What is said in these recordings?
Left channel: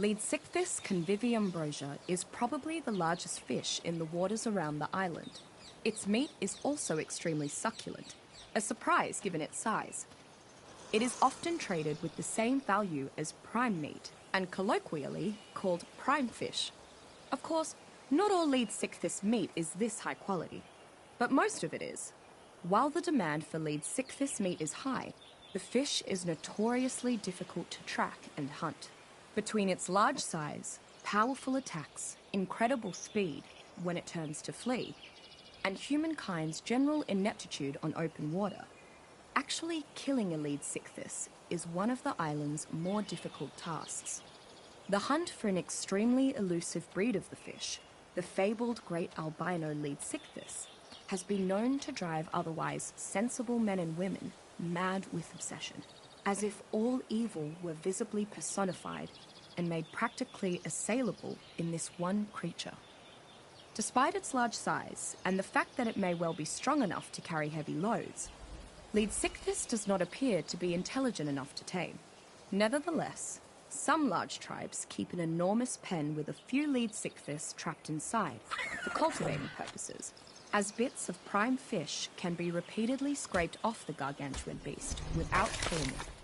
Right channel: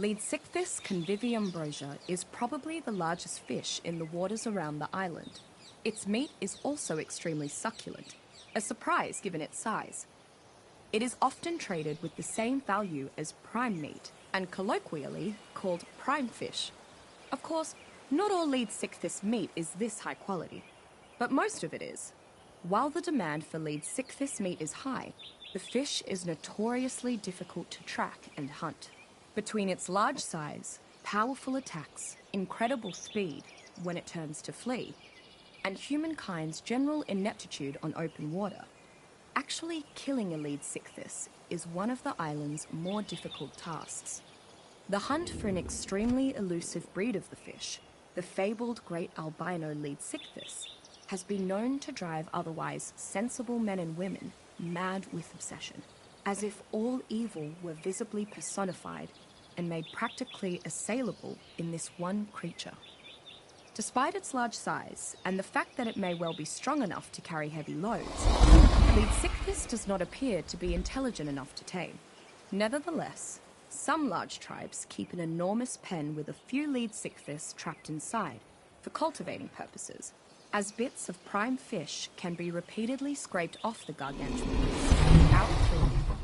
Leadsichthys conviviumbrosia is probably the largest fish in the waters around the island. Its meat is also extremely succulent, a surprise given its size. It is often traded with the same value as prime meat and colloquially called prime fish. Of course, not all Leadsichthys meat is this high quality, but most of it is. While the demand for Leadsichthys meat is high, the fish is notoriously difficult to track and hunt. Between its large size, powerful attacks, incredible speed when it turns to flee, and humankind's general ineptitude on open water, actually killing a Leadsichthys is one of the island's more difficult tasks. The hunt for an extremely elusive breed of the fish, the fabled great albino Leadsichthys, has been known to drive otherwise sensible men and women mad with obsession, as if all evil were visibly personified and made practically assailable in this one creature. Despite its large size and the fact that it may well be strong enough to carry heavy loads, Leadsichthys does not appear to be intelligent enough to tame. Nevertheless, some large tribes keep an enormous pen with a few Leadsichthys trapped inside for cultivating purposes, as bits of prime fish can be repeatedly scraped off the gargantuan beast without killing it.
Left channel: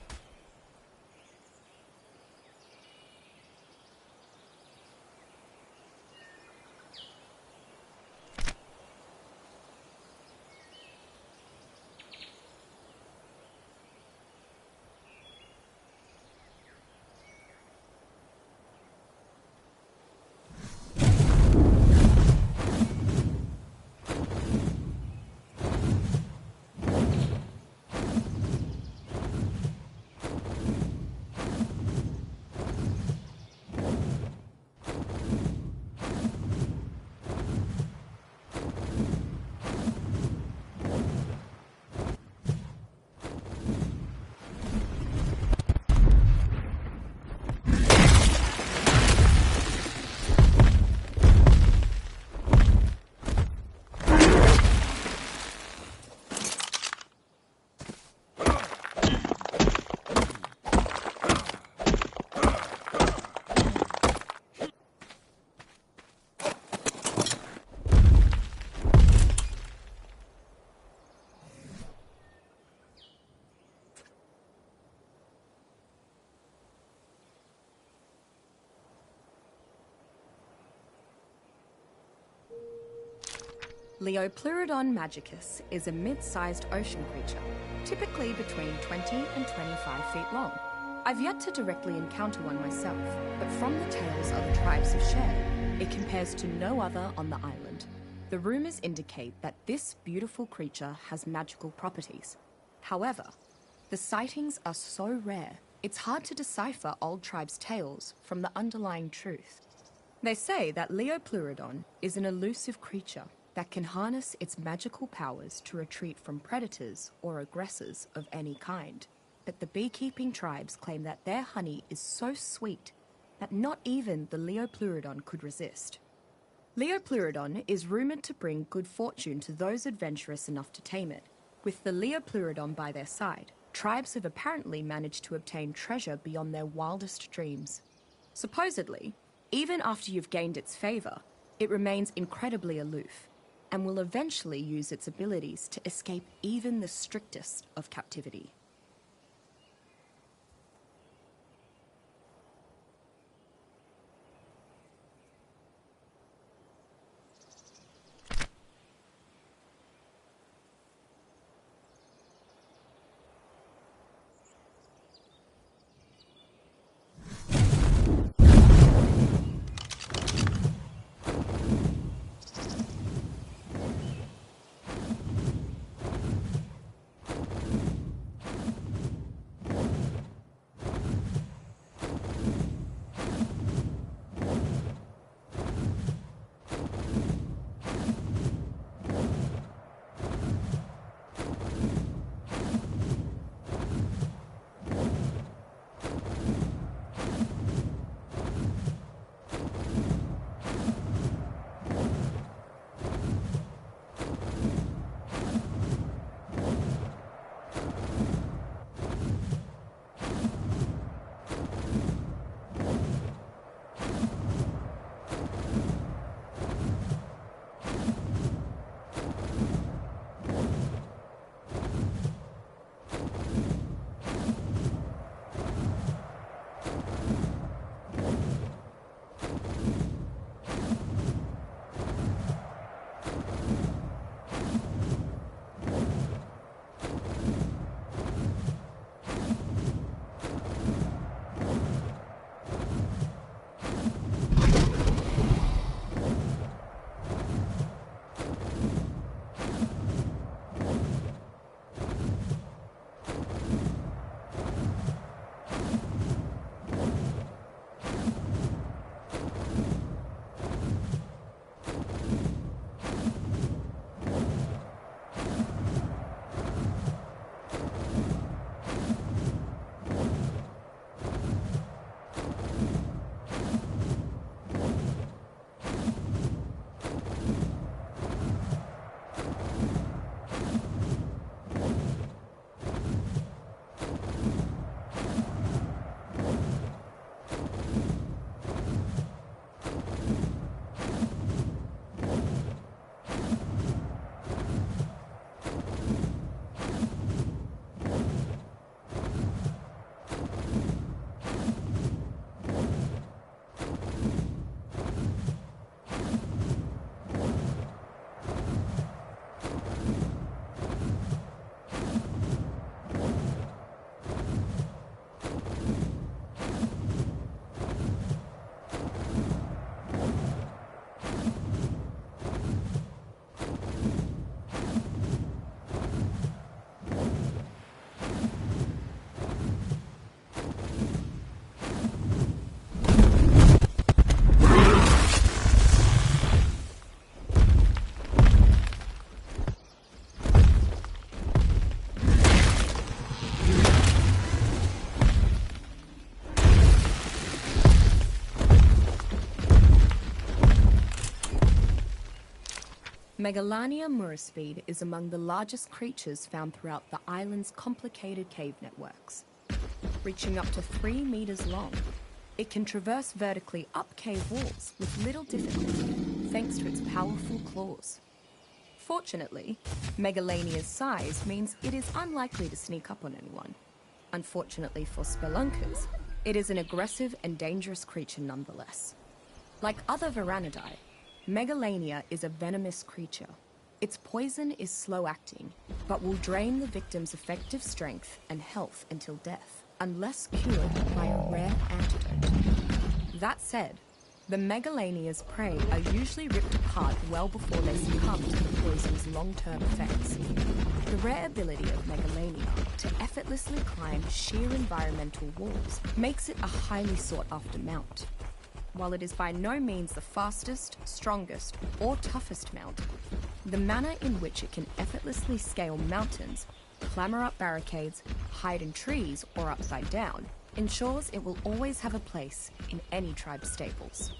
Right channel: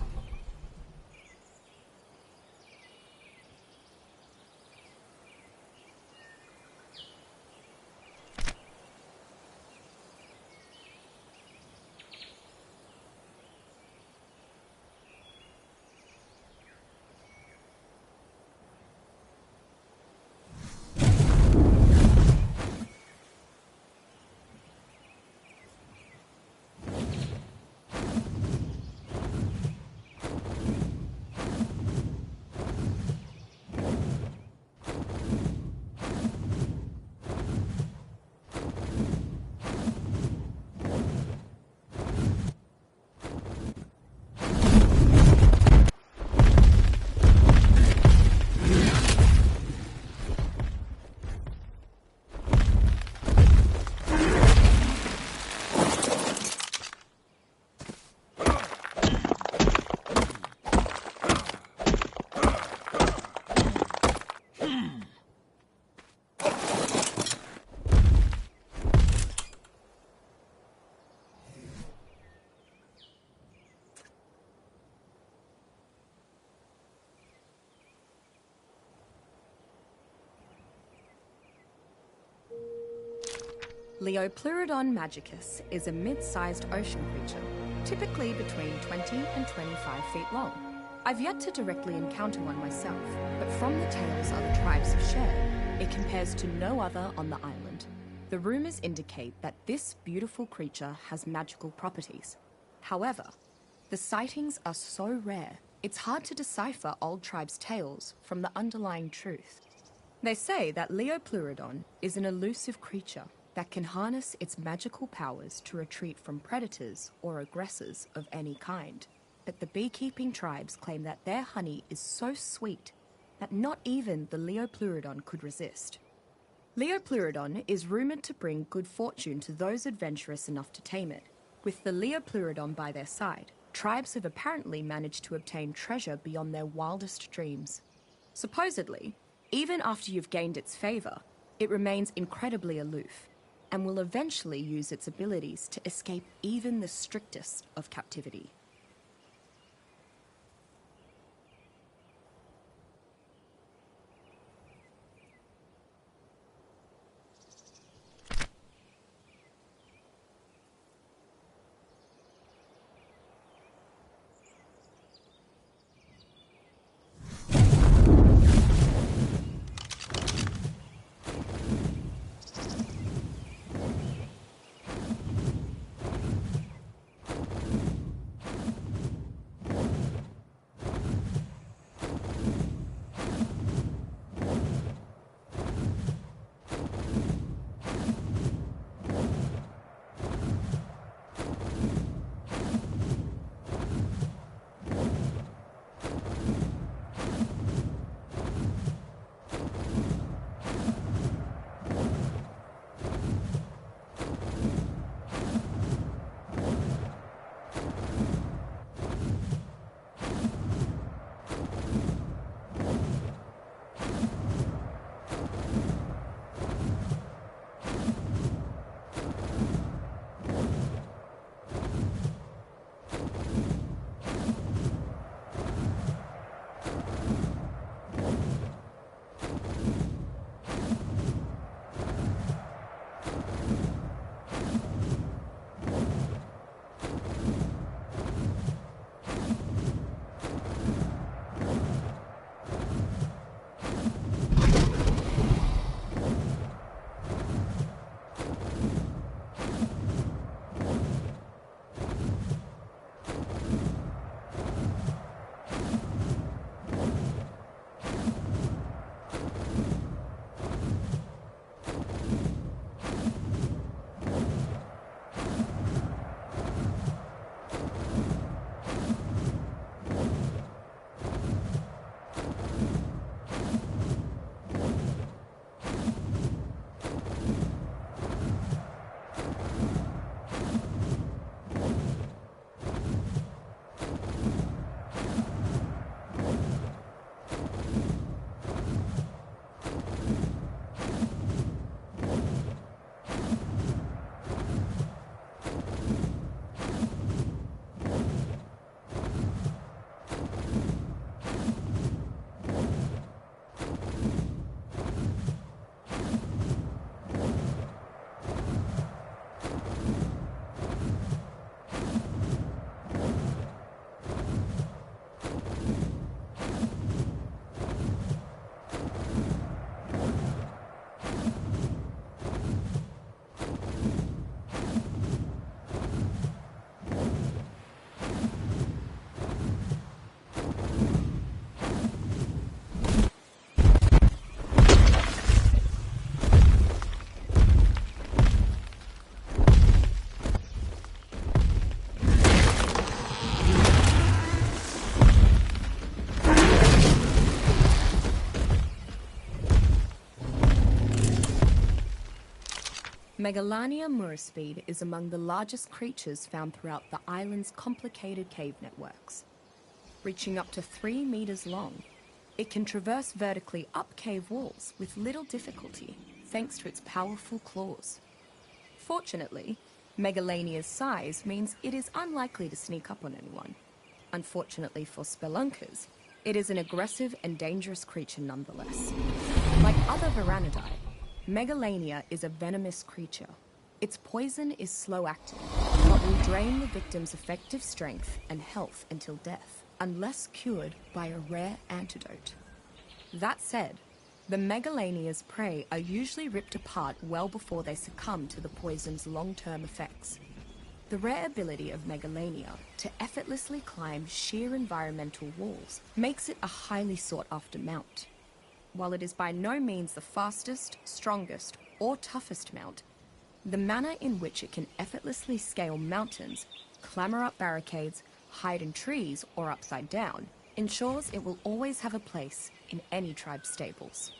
Leopleurodon magicus is a mid-sized ocean creature, typically between 20 and 25 feet long. I've yet to directly encounter one myself, but from the tales other tribes have shared, it compares to no other on the island. The rumors indicate that this beautiful creature has magical properties. However, the sightings are so rare, it's hard to decipher old tribes' tales from the underlying truth. They say that Leopleurodon is an elusive creature that can harness its magical powers to retreat from predators or aggressors of any kind. But the beekeeping tribes claim that their honey is so sweet that not even the Leopleurodon could resist. Leopleurodon is rumored to bring good fortune to those adventurous enough to tame it. With the Leopleurodon by their side, tribes have apparently managed to obtain treasure beyond their wildest dreams. Supposedly, even after you've gained its favor, it remains incredibly aloof, and will eventually use its abilities to escape even the strictest of captivity. Megalania murispide is among the largest creatures found throughout the island's complicated cave networks. Reaching up to 3 meters long, it can traverse vertically up cave walls with little difficulty thanks to its powerful claws. Fortunately, Megalania's size means it is unlikely to sneak up on anyone. Unfortunately for spelunkers, it is an aggressive and dangerous creature nonetheless. Like other Varanidae, Megalania is a venomous creature. Its poison is slow-acting, but will drain the victim's effective strength and health until death, unless cured by a rare antidote. That said, the Megalania's prey are usually ripped apart well before they succumb to the poison's long-term effects. The rare ability of Megalania to effortlessly climb sheer environmental walls makes it a highly sought-after mount. While it is by no means the fastest, strongest, or toughest mount, the manner in which it can effortlessly scale mountains, clamber up barricades, hide in trees, or upside down, ensures it will always have a place in any tribe's stables.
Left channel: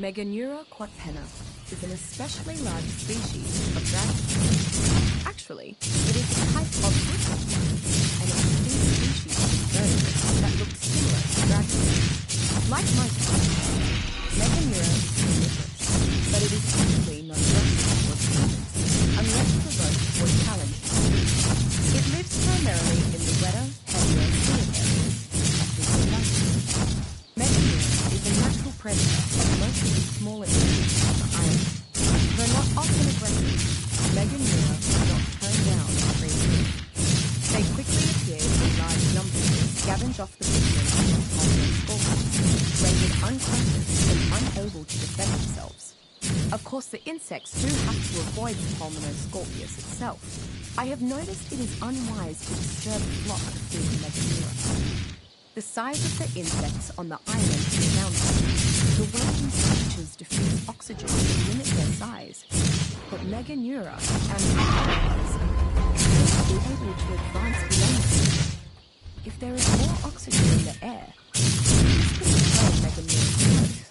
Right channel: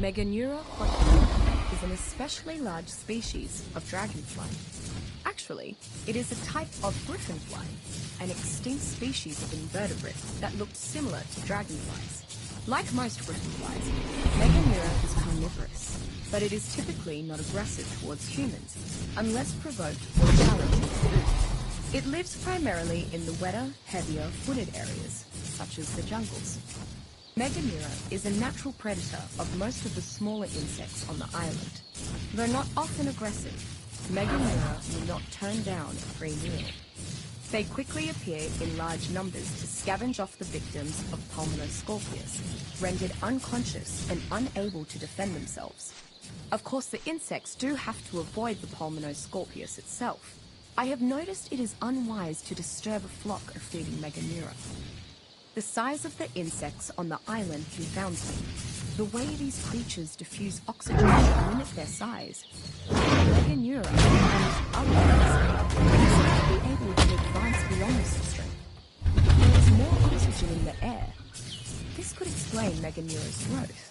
Meganeura quadpenna is an especially large species of dragonfly. Actually, it is a type of brittlefly, an extinct species of invertebrates that look similar to dragonflies. Like most brittleflies, Meganeura is carnivorous, but it is typically not aggressive towards humans unless provoked or challenged to food. It lives primarily in the wetter, heavier, wooded areas, such as the jungles. Meganeura is a natural predator of most of the smaller insects on the island. Though not often aggressive, Meganeura do not turn down free food. They They quickly appeared in large numbers to scavenge off the victims of pulmonary scorpions, rendered unconscious and unable to defend themselves. Of course, the insects do have to avoid the pulmonoscorpius itself. I have noticed it is unwise to disturb a flock of feeding Meganeura. The size of the insects on the island confounds me. The way these creatures diffuse oxygen to limit their size, Meganeura and others seem to be able to advance beyond the system. If there is more oxygen in the air, this could explain Meganeura's growth.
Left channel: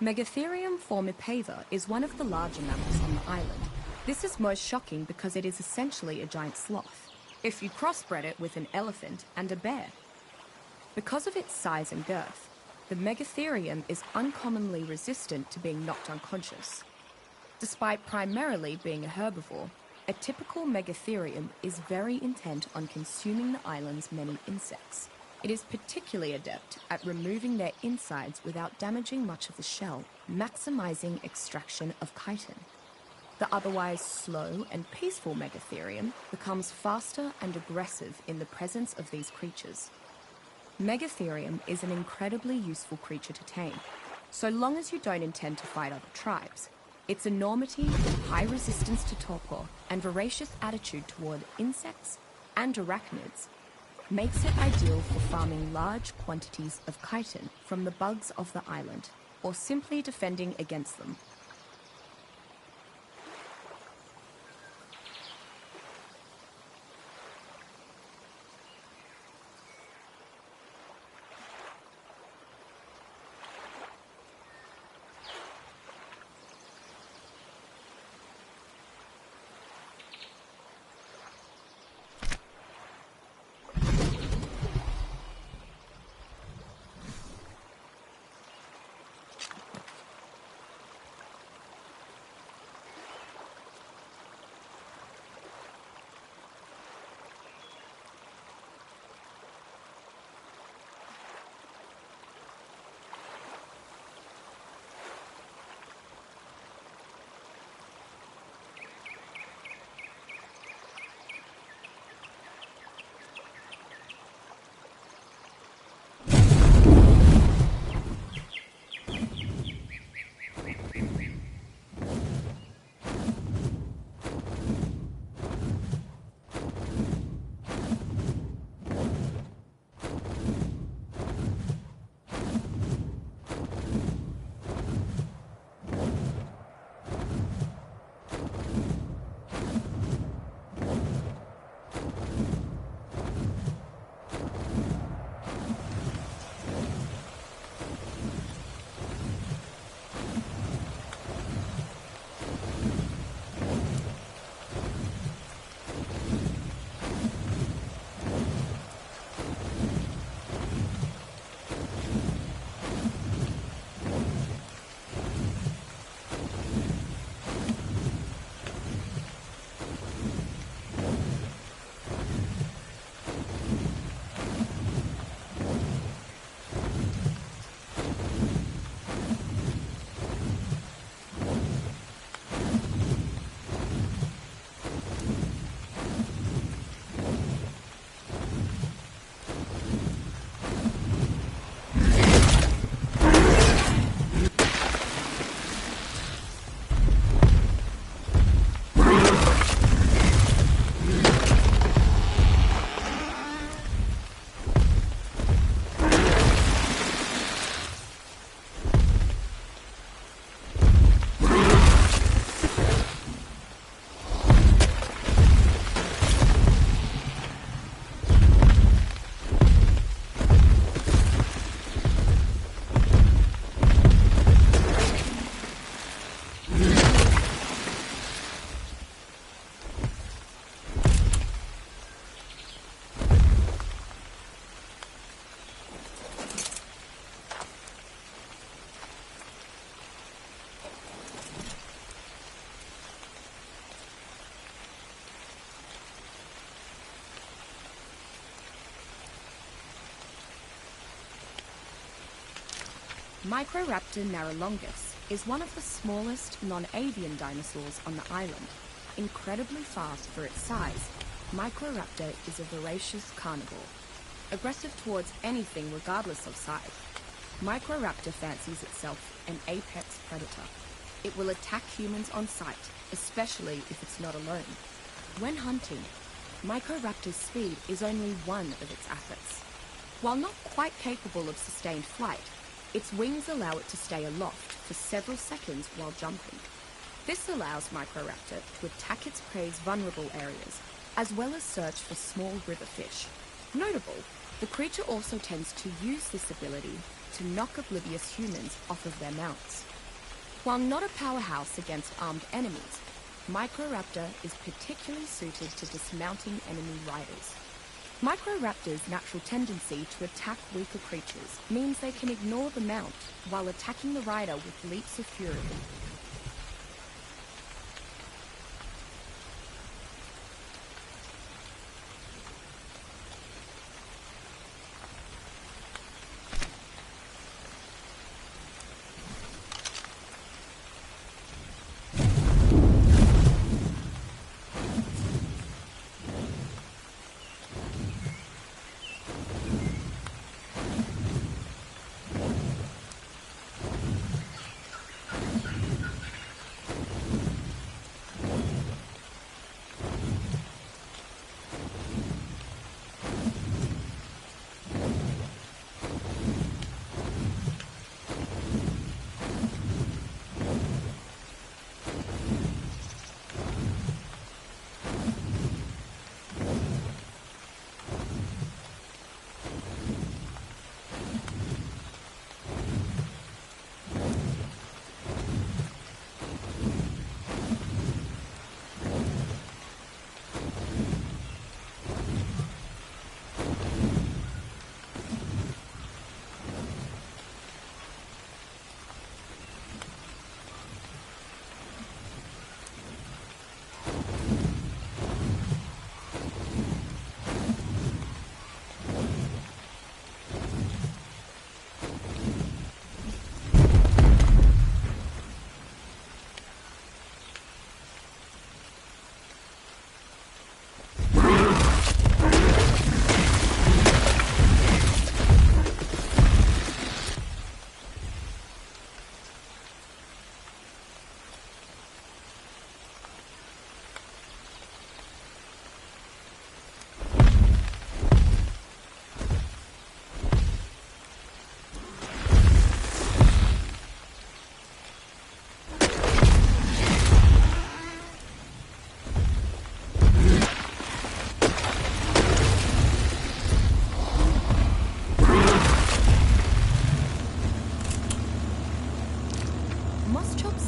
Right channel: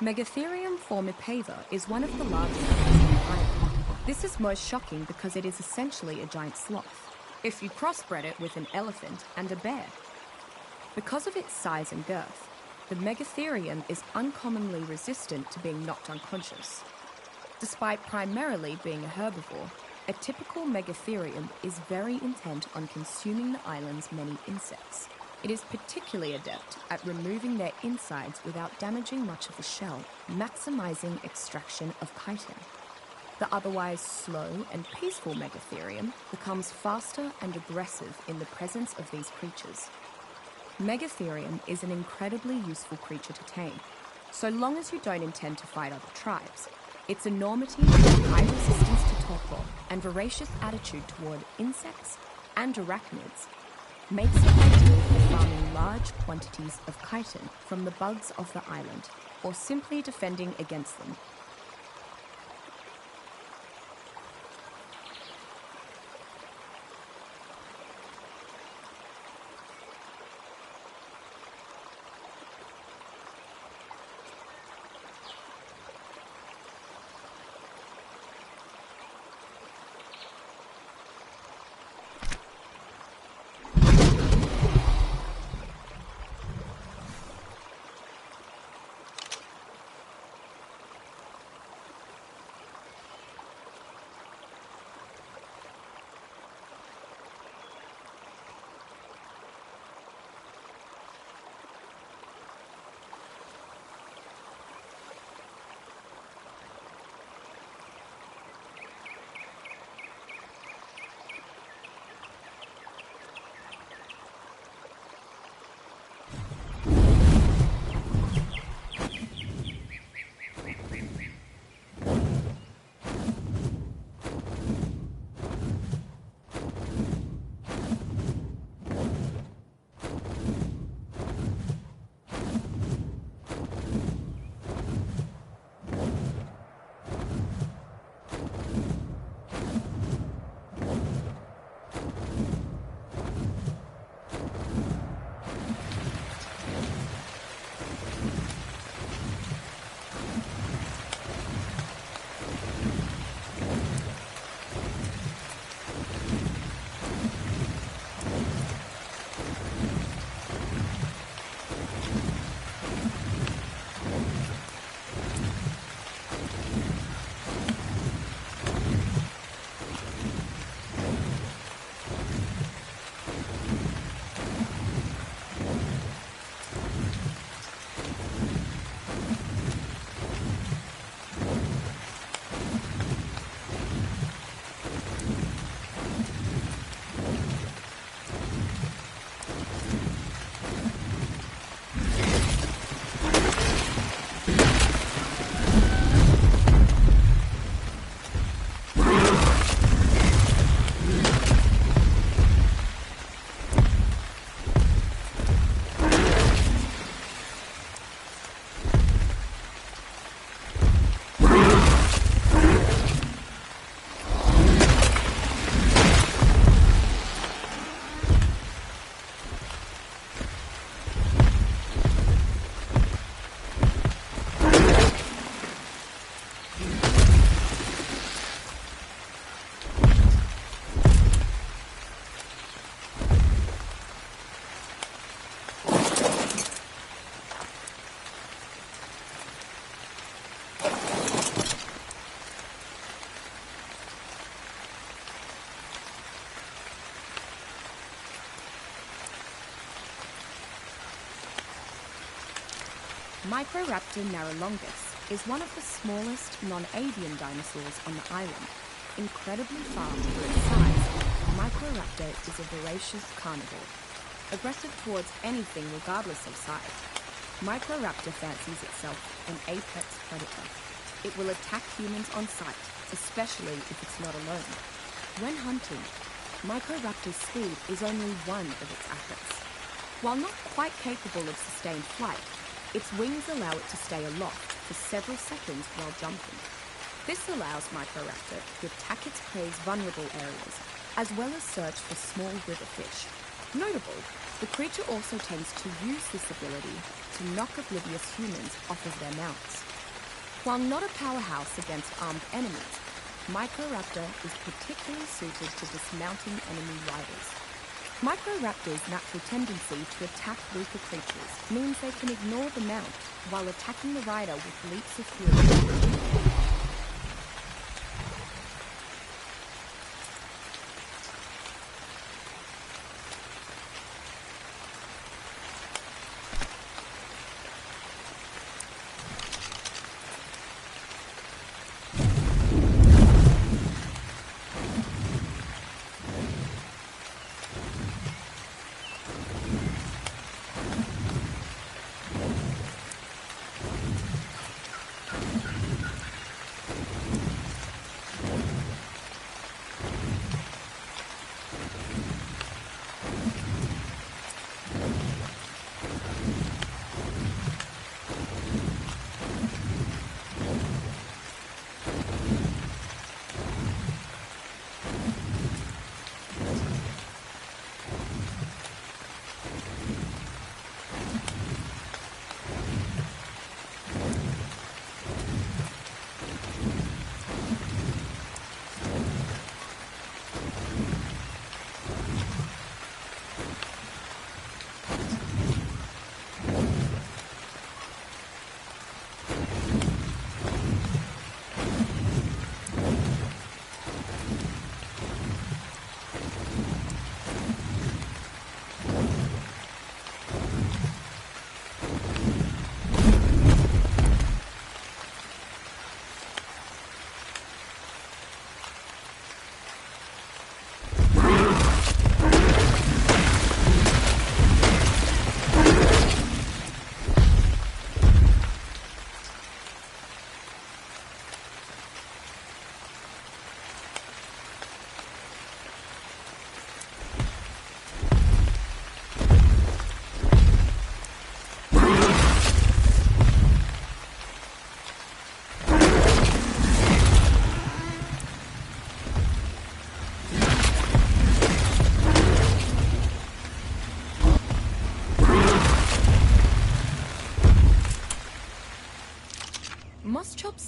Megatherium formipava is one of the larger mammals on the island. This is most shocking because it is essentially a giant sloth, if you crossbred it with an elephant and a bear. Because of its size and girth, the Megatherium is uncommonly resistant to being knocked unconscious. Despite primarily being a herbivore, a typical Megatherium is very intent on consuming the island's many insects. It is particularly adept at removing their insides without damaging much of the shell, maximizing extraction of chitin. The otherwise slow and peaceful Megatherium becomes faster and aggressive in the presence of these creatures. Megatherium is an incredibly useful creature to tame, so long as you don't intend to fight other tribes. Its enormity, high resistance to torpor, and voracious attitude toward insects and arachnids makes it ideal for farming large quantities of chitin from the bugs of the island, or simply defending against them. Microraptor narrolongus is one of the smallest non-avian dinosaurs on the island. Incredibly fast for its size, Microraptor is a voracious carnivore, aggressive towards anything regardless of size. Microraptor fancies itself an apex predator. It will attack humans on sight, especially if it's not alone. When hunting, Microraptor's speed is only one of its assets. While not quite capable of sustained flight, its wings allow it to stay aloft for several seconds while jumping. This allows Microraptor to attack its prey's vulnerable areas, as well as search for small river fish. Notable, The creature also tends to use this ability to knock oblivious humans off of their mounts. While not a powerhouse against armed enemies, Microraptor is particularly suited to dismounting enemy riders. Microraptors' natural tendency to attack weaker creatures means they can ignore the mount while attacking the rider with leaps of fury.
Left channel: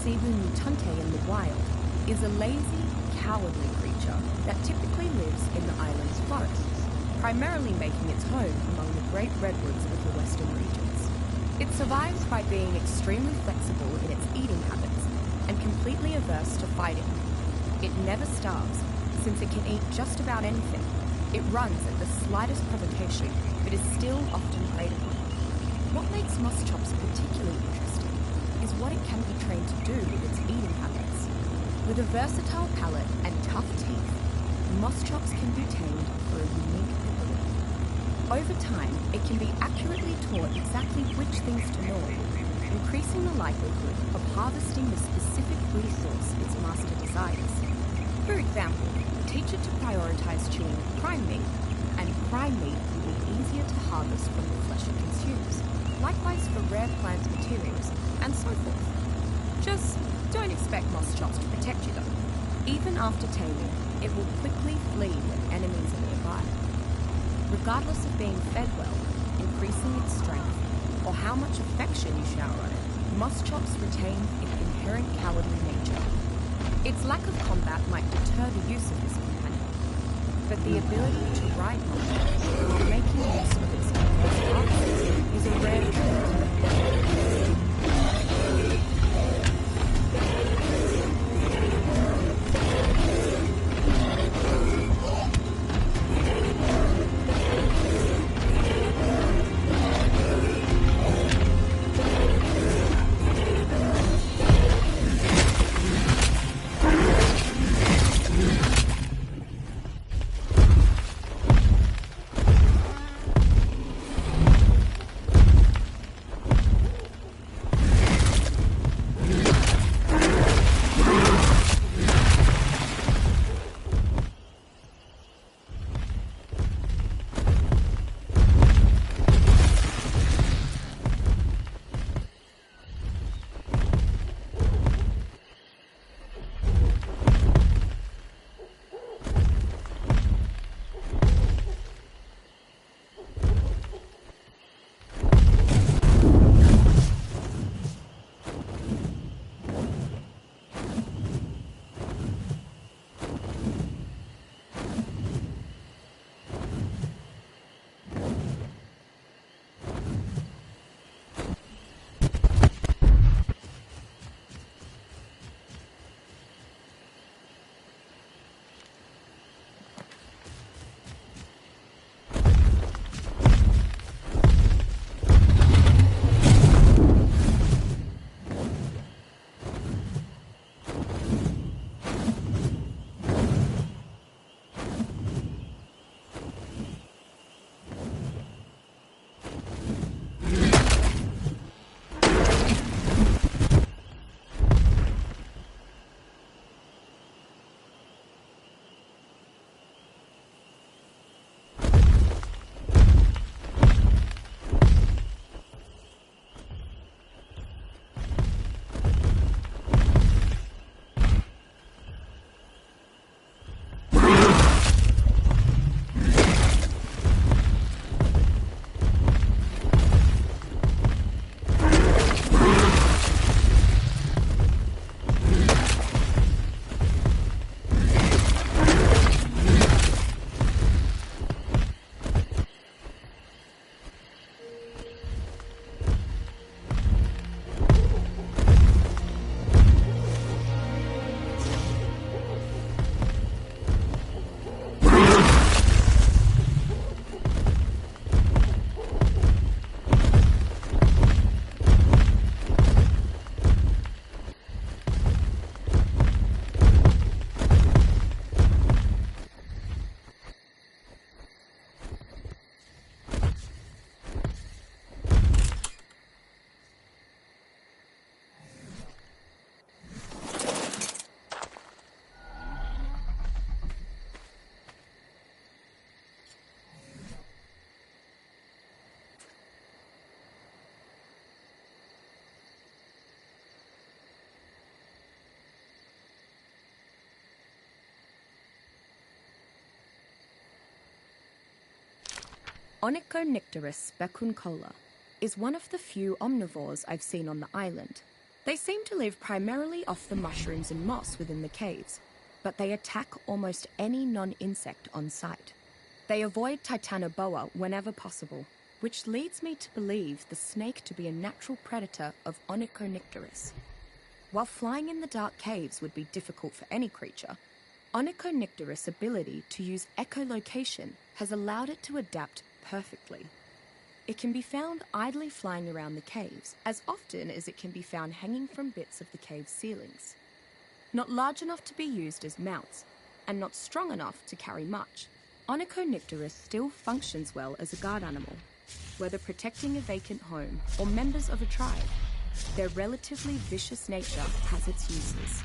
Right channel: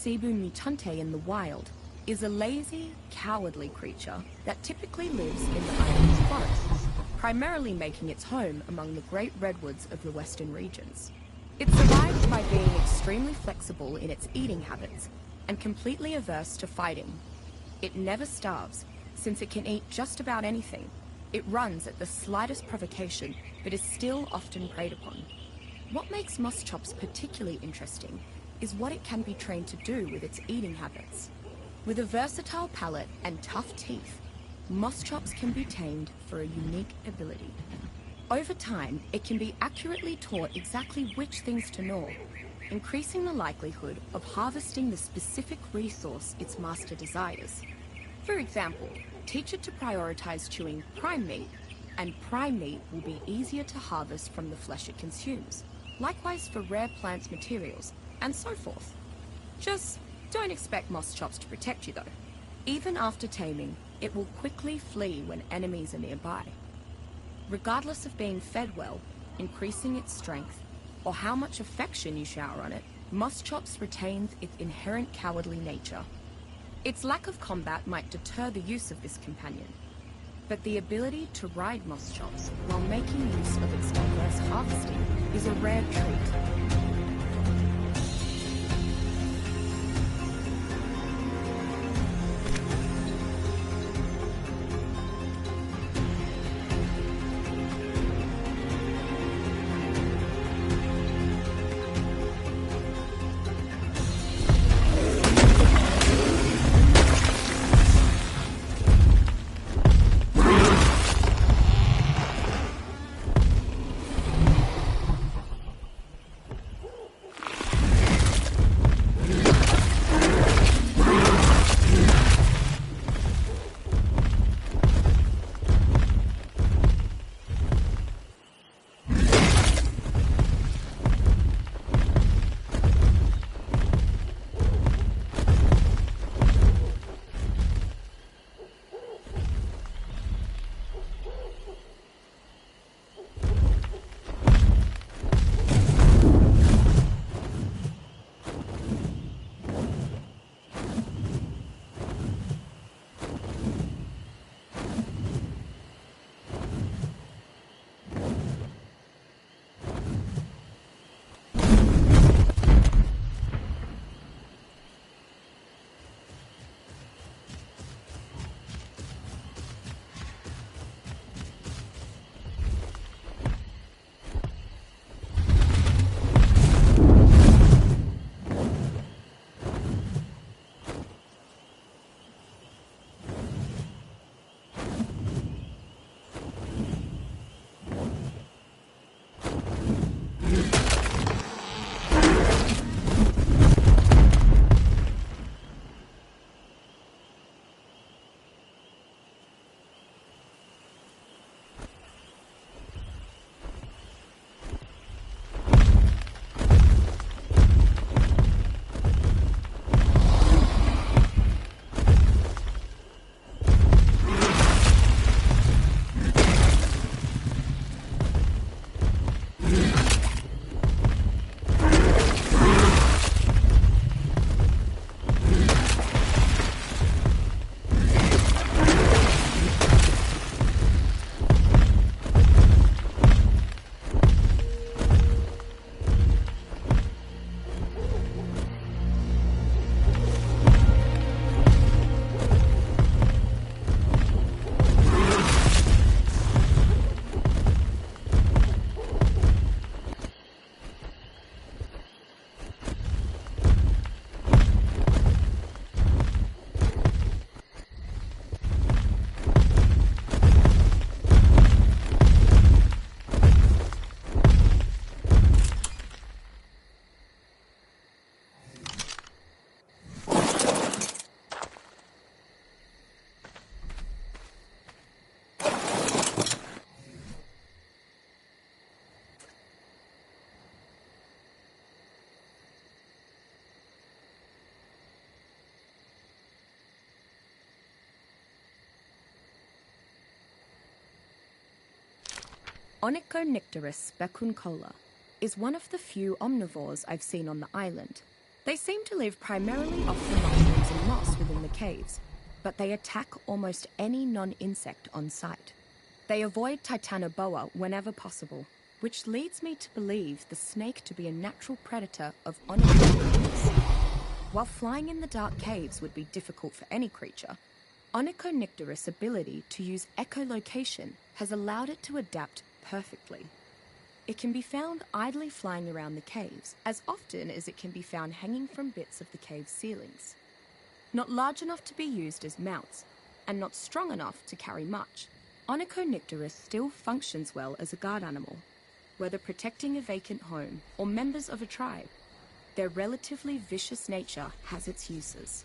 Cebu mutante in the wild is a lazy, cowardly creature that typically lives in the island's forests, primarily making its home among the great redwoods of the western regions. It survives by being extremely flexible in its eating habits and completely averse to fighting. It never starves, since it can eat just about anything. It runs at the slightest provocation, but is still often preyed upon. What makes Moschops particularly interesting is what it can be trained to do with its eating habits. With a versatile palate and tough teeth, Moschops can be tamed for a unique ability. Over time, it can be accurately taught exactly which things to gnaw, increasing the likelihood of harvesting the specific resource its master desires. For example, teach it to prioritize chewing prime meat, and prime meat will be easier to harvest from the flesh it consumes. Likewise for rare plant materials, and so forth. Just don't expect Moschops to protect you though. Even after taming, it will quickly flee when enemies are nearby. Regardless of being fed well, increasing its strength, or how much affection you shower on it, Moschops retains its inherent cowardly nature. Its lack of combat might deter the use of this companion, but the ability to ride Moschops while making use of its diverse harvests is a rare trait. Onychonycteris becuncola is one of the few omnivores I've seen on the island. They seem to live primarily off the mushrooms and moss within the caves, but they attack almost any non-insect on sight. They avoid Titanoboa whenever possible, which leads me to believe the snake to be a natural predator of Onychonycteris. While flying in the dark caves would be difficult for any creature, Onychonycteris' ability to use echolocation has allowed it to adapt perfectly. It can be found idly flying around the caves, as often as it can be found hanging from bits of the cave ceilings. Not large enough to be used as mounts, and not strong enough to carry much, Onychonycteris still functions well as a guard animal. Whether protecting a vacant home or members of a tribe, their relatively vicious nature has its uses.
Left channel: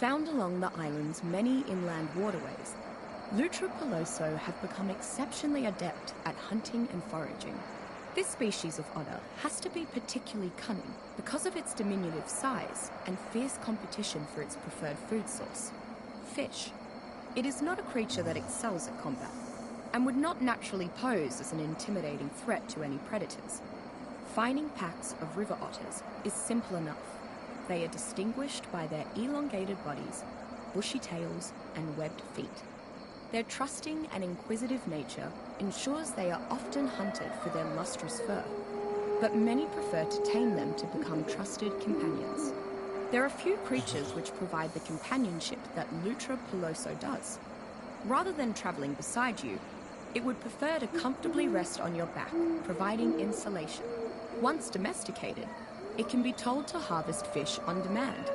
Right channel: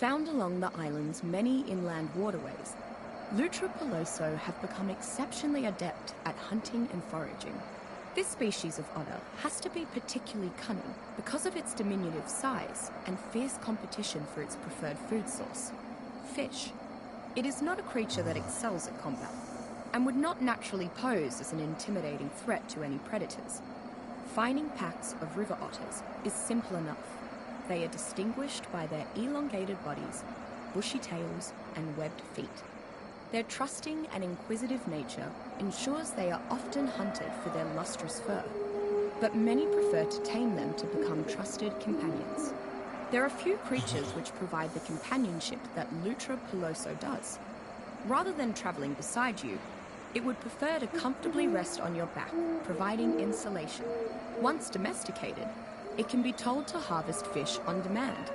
Found along the island's many inland waterways, Lutra peloso have become exceptionally adept at hunting and foraging. This species of otter has to be particularly cunning because of its diminutive size and fierce competition for its preferred food source, fish. It is not a creature that excels at combat and would not naturally pose as an intimidating threat to any predators. Finding packs of river otters is simple enough. They are distinguished by their elongated bodies, bushy tails, and webbed feet. Their trusting and inquisitive nature ensures they are often hunted for their lustrous fur, but many prefer to tame them to become trusted companions. There are few creatures which provide the companionship that Lutra peloso does. Rather than travelling beside you, it would prefer to comfortably rest on your back, providing insulation. Once domesticated, it can be told to harvest fish on demand.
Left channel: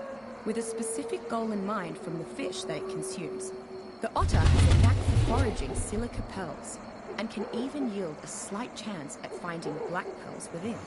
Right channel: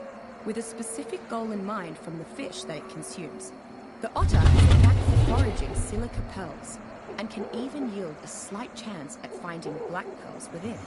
with a specific goal in mind from the fish that it consumes. The otter has a knack for foraging silica pearls, and can even yield a slight chance at finding black pearls within.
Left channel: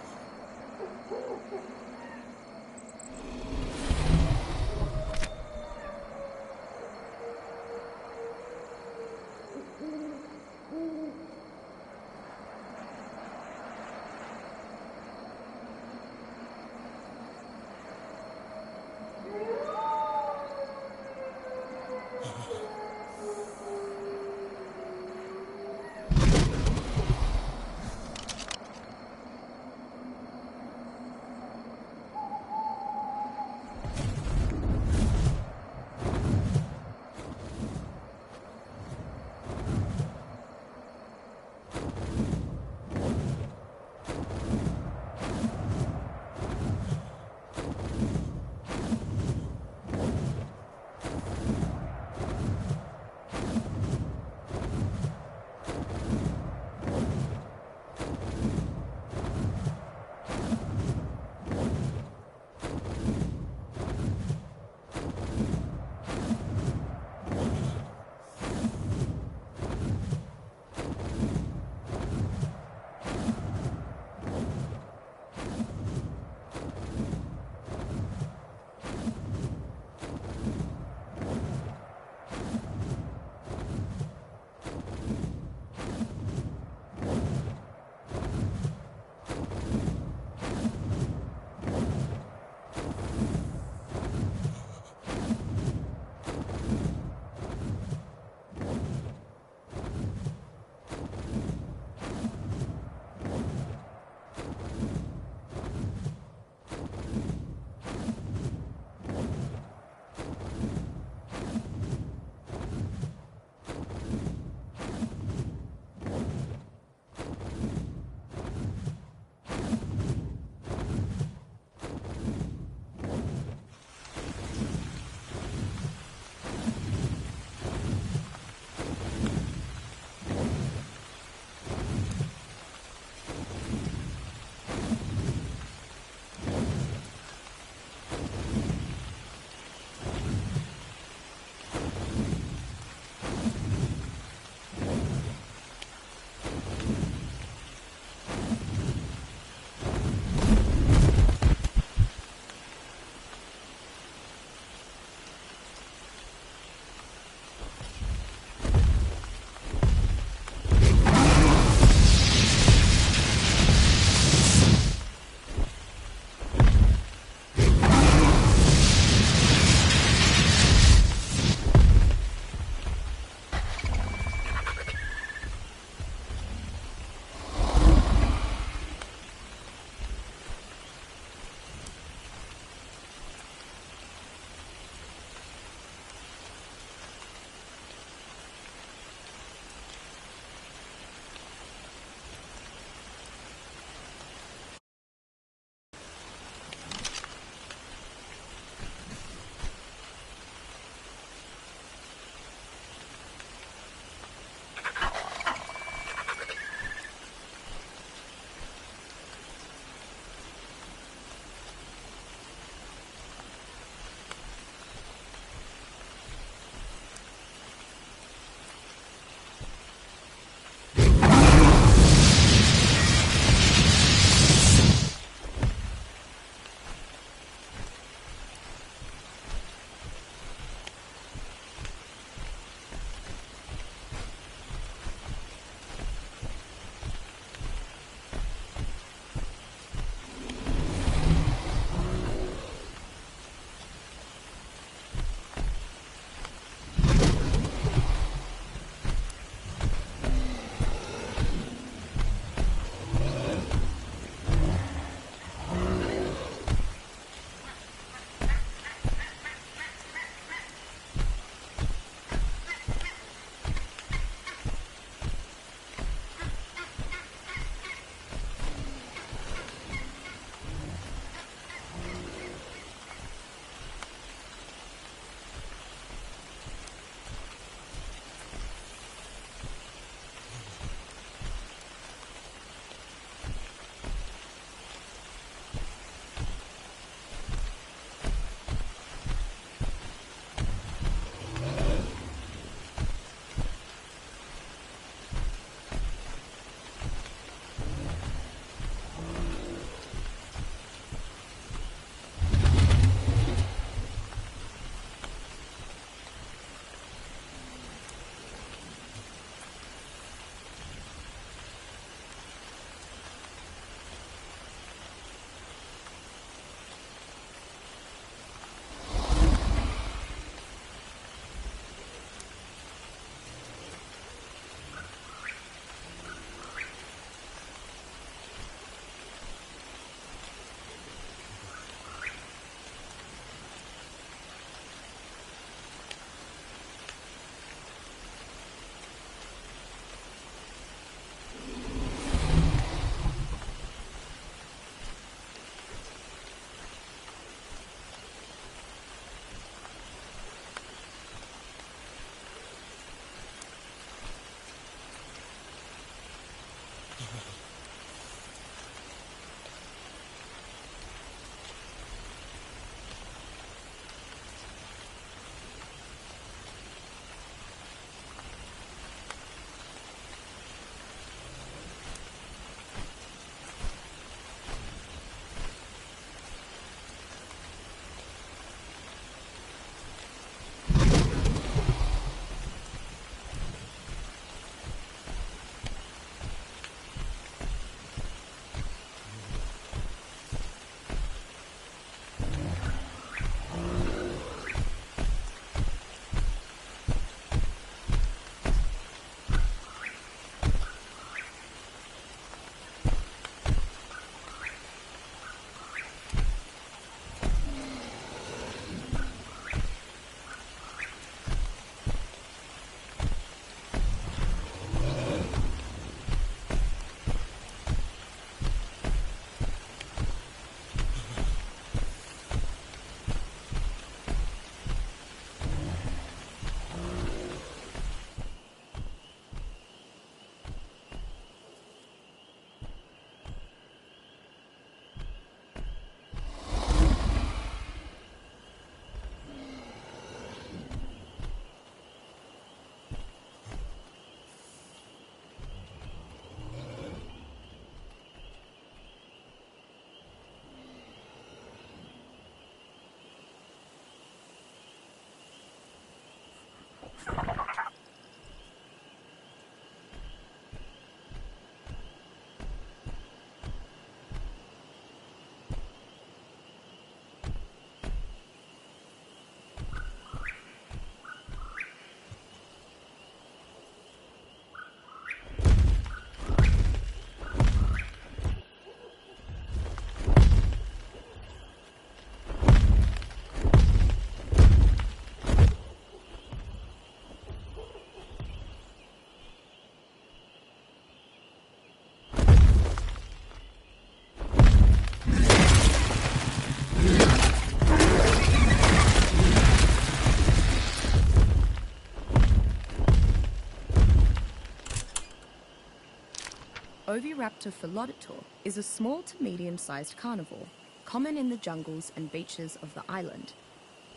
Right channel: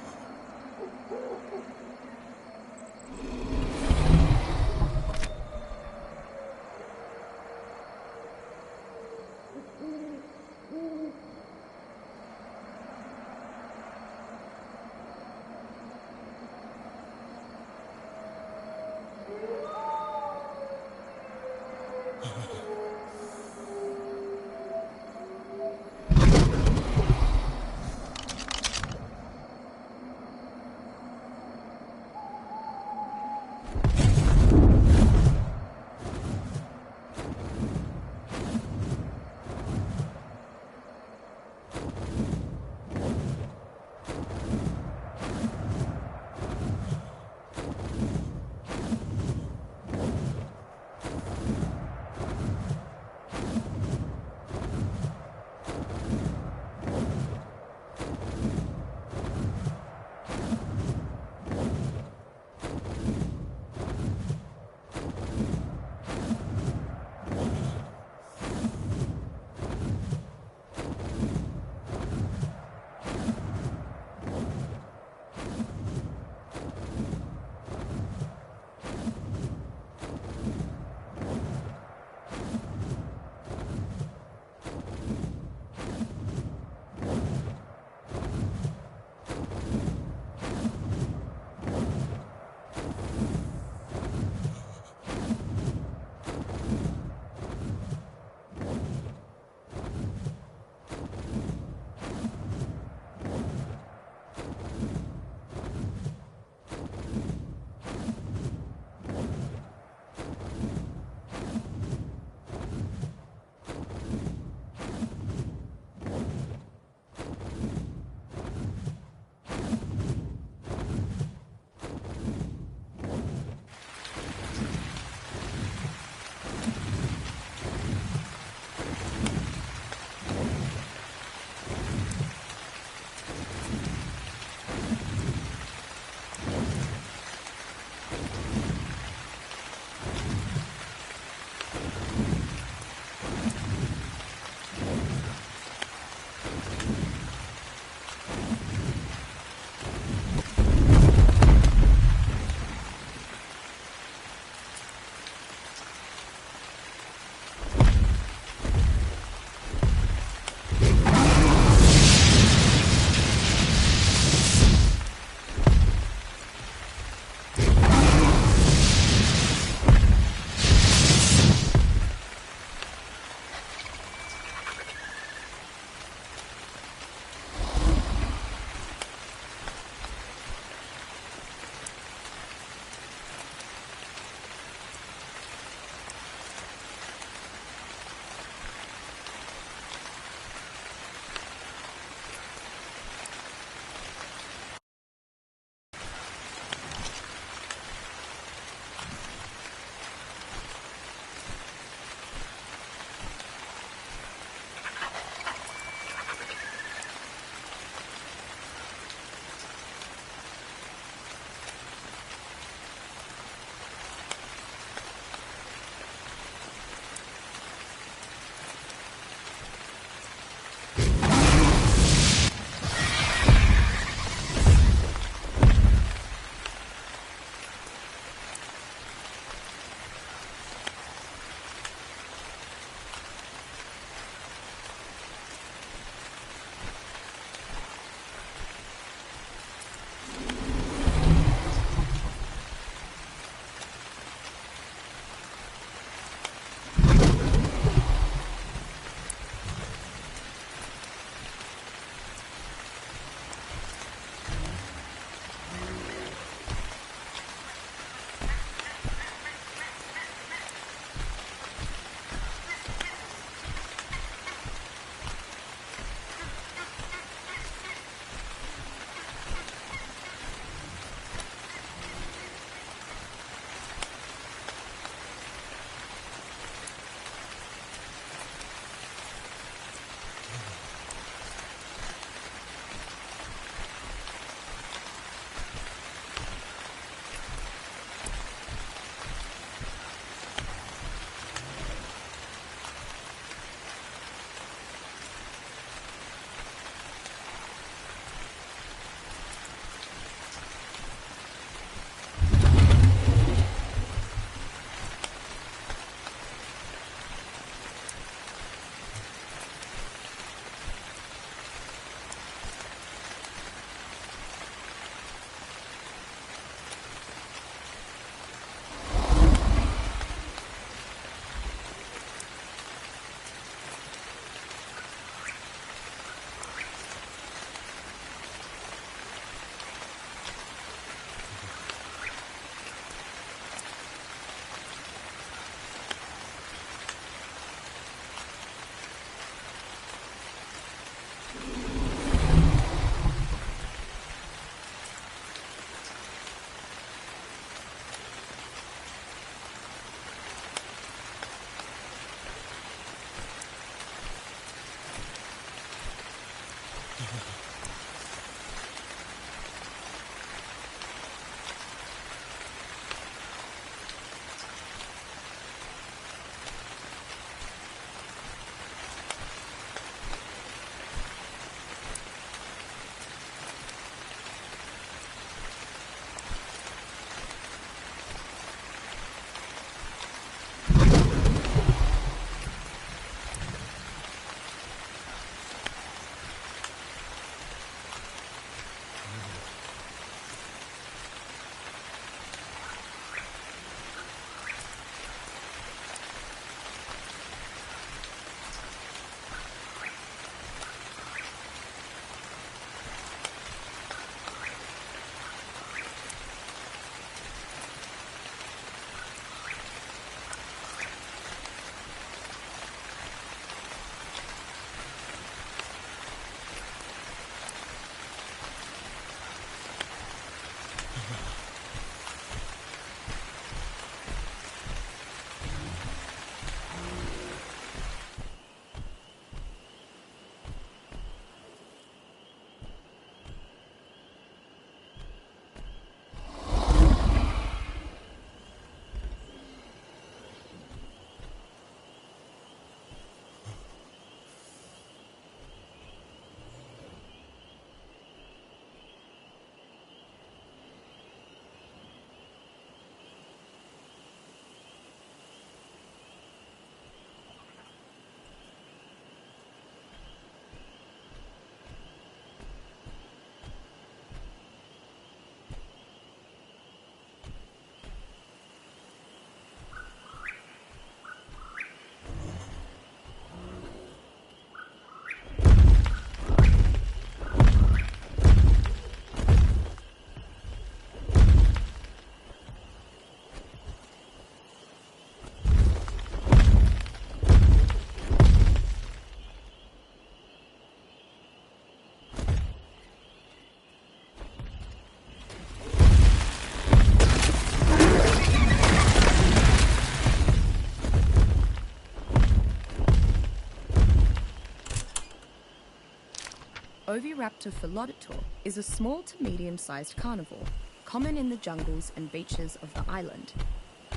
Oviraptor philodontor is a small to medium-sized carnivore, common in the jungles and beaches of the island.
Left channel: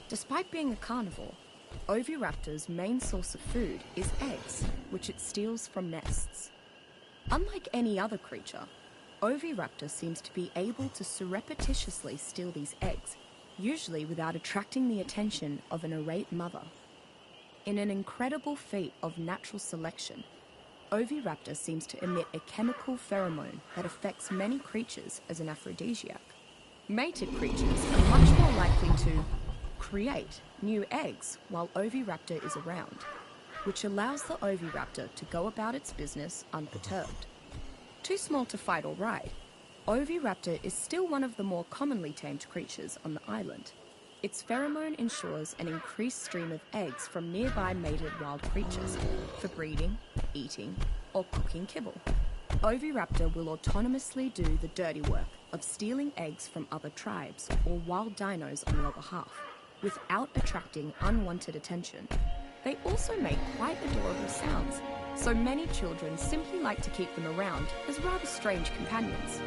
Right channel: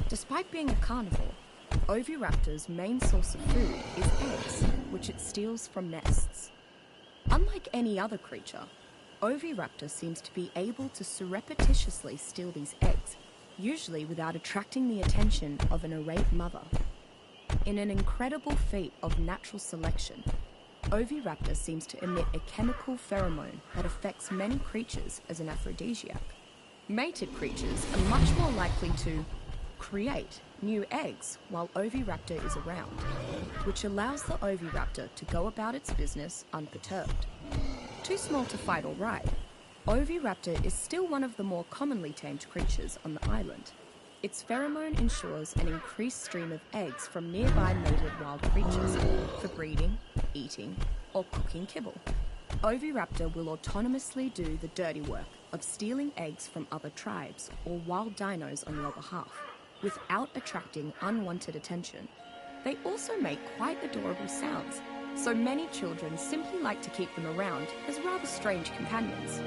Despite being a carnivore, Oviraptor's main source of food is eggs, which it steals from nests. Unlike any other creature, Oviraptor seems to be able to surreptitiously steal these eggs, usually without attracting the attention of an irate mother. In an incredible feat of natural selection, Oviraptor seems to emit a chemical pheromone that affects many creatures as an aphrodisiac. Mated creatures are much more likely to create new eggs while Oviraptor is around, which allows the Oviraptor to go about its business unperturbed. Too small to fight or ride, Oviraptor is still one of the more commonly tamed creatures on the island. Its pheromone ensures an increased stream of eggs from nearby mated wild creatures for breeding, eating, or cooking kibble. Oviraptor will autonomously do the dirty work of stealing eggs from other tribes or wild dinos on your behalf, without attracting unwanted attention. They also make quite adorable sounds, so many children simply like to keep them around as rather strange companions.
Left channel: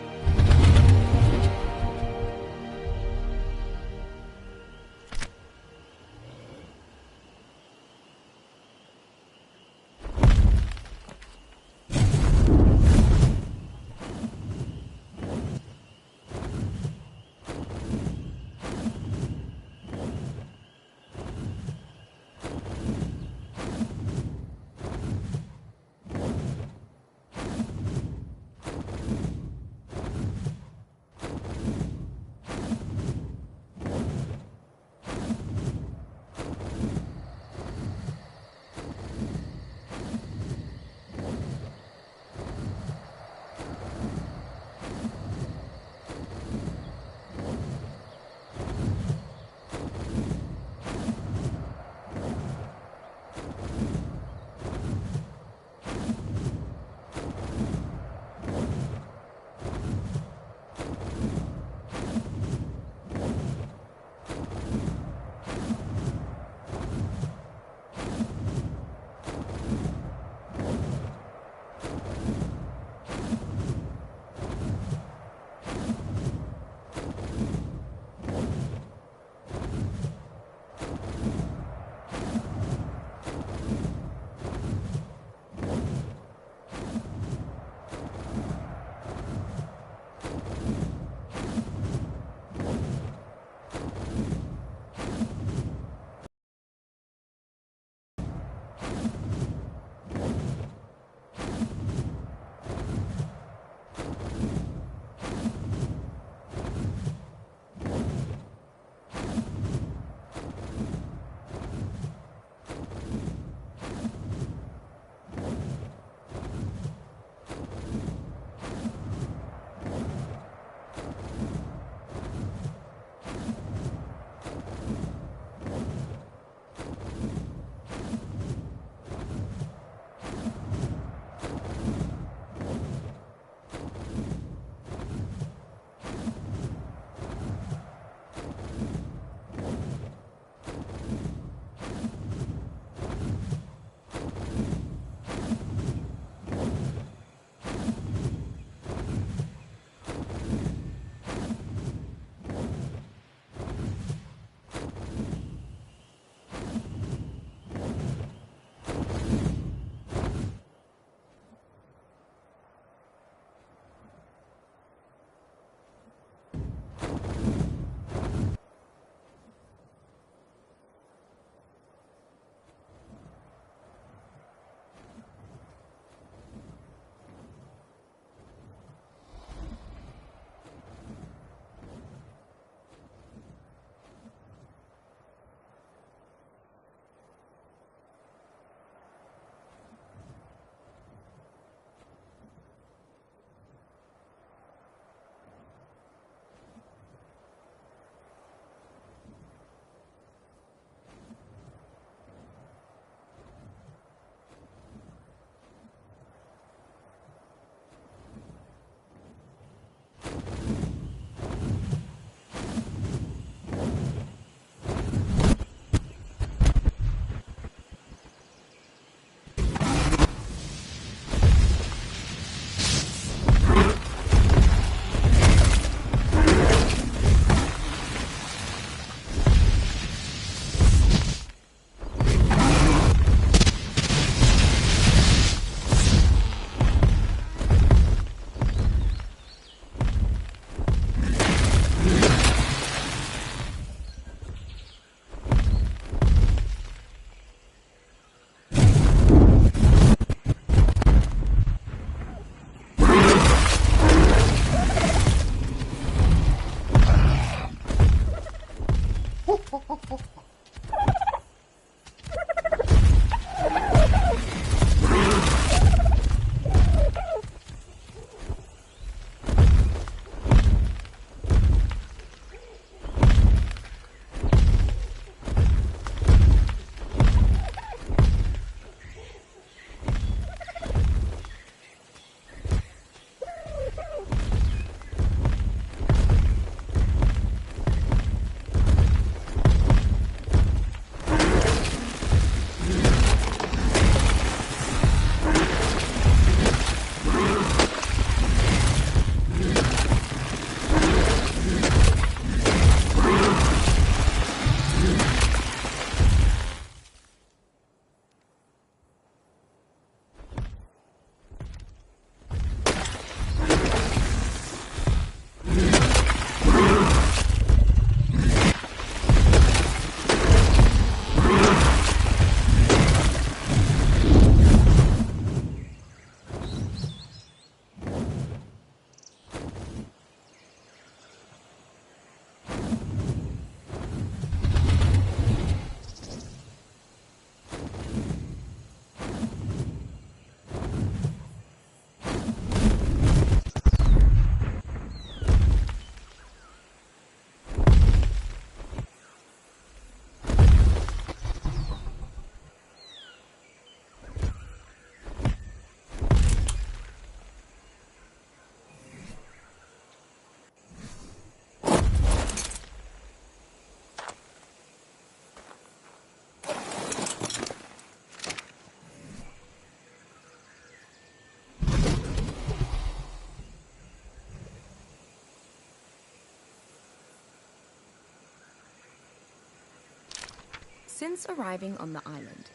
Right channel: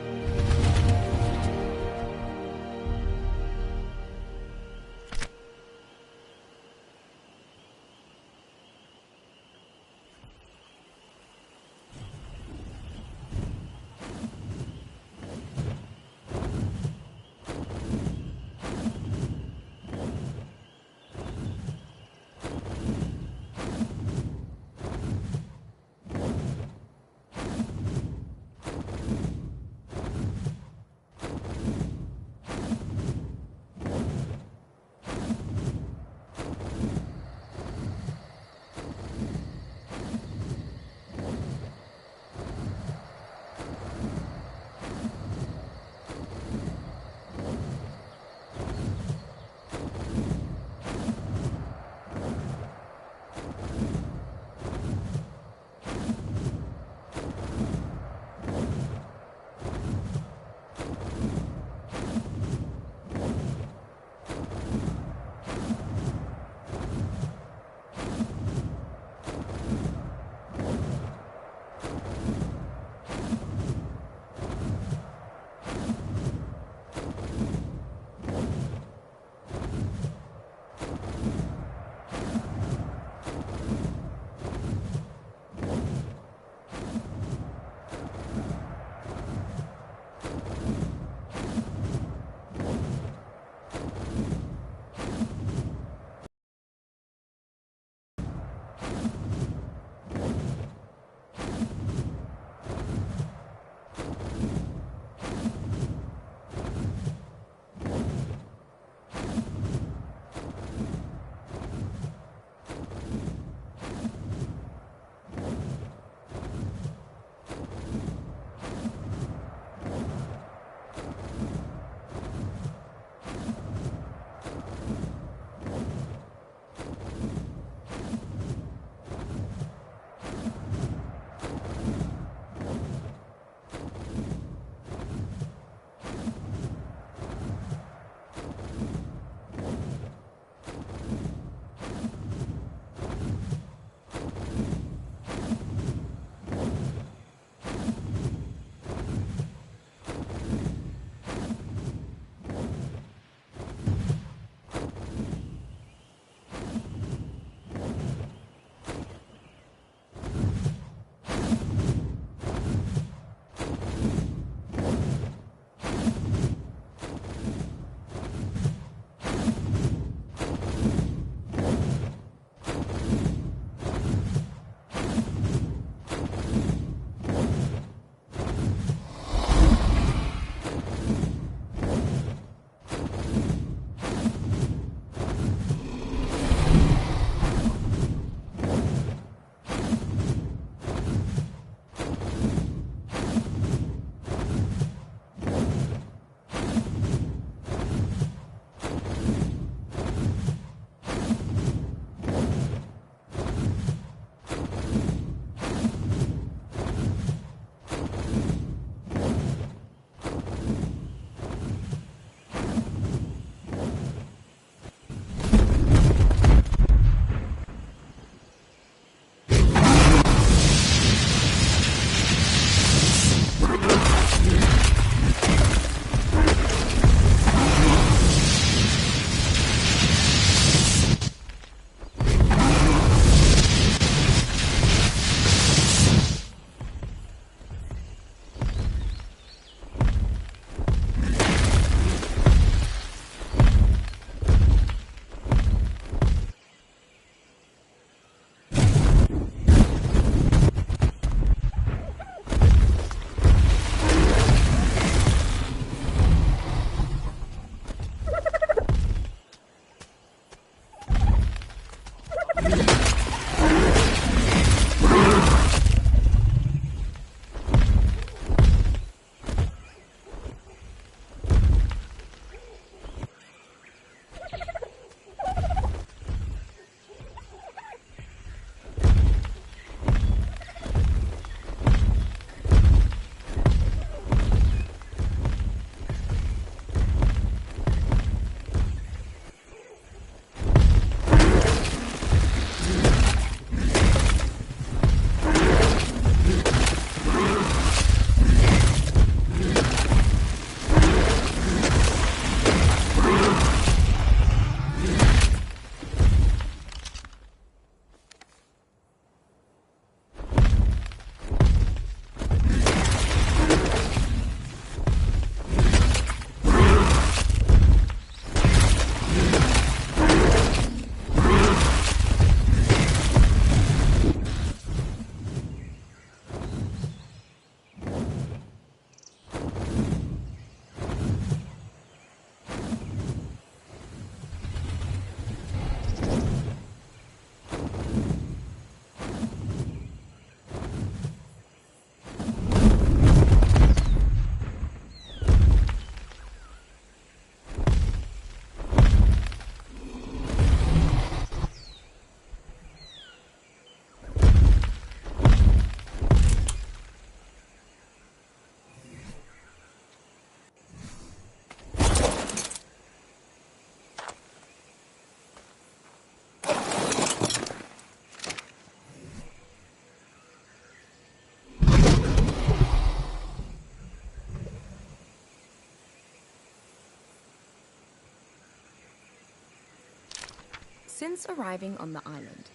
Since arriving on the island,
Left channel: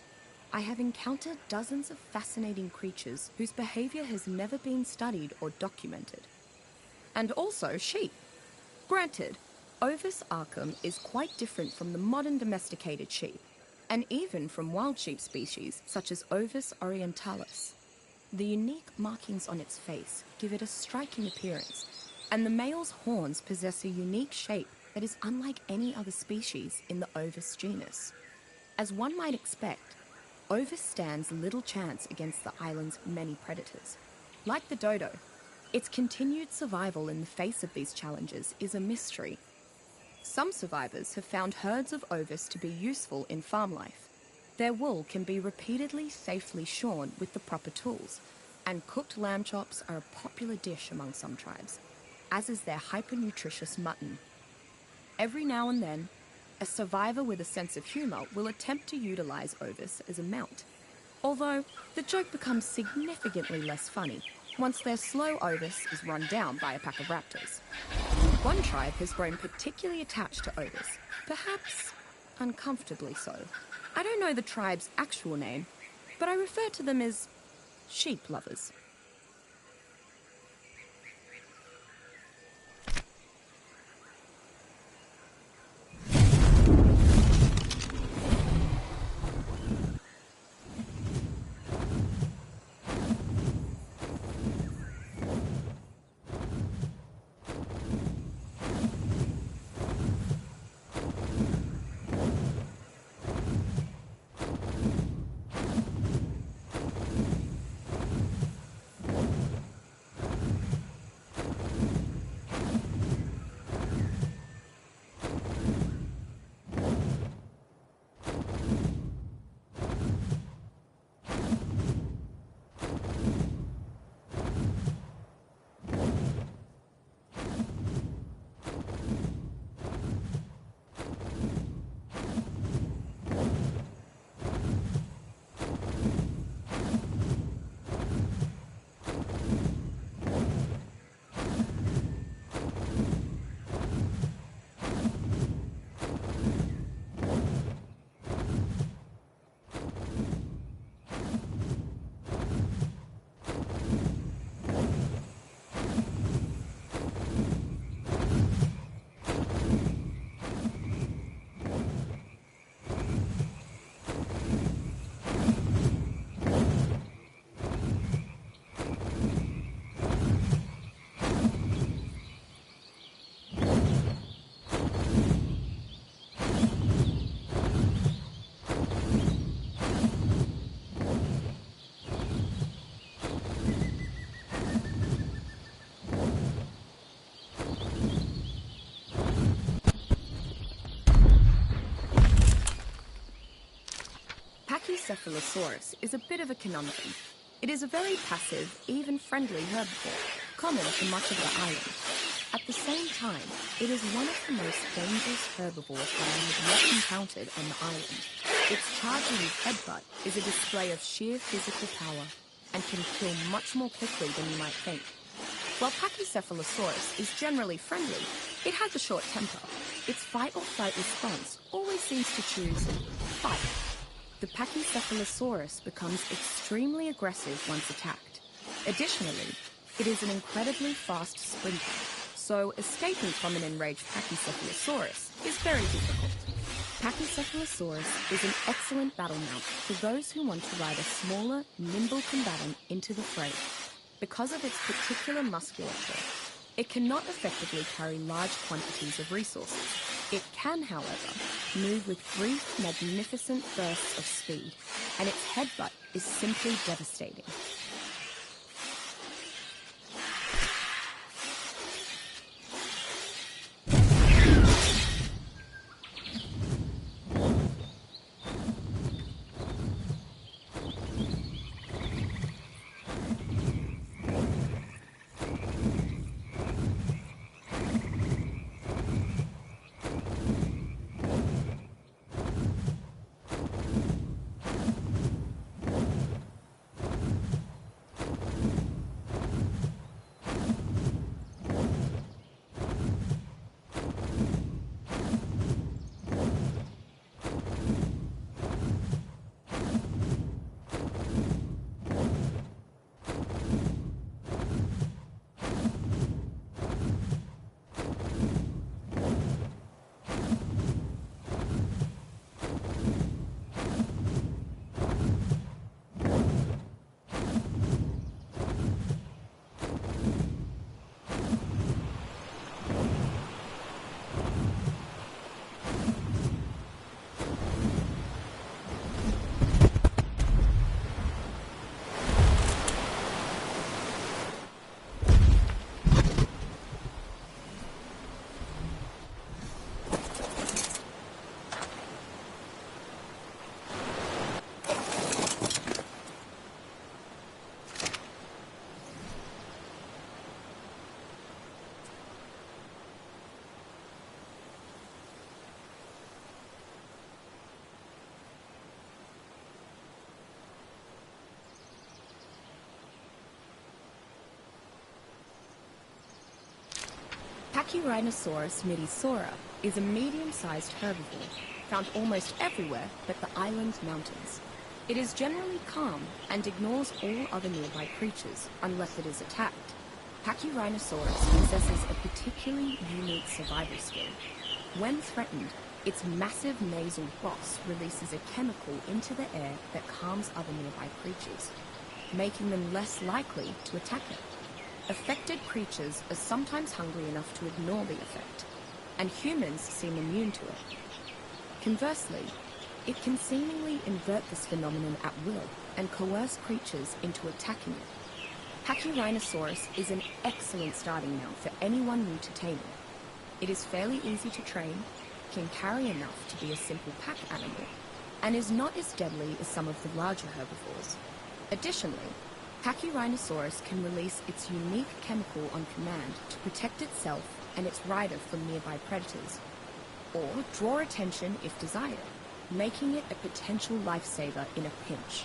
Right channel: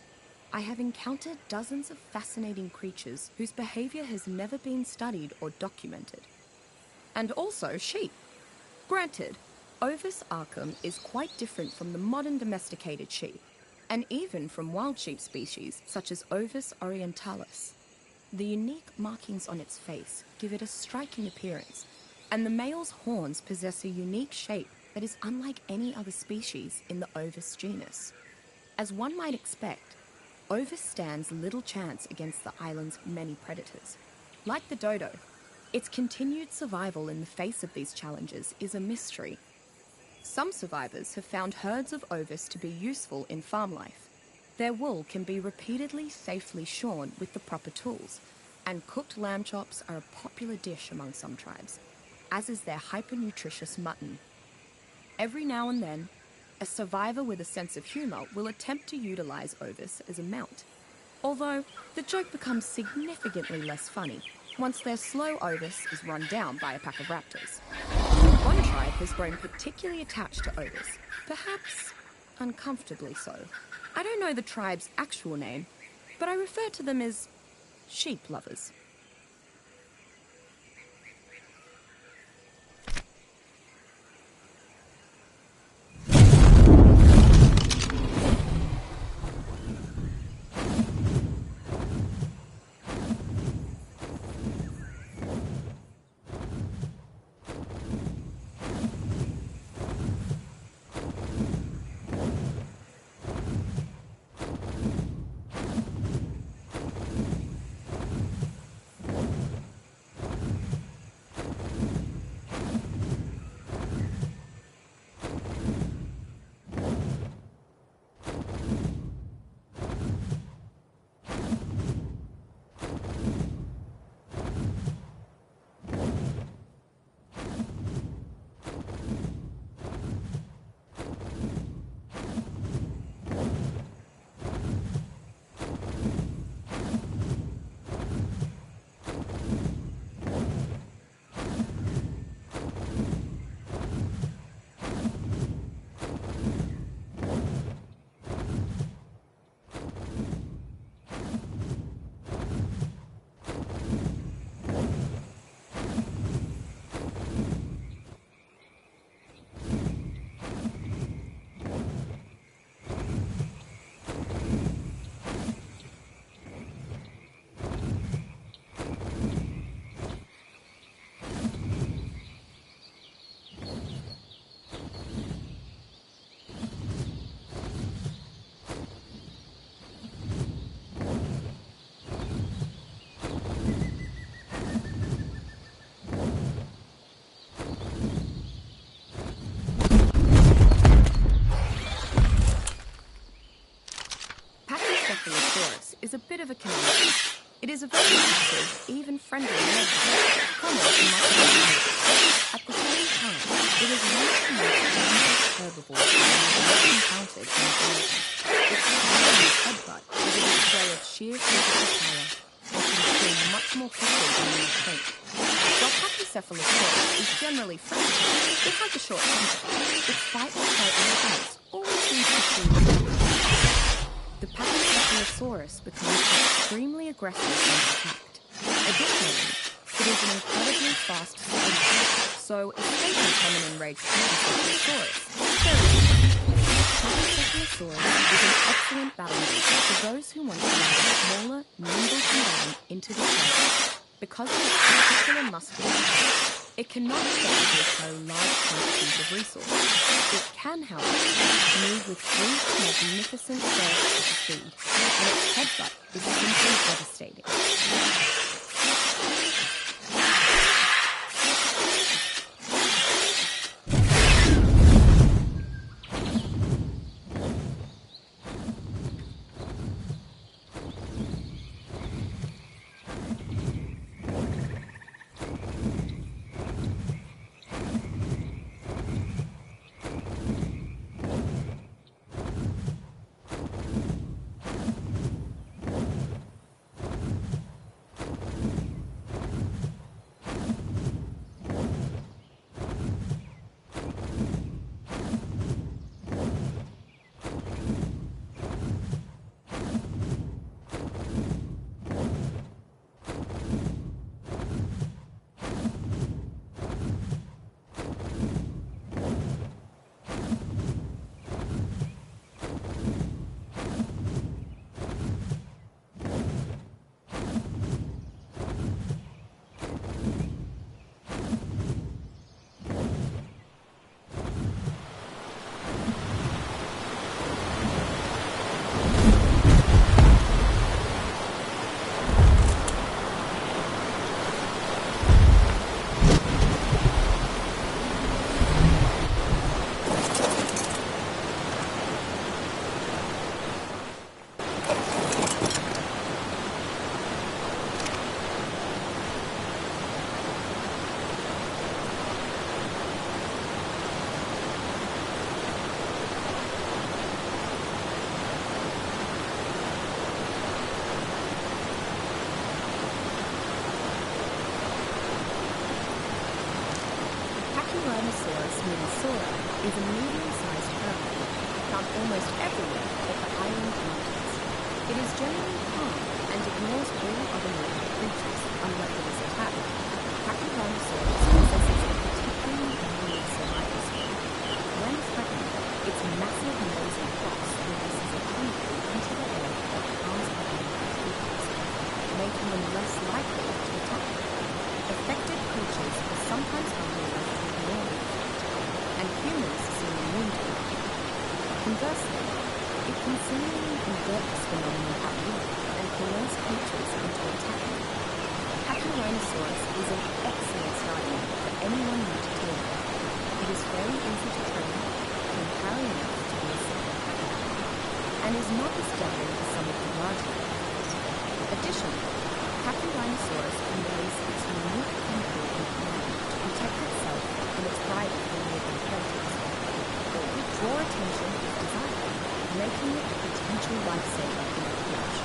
I have encountered dozens of fascinating creatures whose behavior has never been studied or documented. And also sheep. Granted, Ovis arcum is quite different from the modern domesticated sheep, and even from wild sheep species such as Ovis orientalis. The unique markings on its face give it a striking appearance, and the male's horns possess a unique shape that is unlike any other species in the Ovis genus. As one might expect, Ovis stands little chance against the island's many predators. Like the dodo, its continued survival in the face of these challenges is a mystery. Some survivors have found herds of Ovis to be useful in farm life. Their wool can be repeatedly safely shorn with the proper tools, and cooked lamb chops are a popular dish among some tribes, as is their hyper-nutritious mutton. Every now and then, a survivor with a sense of humour will attempt to utilise Ovis as a mount, although the joke becomes significantly less funny once their slow Ovis is run down by a pack of raptors. One tribe has grown particularly attached to Ovis, perhaps uncomfortably so. I don't know the tribe's actual name, but I refer to them as sheep lovers. Pachycephalosaurus is a bit of a conundrum. It is a very passive, even friendly herbivore, common in much of the island. At the same time, it is one of the most dangerous herbivores I have yet encountered in the island. Its powerful headbutt is a display of sheer physical power and can kill much more quickly than you might think. While Pachycephalosaurus is generally friendly, it has a short temper. Its fight-or-flight response always seems to choose the Pachycephalosaurus becomes extremely aggressive once attacked. Additionally, it is an incredibly fast sprinter, so escaping from an enraged Pachycephalosaurus is very easy. Pachycephalosaurus is an excellent battle mate for those who want to ride a smaller, nimble combatant into the fray. Because of its particular musculature, it cannot effectively carry large quantities of resources. It can, however, move with brief, magnificent bursts of speed, and its headbutt is simply devastating. Pachyrhinosaurus midisora is a medium-sized herbivore found almost everywhere but the island mountains. It is generally calm and ignores all other nearby creatures unless it is attacked. Pachyrhinosaurus possesses a particularly unique survival skill. When threatened, its massive nasal boss releases a chemical into the air that calms other nearby creatures, making them less likely to attack them. Affected creatures are sometimes hungry enough to ignore the effect, and humans seem immune to it. Conversely, it can seemingly invert this phenomenon at will and coerce creatures into attacking it. Pachyrhinosaurus is an excellent starting unit for anyone new to tame it. It is fairly easy to train, can carry enough to be a simple pack animal, and is not as deadly as some of the larger herbivores. Additionally, Pachyrhinosaurus can release its unique chemical on command to protect itself and its rider from nearby predators, or draw attention if desired, making it a potential lifesaver in a pinch.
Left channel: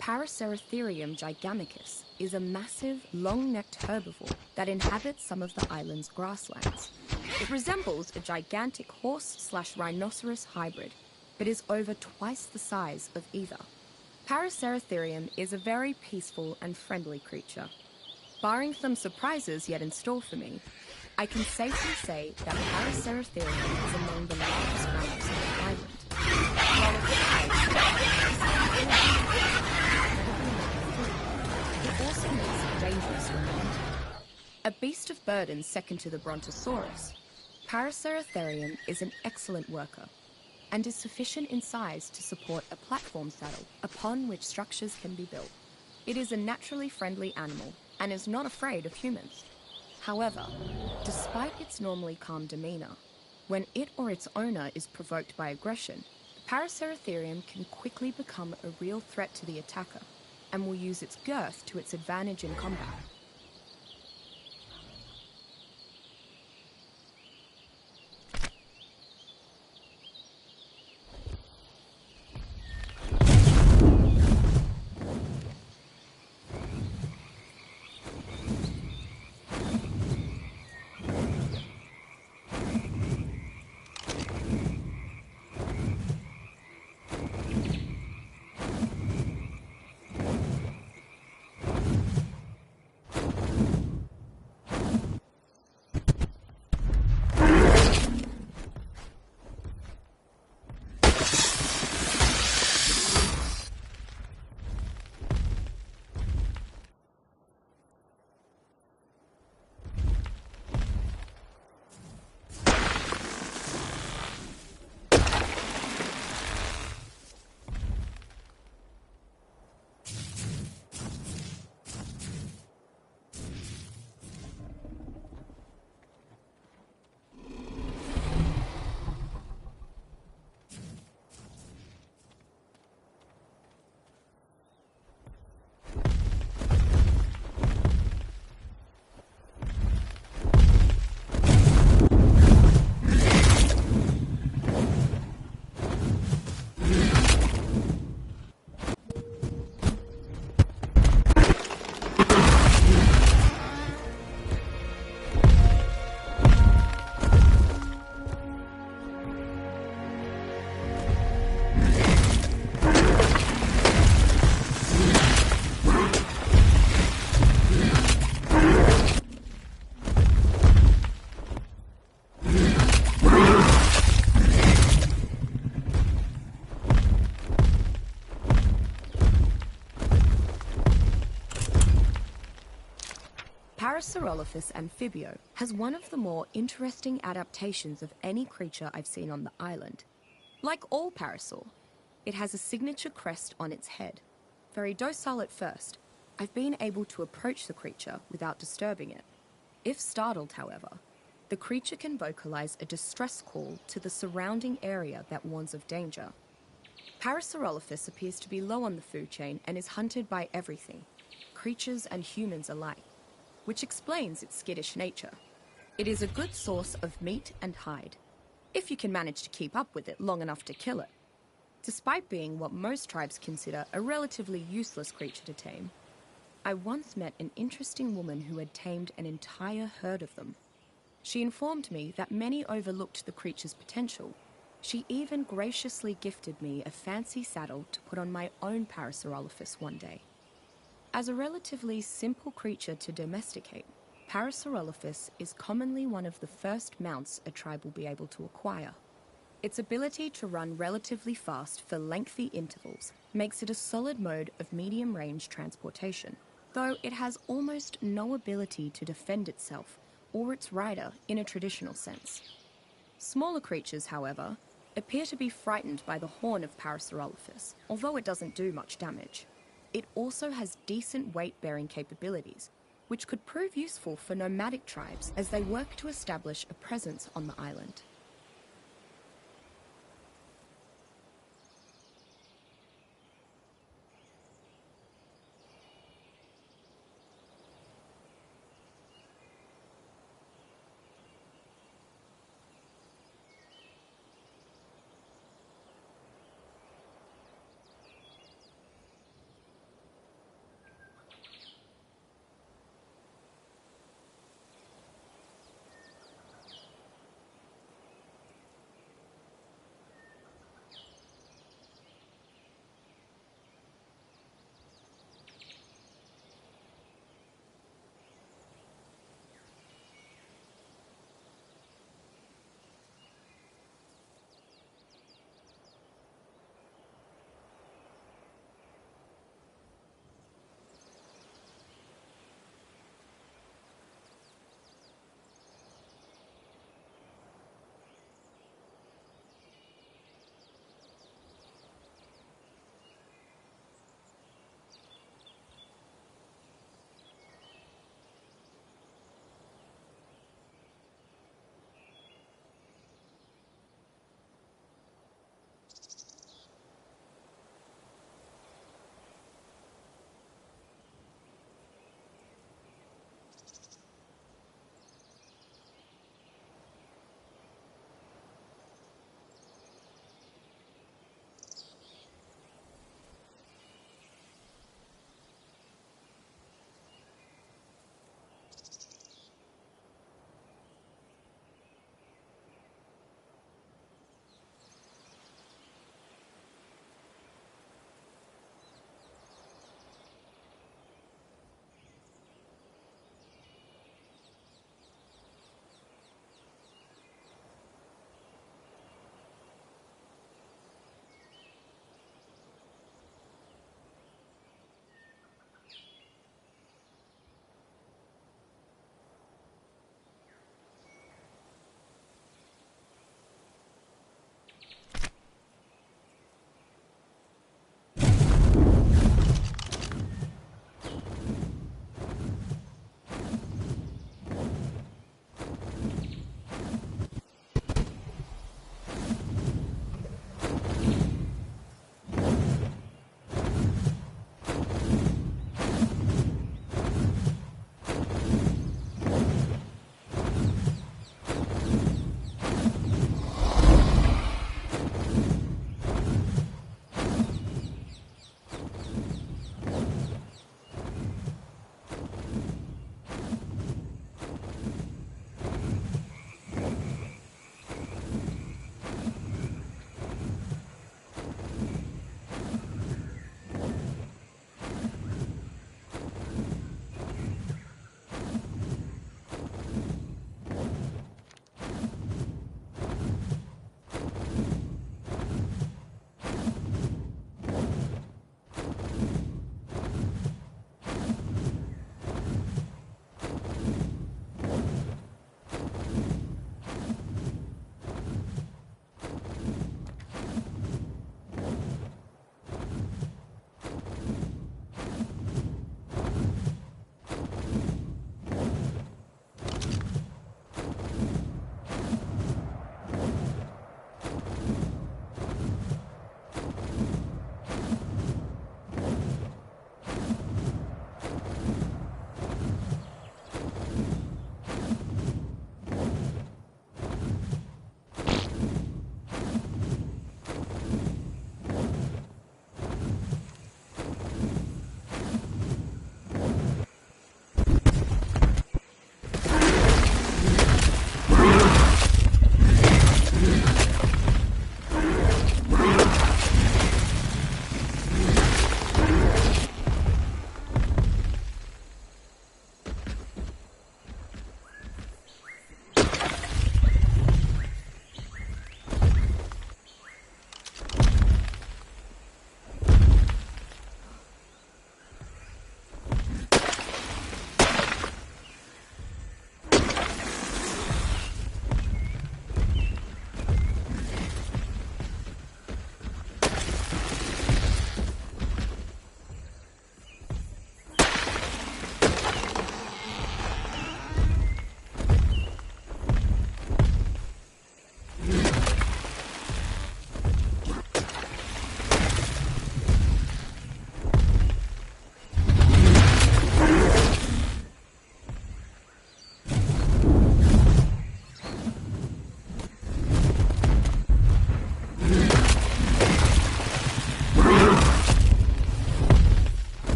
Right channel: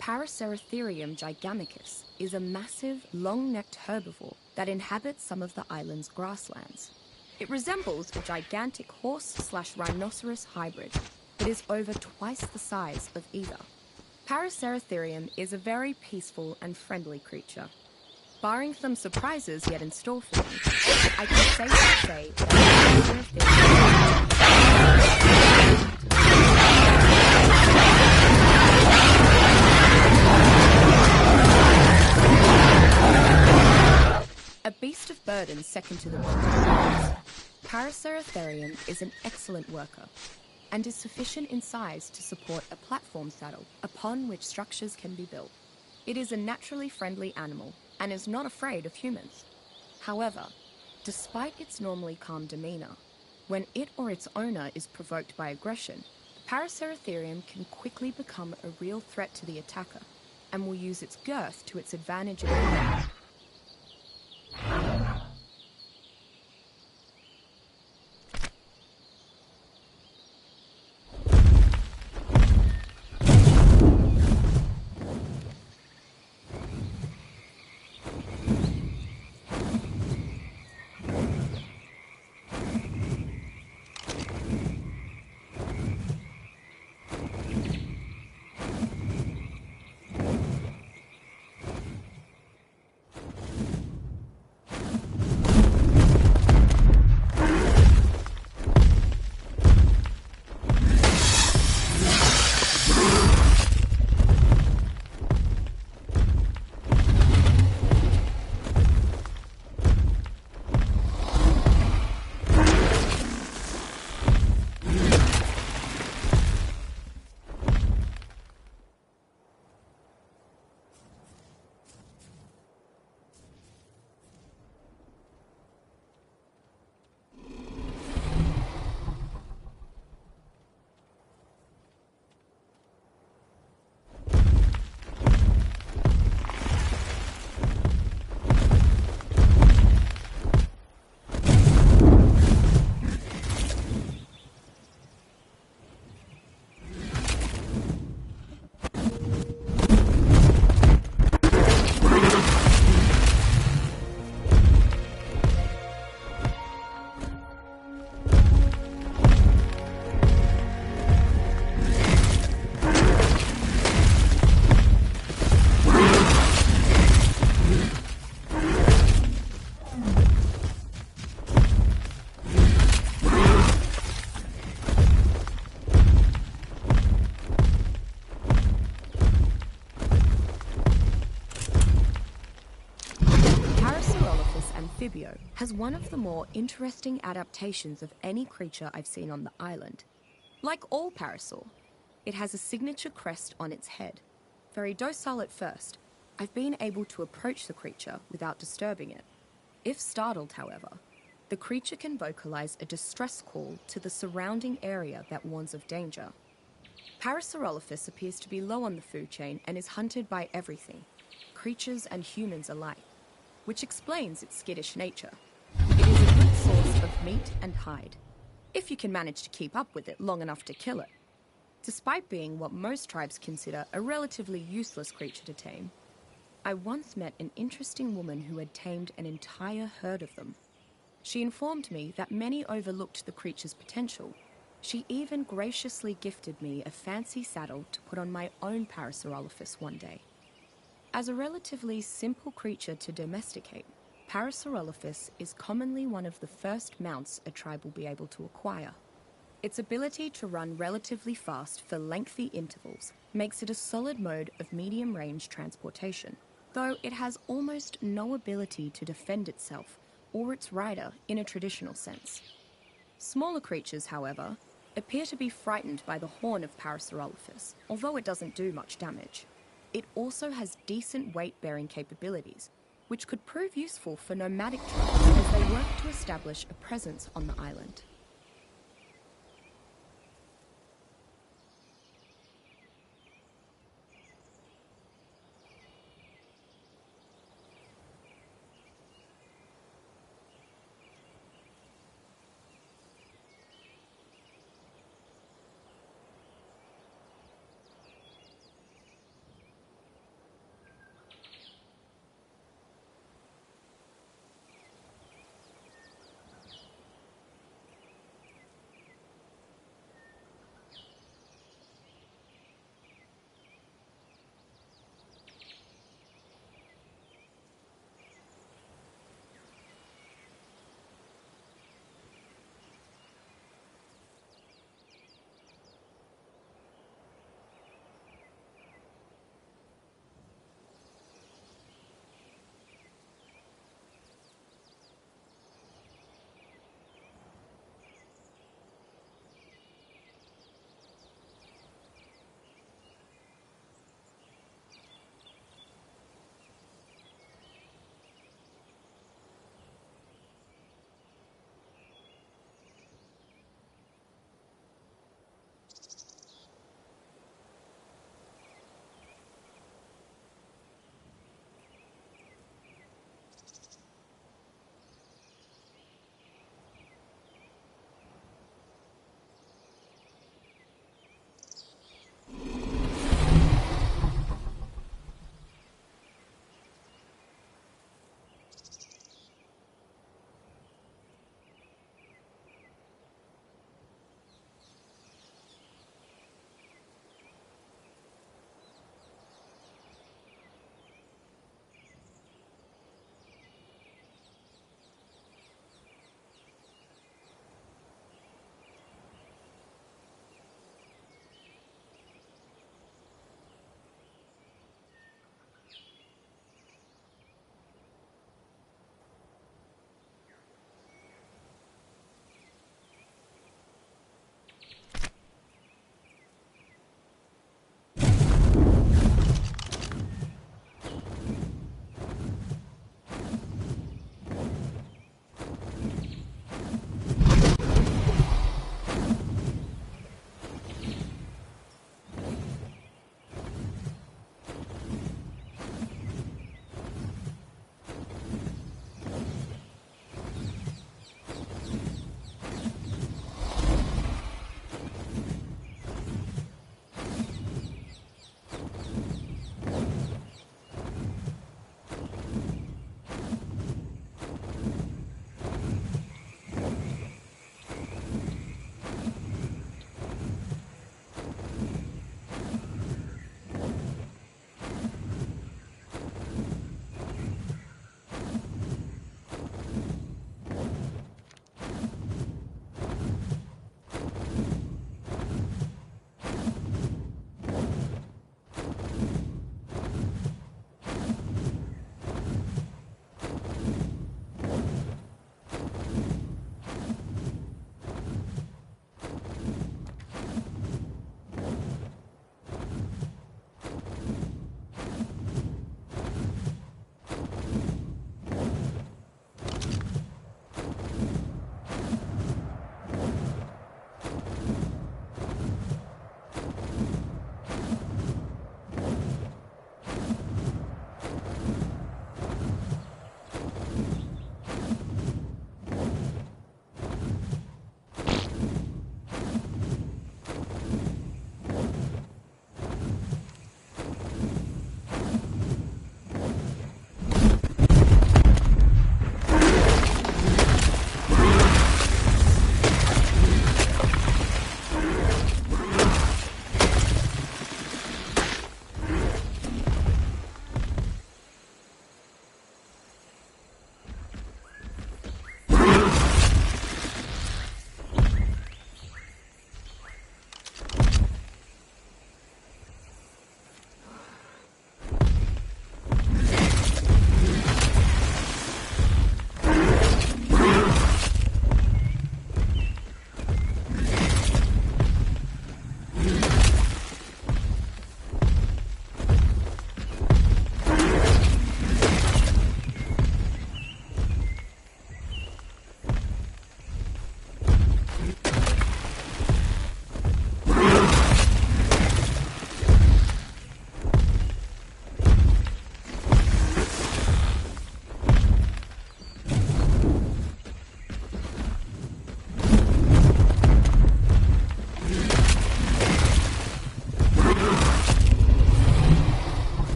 Paraceratherium giganticus is a massive, long-necked herbivore that inhabits some of the island's grasslands. It resembles a gigantic horse/rhinoceros hybrid, but is over twice the size of either. Paraceratherium is a very peaceful and friendly creature. Barring some surprises yet in store for me, I can safely say that Paraceratherium is a beast of burden second to the brontosaurus. Paraceratherium is an excellent worker and is sufficient in size to support a platform saddle upon which structures can be built. It is a naturally friendly animal and is not afraid of humans. However, despite its normally calm demeanor, when it or its owner is provoked by aggression, the Paraceratherium can quickly become a real threat to the attacker and will use its girth to its advantage in combat. Parasaurolophus amphibio has one of the more interesting adaptations of any creature I've seen on the island. Like all parasaur, it has a signature crest on its head. Very docile at first, I've been able to approach the creature without disturbing it. If startled, however, the creature can vocalize a distress call to the surrounding area that warns of danger. Parasaurolophus appears to be low on the food chain and is hunted by everything, creatures and humans alike, which explains its skittish nature. It is a good source of meat and hide, if you can manage to keep up with it long enough to kill it. Despite being what most tribes consider a relatively useless creature to tame, I once met an interesting woman who had tamed an entire herd of them. She informed me that many overlooked the creature's potential. She even graciously gifted me a fancy saddle to put on my own Parasaurolophus one day. As a relatively simple creature to domesticate, Parasaurolophus is commonly one of the first mounts a tribe will be able to acquire. Its ability to run relatively fast for lengthy intervals makes it a solid mode of medium-range transportation, though it has almost no ability to defend itself or its rider in a traditional sense. Smaller creatures, however, appear to be frightened by the horn of Parasaurolophus, although it doesn't do much damage. It also has decent weight-bearing capabilities, which could prove useful for nomadic tribes as they work to establish a presence on the island.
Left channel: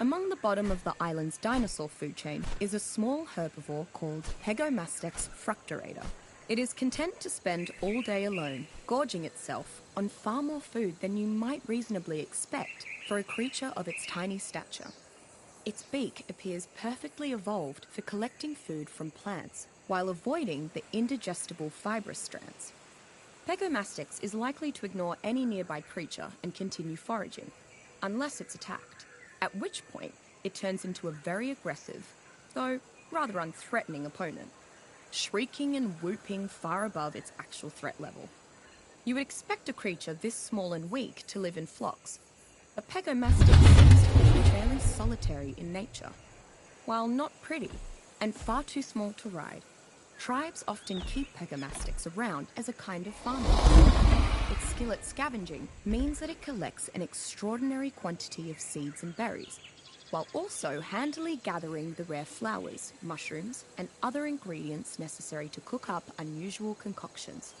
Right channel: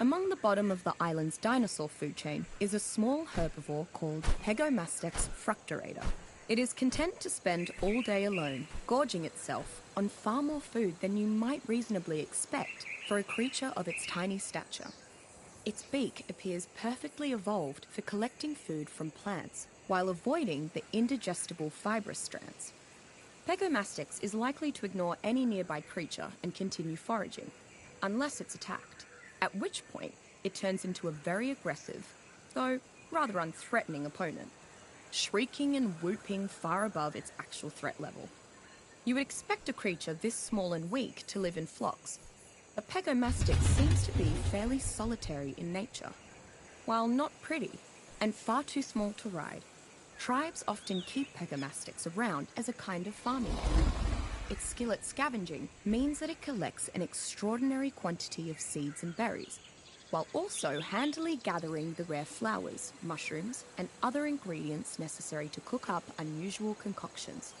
Among the bottom of the island's dinosaur food chain is a small herbivore called Pegomastex fructurator. It is content to spend all day alone, gorging itself on far more food than you might reasonably expect for a creature of its tiny stature. Its beak appears perfectly evolved for collecting food from plants while avoiding the indigestible fibrous strands. Pegomastex is likely to ignore any nearby creature and continue foraging, unless it's attacked, at which point it turns into a very aggressive, though rather unthreatening opponent, shrieking and whooping far above its actual threat level. You would expect a creature this small and weak to live in flocks, but Pegomastex seems to be fairly solitary in nature. While not pretty and far too small to ride, tribes often keep Pegomastex around as a kind of farming dog. Its skill at scavenging means that it collects an extraordinary quantity of seeds and berries, while also handily gathering the rare flowers, mushrooms, and other ingredients necessary to cook up unusual concoctions.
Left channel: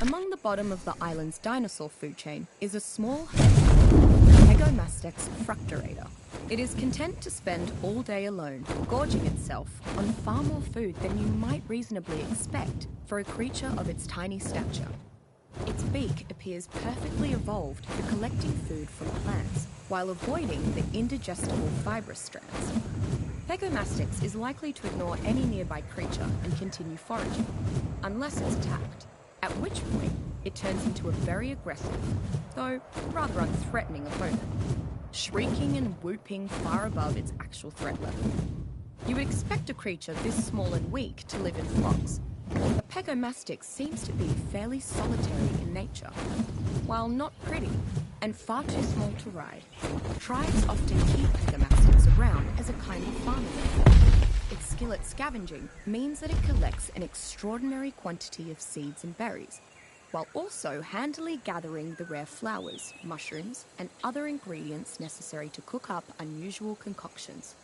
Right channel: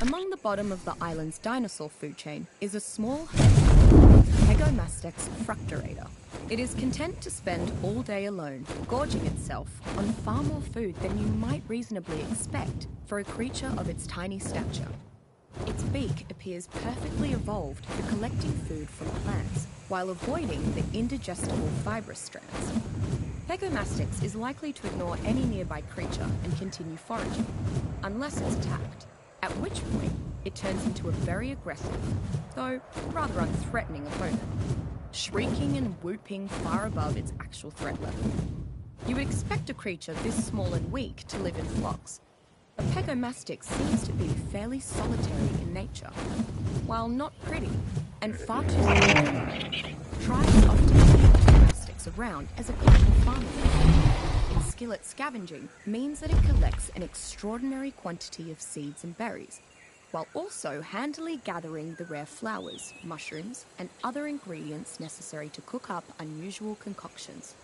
Among the bottom of the island's dinosaur food chain is a small herbivore, Pegomastex fructurator. It is content to spend all day alone, gorging itself on far more food than you might reasonably expect for a creature of its tiny stature. Its beak appears perfectly evolved for collecting food from plants while avoiding the indigestible fibrous strands. Pegomastex is likely to ignore any nearby creature and continue foraging, unless it's attacked, at which point it turns into a very aggressive, though rather unthreatening opponent, shrieking and whooping far above its actual threat level. You would expect a creature this small and weak to live in flocks, but Pegomastex seems to be fairly solitary in nature. While not pretty and far too small to ride, tribes often keep Pegomastex around as a kind of farming dog. Its skill at scavenging means that it collects an extraordinary quantity of seeds and berries, while also handily gathering the rare flowers, mushrooms, and other ingredients necessary to cook up unusual concoctions.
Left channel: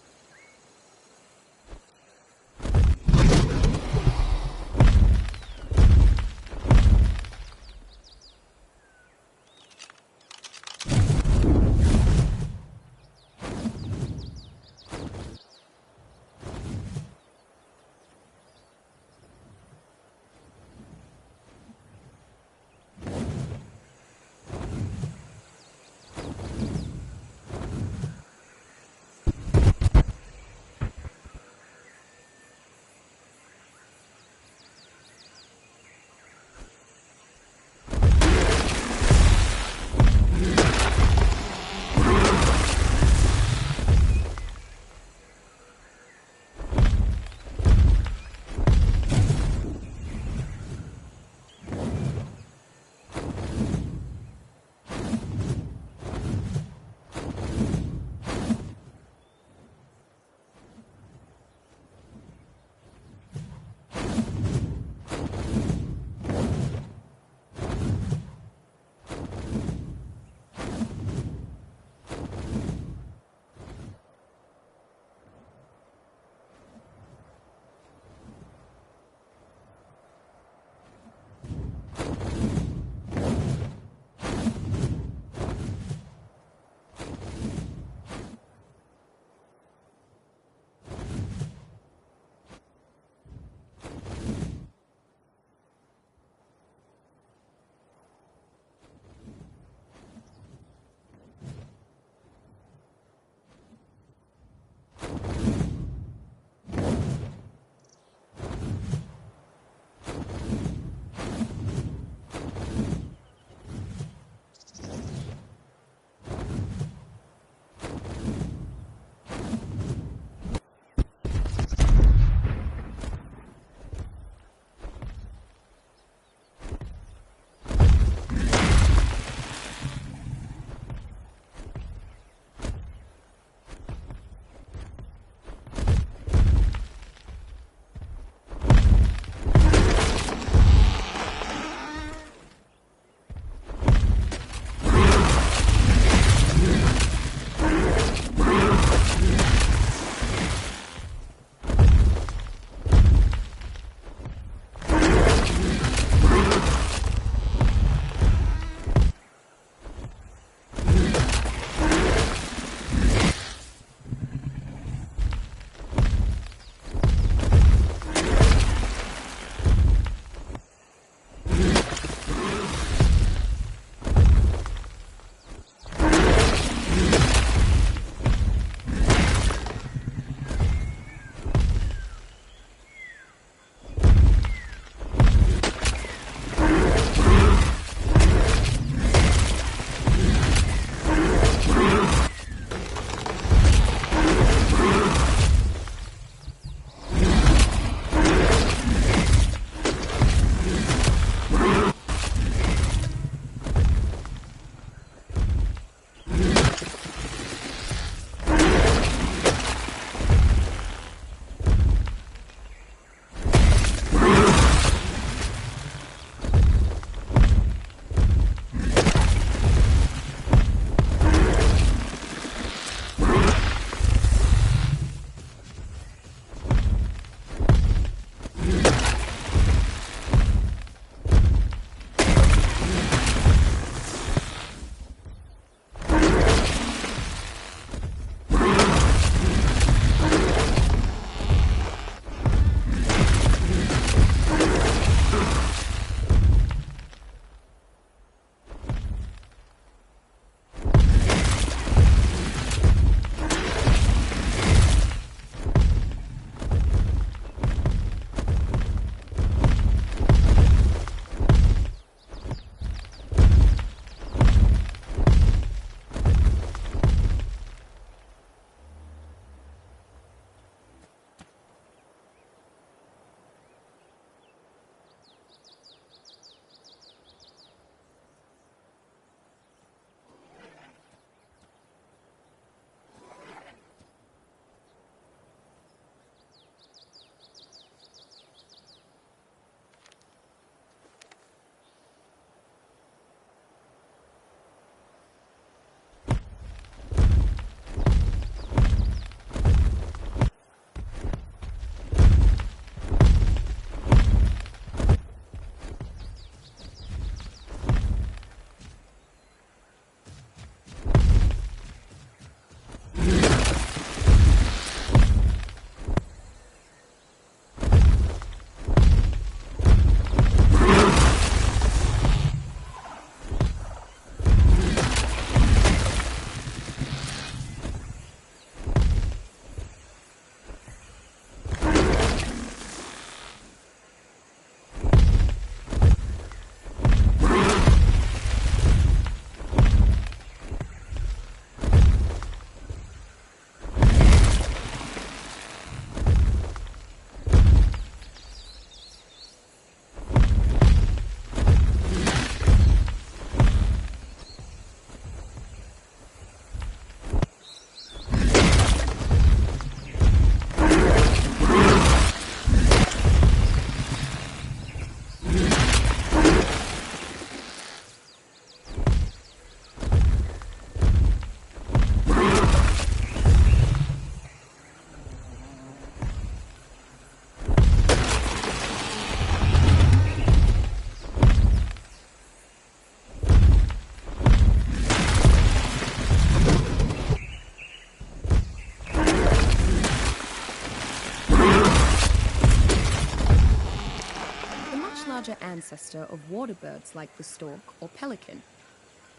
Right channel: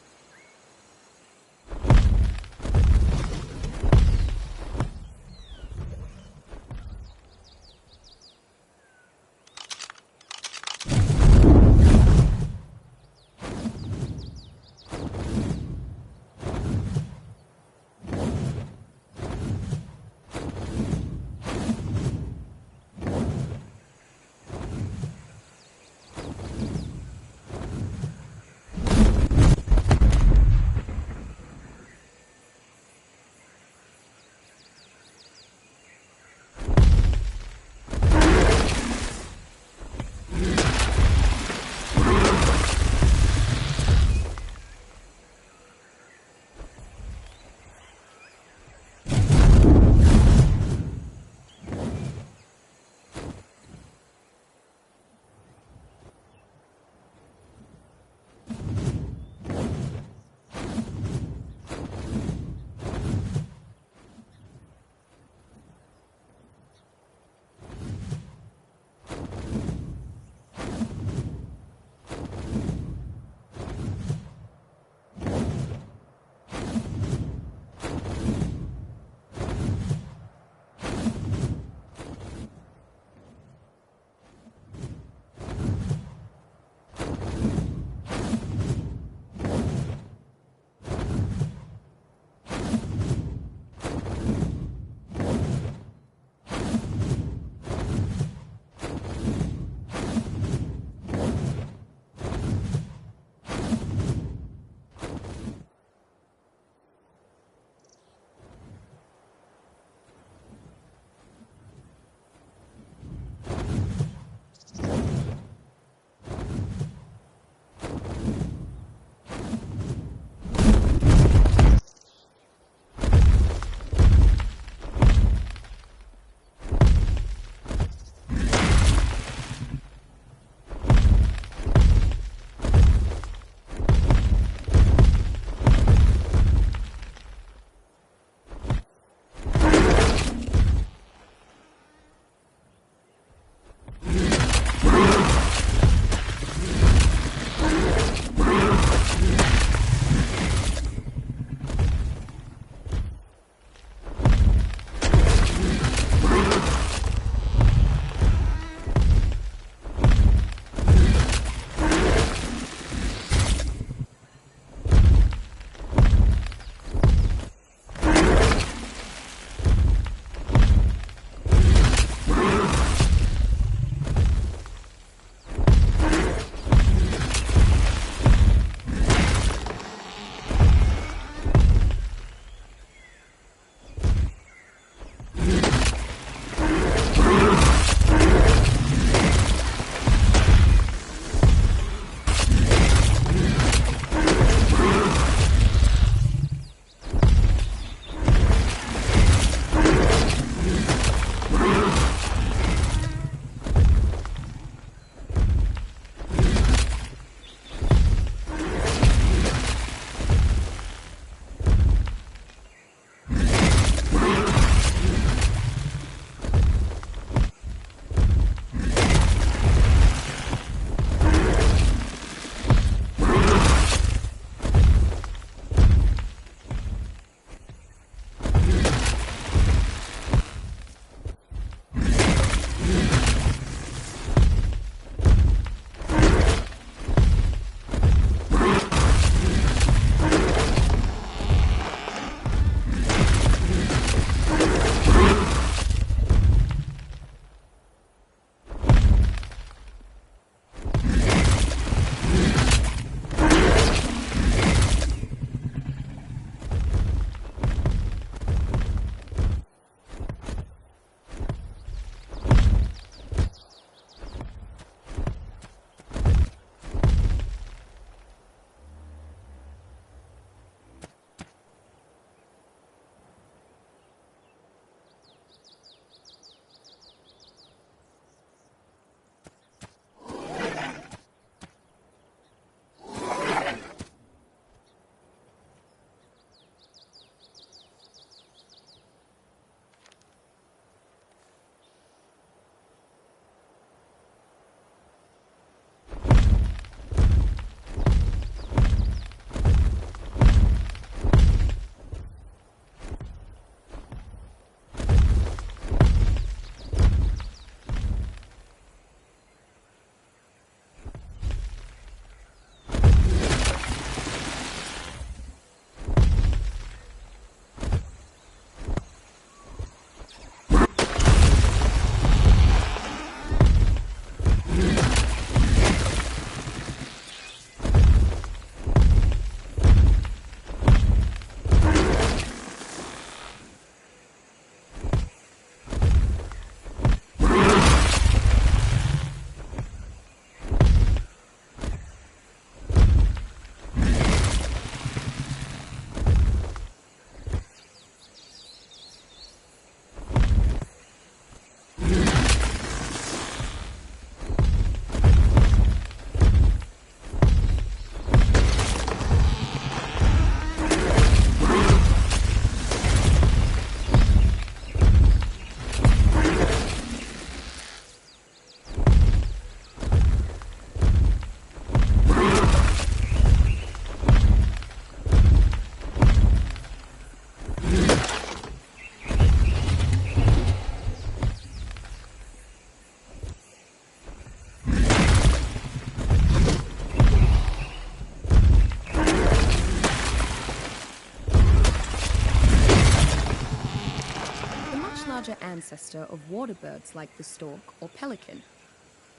ancestor of water birds like the stork or pelican.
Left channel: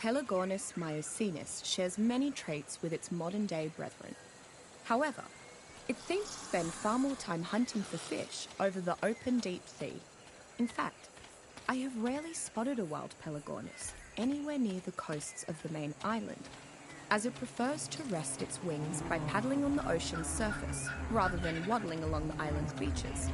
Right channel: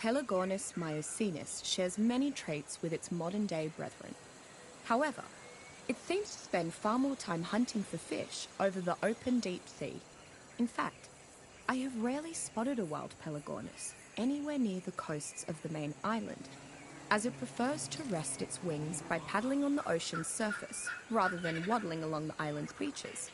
Pelagornis myocenis shares many traits with its modern-day brethren. However, it seems to spend far more time hunting for fish over the open deep sea. In fact, I have rarely spotted a wild Pelagornis anywhere near the coasts of the main island, as it prefers to rest its wings by paddling on the ocean's surface rather than waddling along the island's beaches.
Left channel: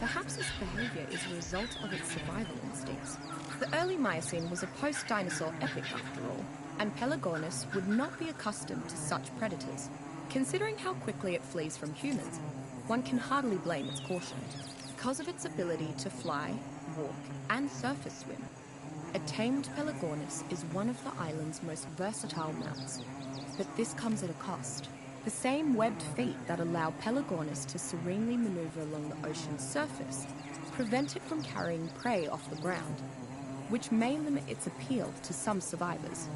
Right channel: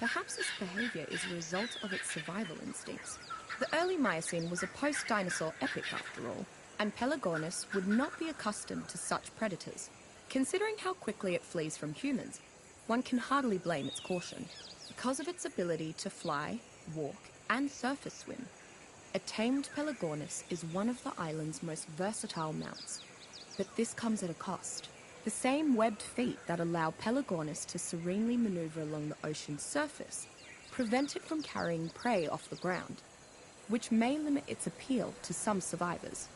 Perhaps this behaviour is a result of its survival instincts. The early Miocene was a post-dinosaur epoch after all, and Pelagornis would not be accustomed to such predators. Considering how quickly it flees from humans, one can hardly blame its caution. Because of its ability to fly, walk, and surface swim, a tamed Pelagornis is one of the island's most versatile mounts. But this comes at a cost. The same webbed feet that allow Pelagornis to serenely maneuver along the ocean's surface prevent it from carrying prey off the ground, which may limit its appeal to some survivors.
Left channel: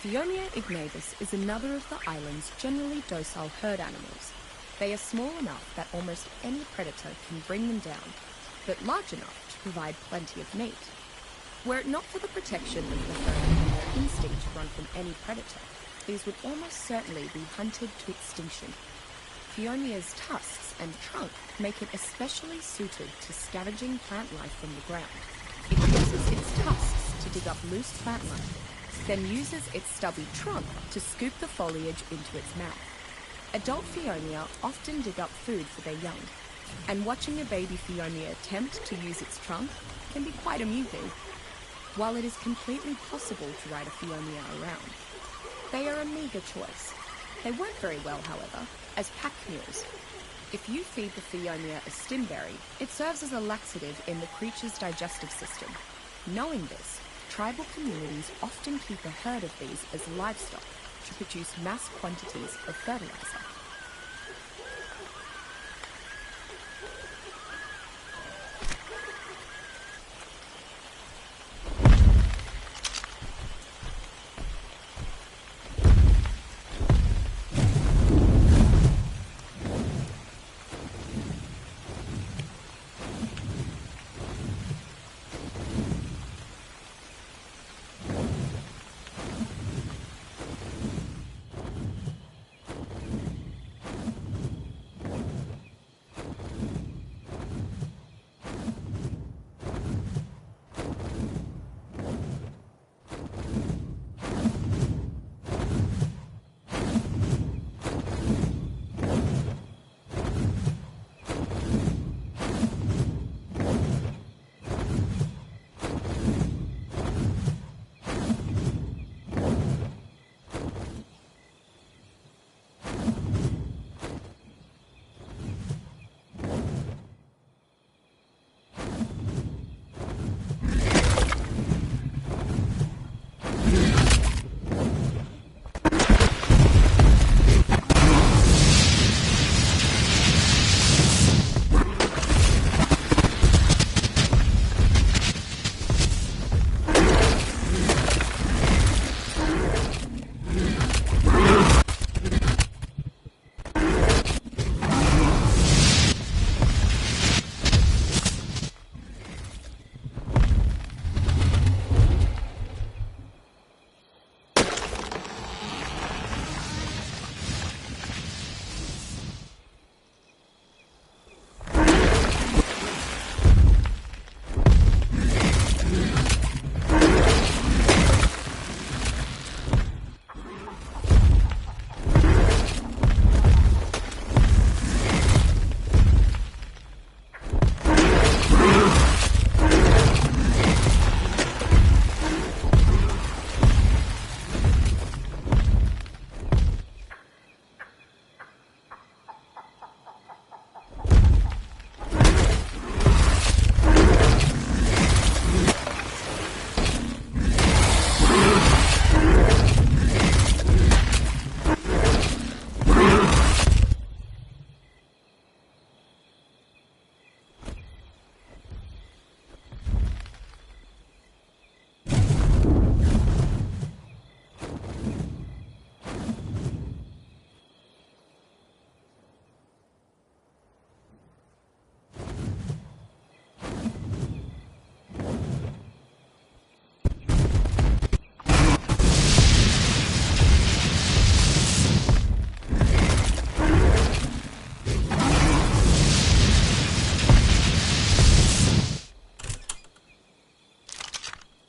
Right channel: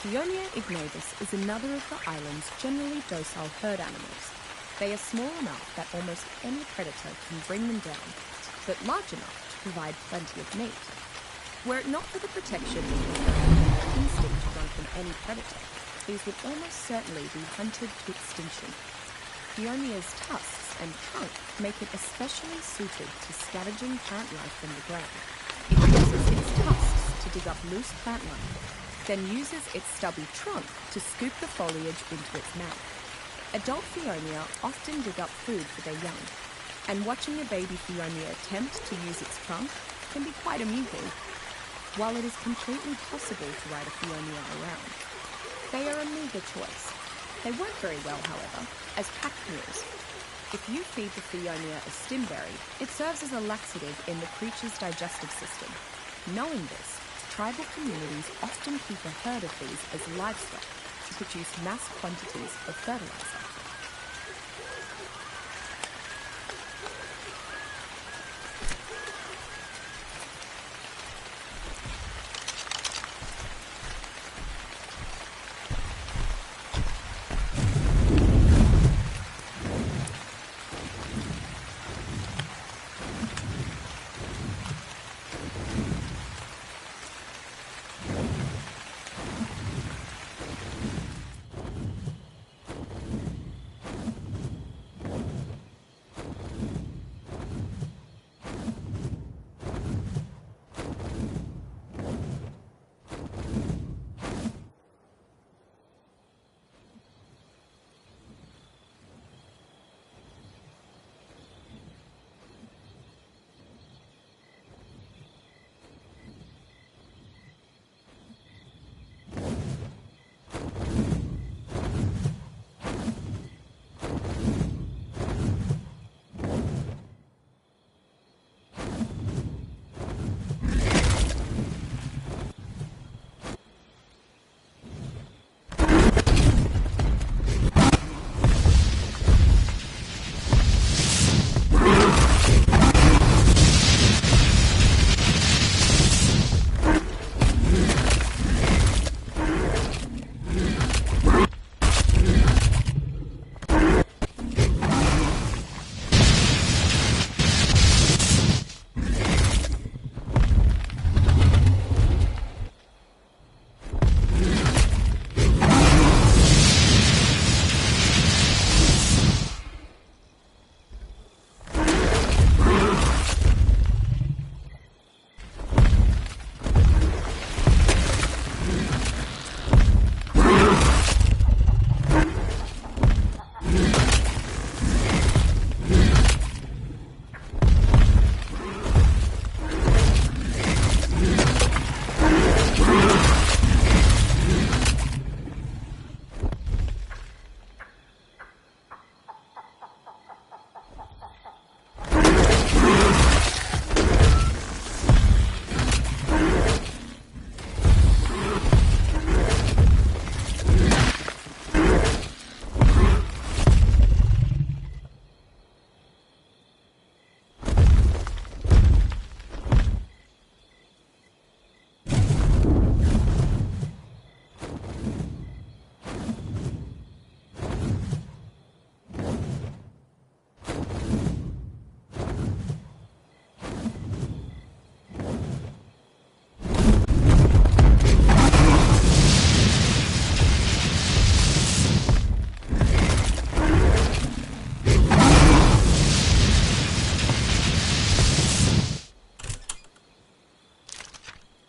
Phionia ignavis is another of the island's generally docile herd animals. They are small enough that almost any predator can bring them down, but large enough to provide plenty of meat. Were it not for the protection of the herd and their instinct to run from any predator, these would almost certainly be hunted to extinction. Phionia's tusks and trunk make it especially suited to scavenging plant life from the ground. It uses its tusks to dig up loose plant life, then uses its stubby trunk to scoop the foliage into its mouth. Adult Phionia often dig up food for their young, and watching a baby Phionia attempt to use its trunk can be quite amusing. While it is completely possible to ride a Phionia around, they are a meagre choice. They work very well, however, as pack mules. If you feed the Phionia a stimberry, it serves as a laxative in the creature's digestive system. Knowing this, tribal communities often keep a herd of these as livestock to produce mass quantities of fertilizer.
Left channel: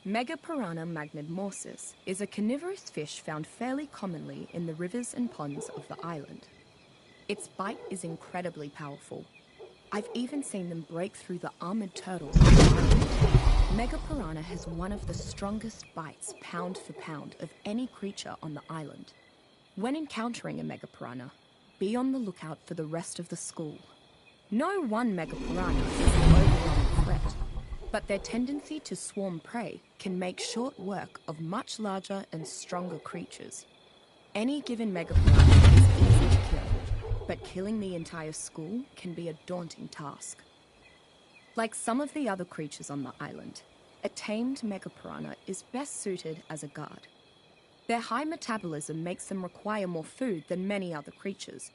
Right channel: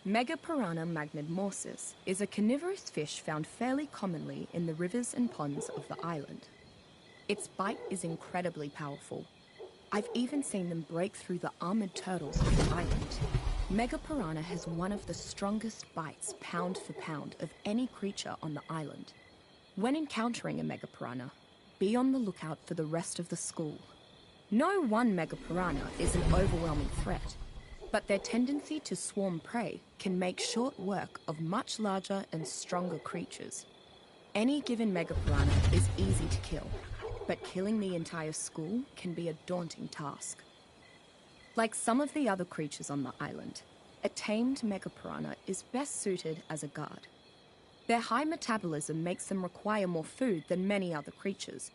Megapiranha magnetmorsis is a carnivorous fish found fairly commonly in the rivers and ponds of the island. Its bite is incredibly powerful. I've even seen them break through the armored turtles of the island. Megapiranha has one of the strongest bites pound for pound of any creature on the island. When encountering a megapiranha, be on the lookout for the rest of the school. No one megapiranha is an overwhelming threat, but their tendency to swarm prey can make short work of much larger and stronger creatures. Any given megapiranha is easy to kill, but killing the entire school can be a daunting task. Like some of the other creatures on the island, a tamed megapiranha is best suited as a guard. Their high metabolism makes them require more food than many other creatures,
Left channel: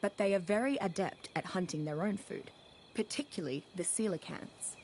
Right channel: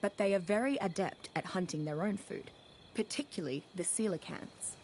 but they are very adept at hunting their own food, particularly the coelacanths.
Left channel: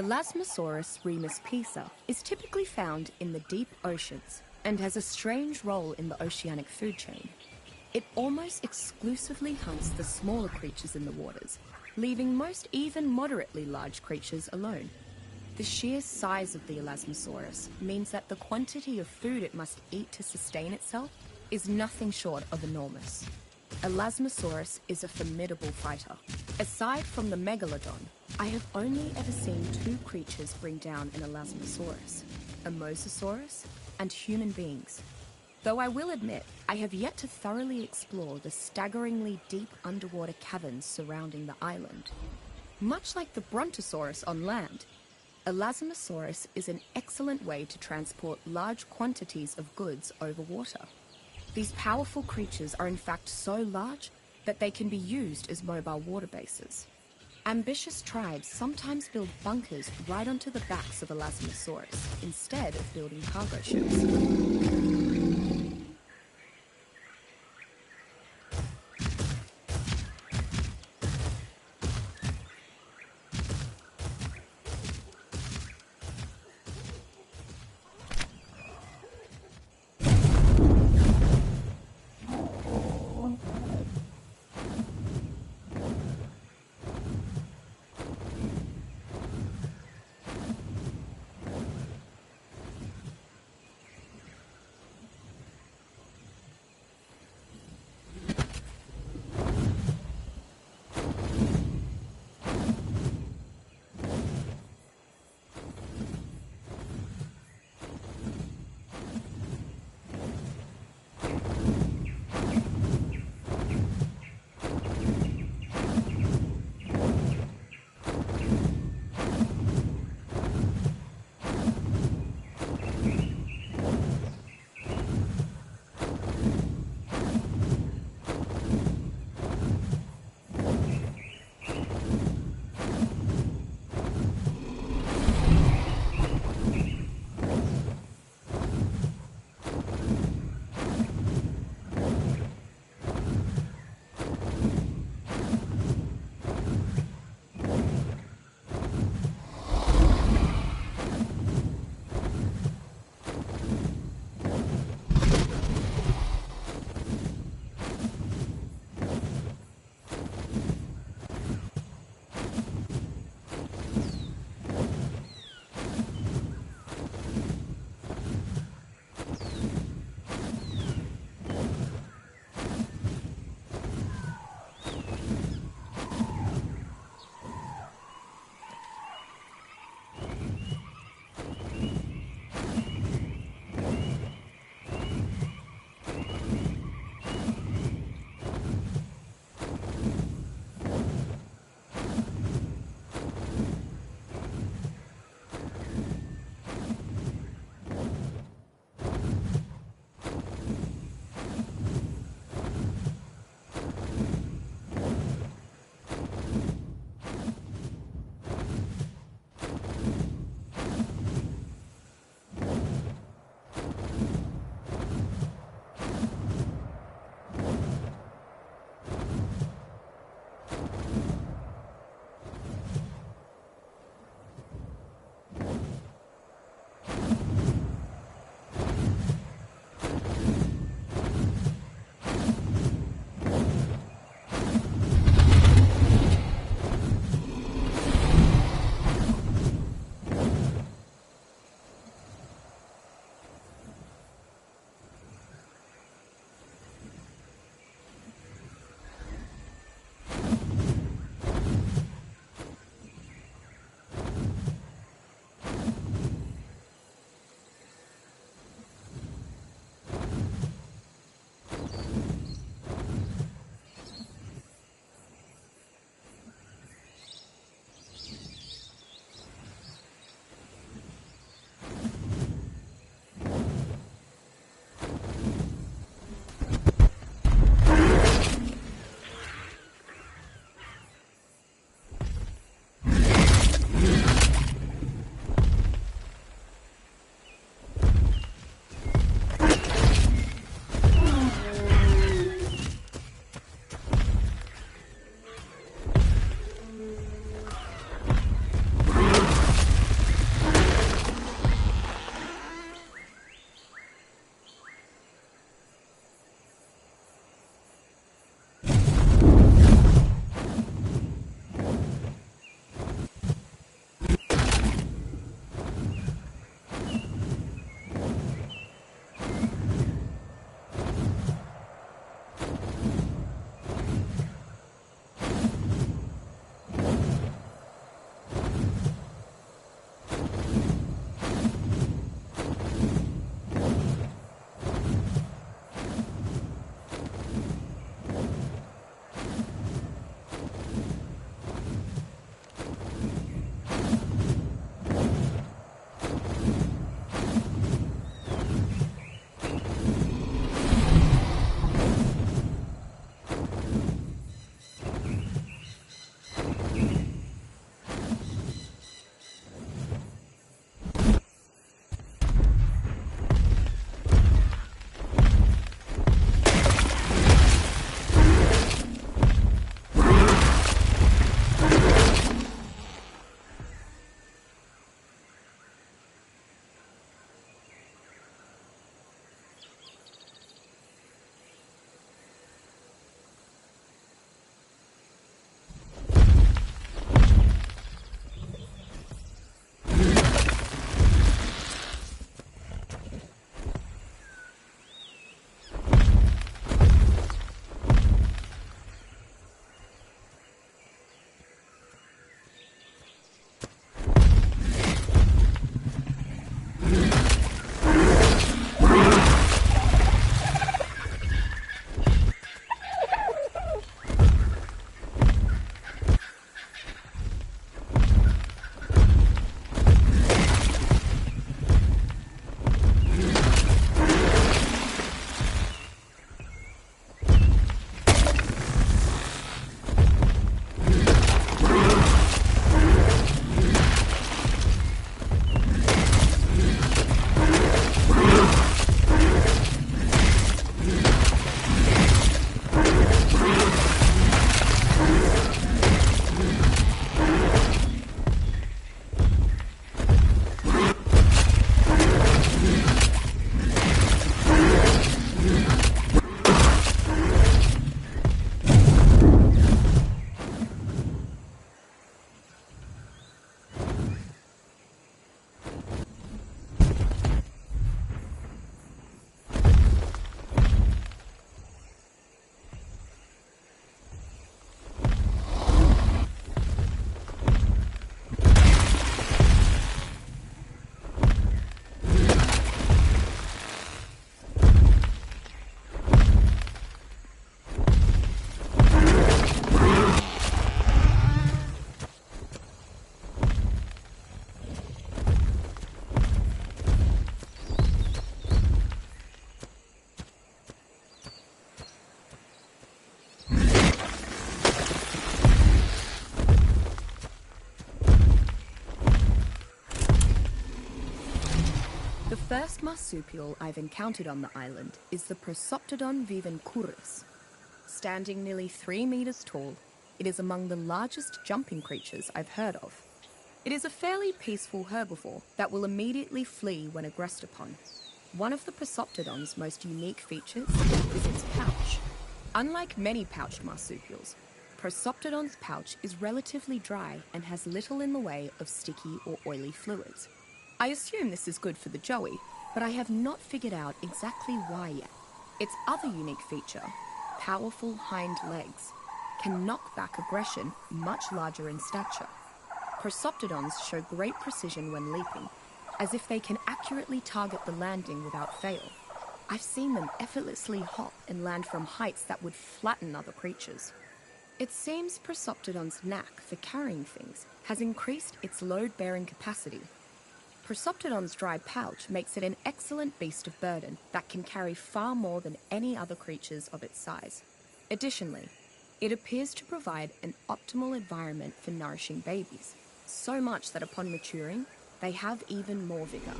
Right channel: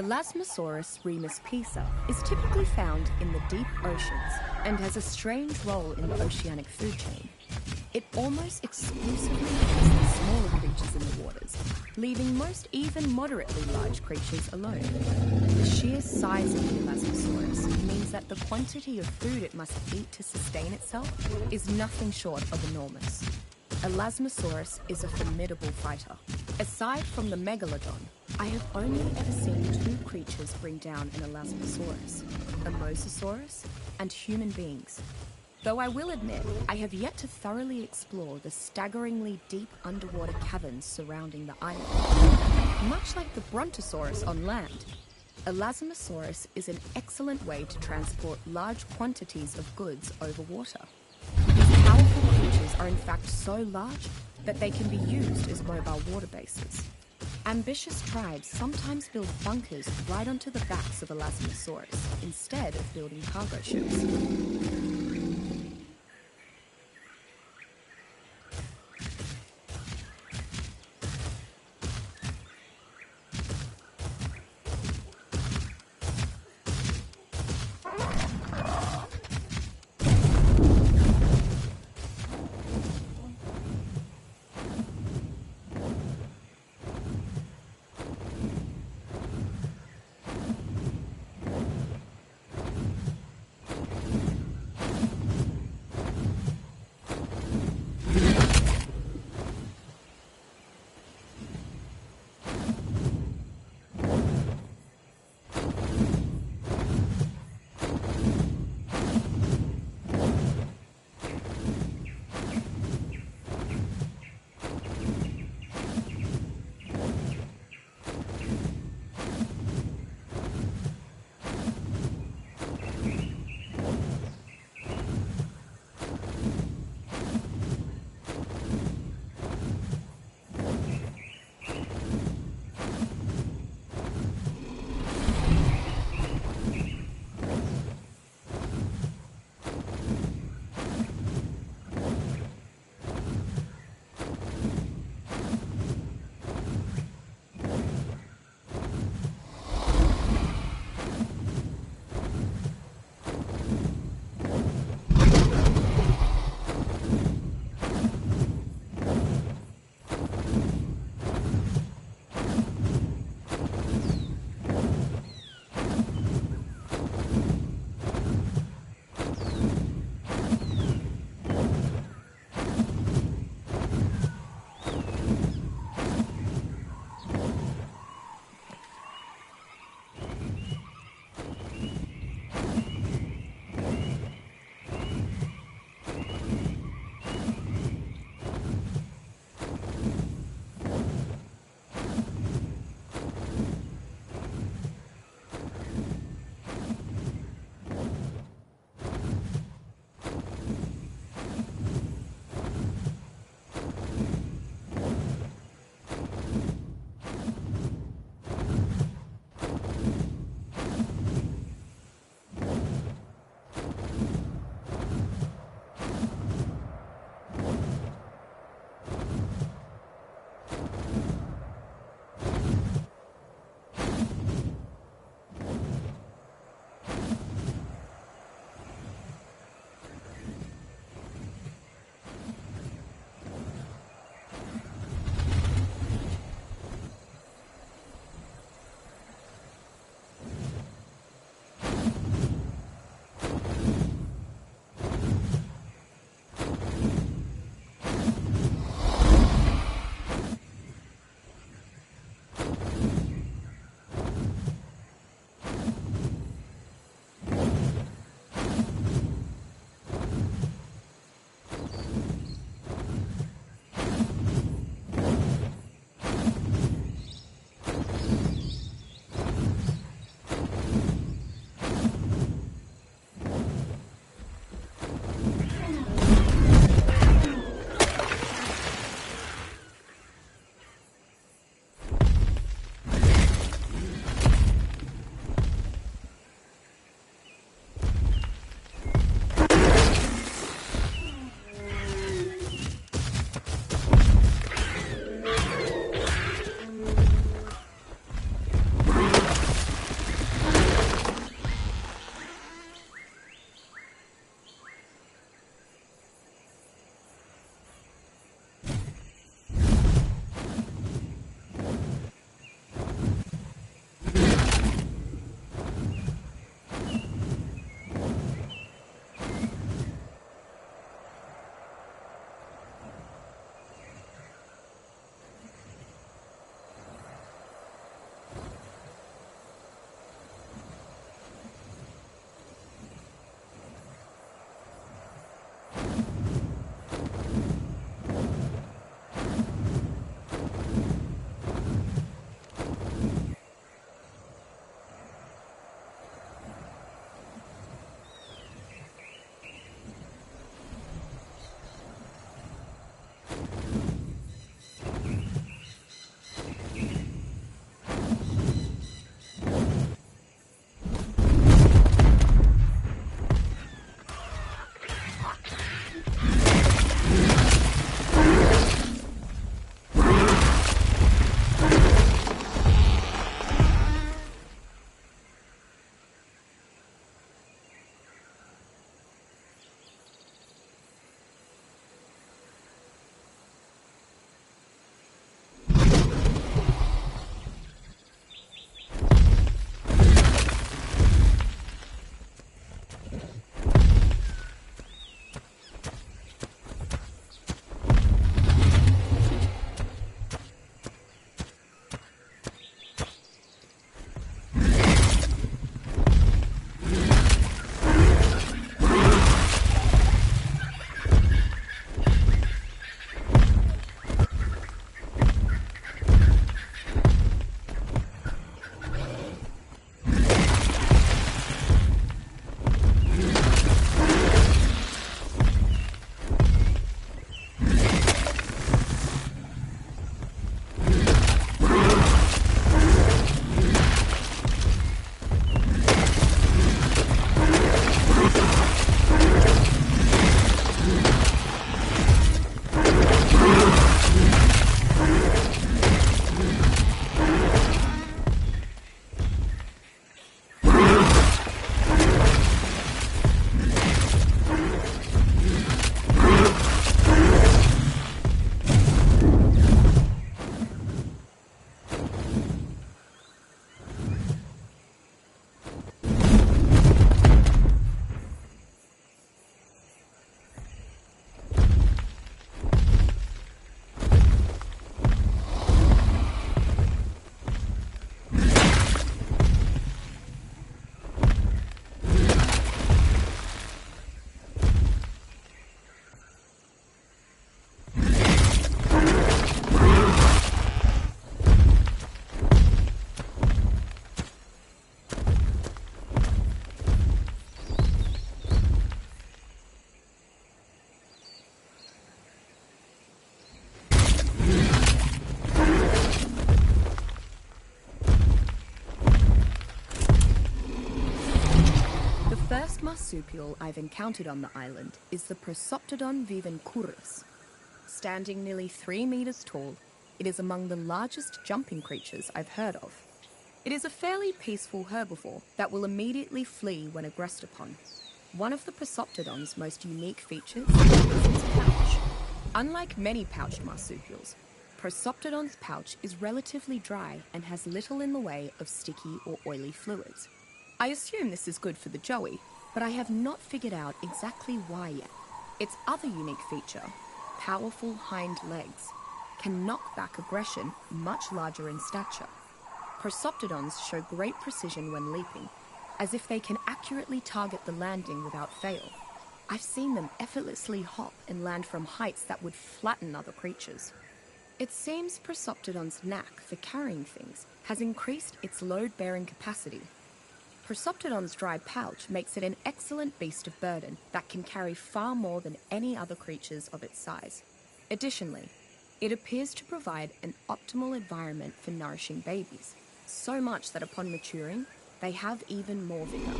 Elasmosaurus remus pisa is typically found in the deep oceans and has a strange role in the oceanic food chain. It almost exclusively hunts the smaller creatures in the waters, leaving most even moderately large creatures alone. The sheer size of the Elasmosaurus means that the quantity of food it must eat to sustain itself is nothing short of enormous. Elasmosaurus is a formidable fighter. Aside from the megalodon, I have only ever seen two creatures bring down an Elasmosaurus, a Mosasaurus and human beings. Though I will admit, I have yet to thoroughly explore the staggeringly deep underwater caverns surrounding the island. Much like the Brontosaurus on land, Elasmosaurus is an excellent way to transport large quantities of goods over water. These powerful creatures are in fact so large that they can be used as mobile water bases. Ambitious tribes sometimes build bunkers right onto the backs of Elasmosaurus instead of building cargo ships. biggest marsupial I've encountered on the island is the Prosoptodon vivencurus. Standing nearly 3 meters tall, it is among the largest jumping creatures I've heard of. It is a fairly peaceful herbivore that will immediately flee when aggressed upon. One of the Prosoptodon's most unique features is its pouch. Unlike many pouched marsupials, Prosoptodon's pouch is relatively dry and has little in the way of sticky or oily fluids. I assume this is good for the joey, but I have not figured out exactly why yet. Its other unique feature, powerful hind legs, can knock back aggression much larger in stature. Prosoptodons show great precision when leaping, as if they can accurately target the landing without fail. I've seen them effortlessly hop and land from heights that would flatten other creatures. It seems Prosoptodon's knack for carrying things has increased its load-bearing capacity. Prosoptodon's dry pouch makes it an excellent beast of burden that can carry far more than any other creatures of its size. Additionally, it appears to provide an optimal environment for nourishing babies, so much that upon maturing, they have even more vigor.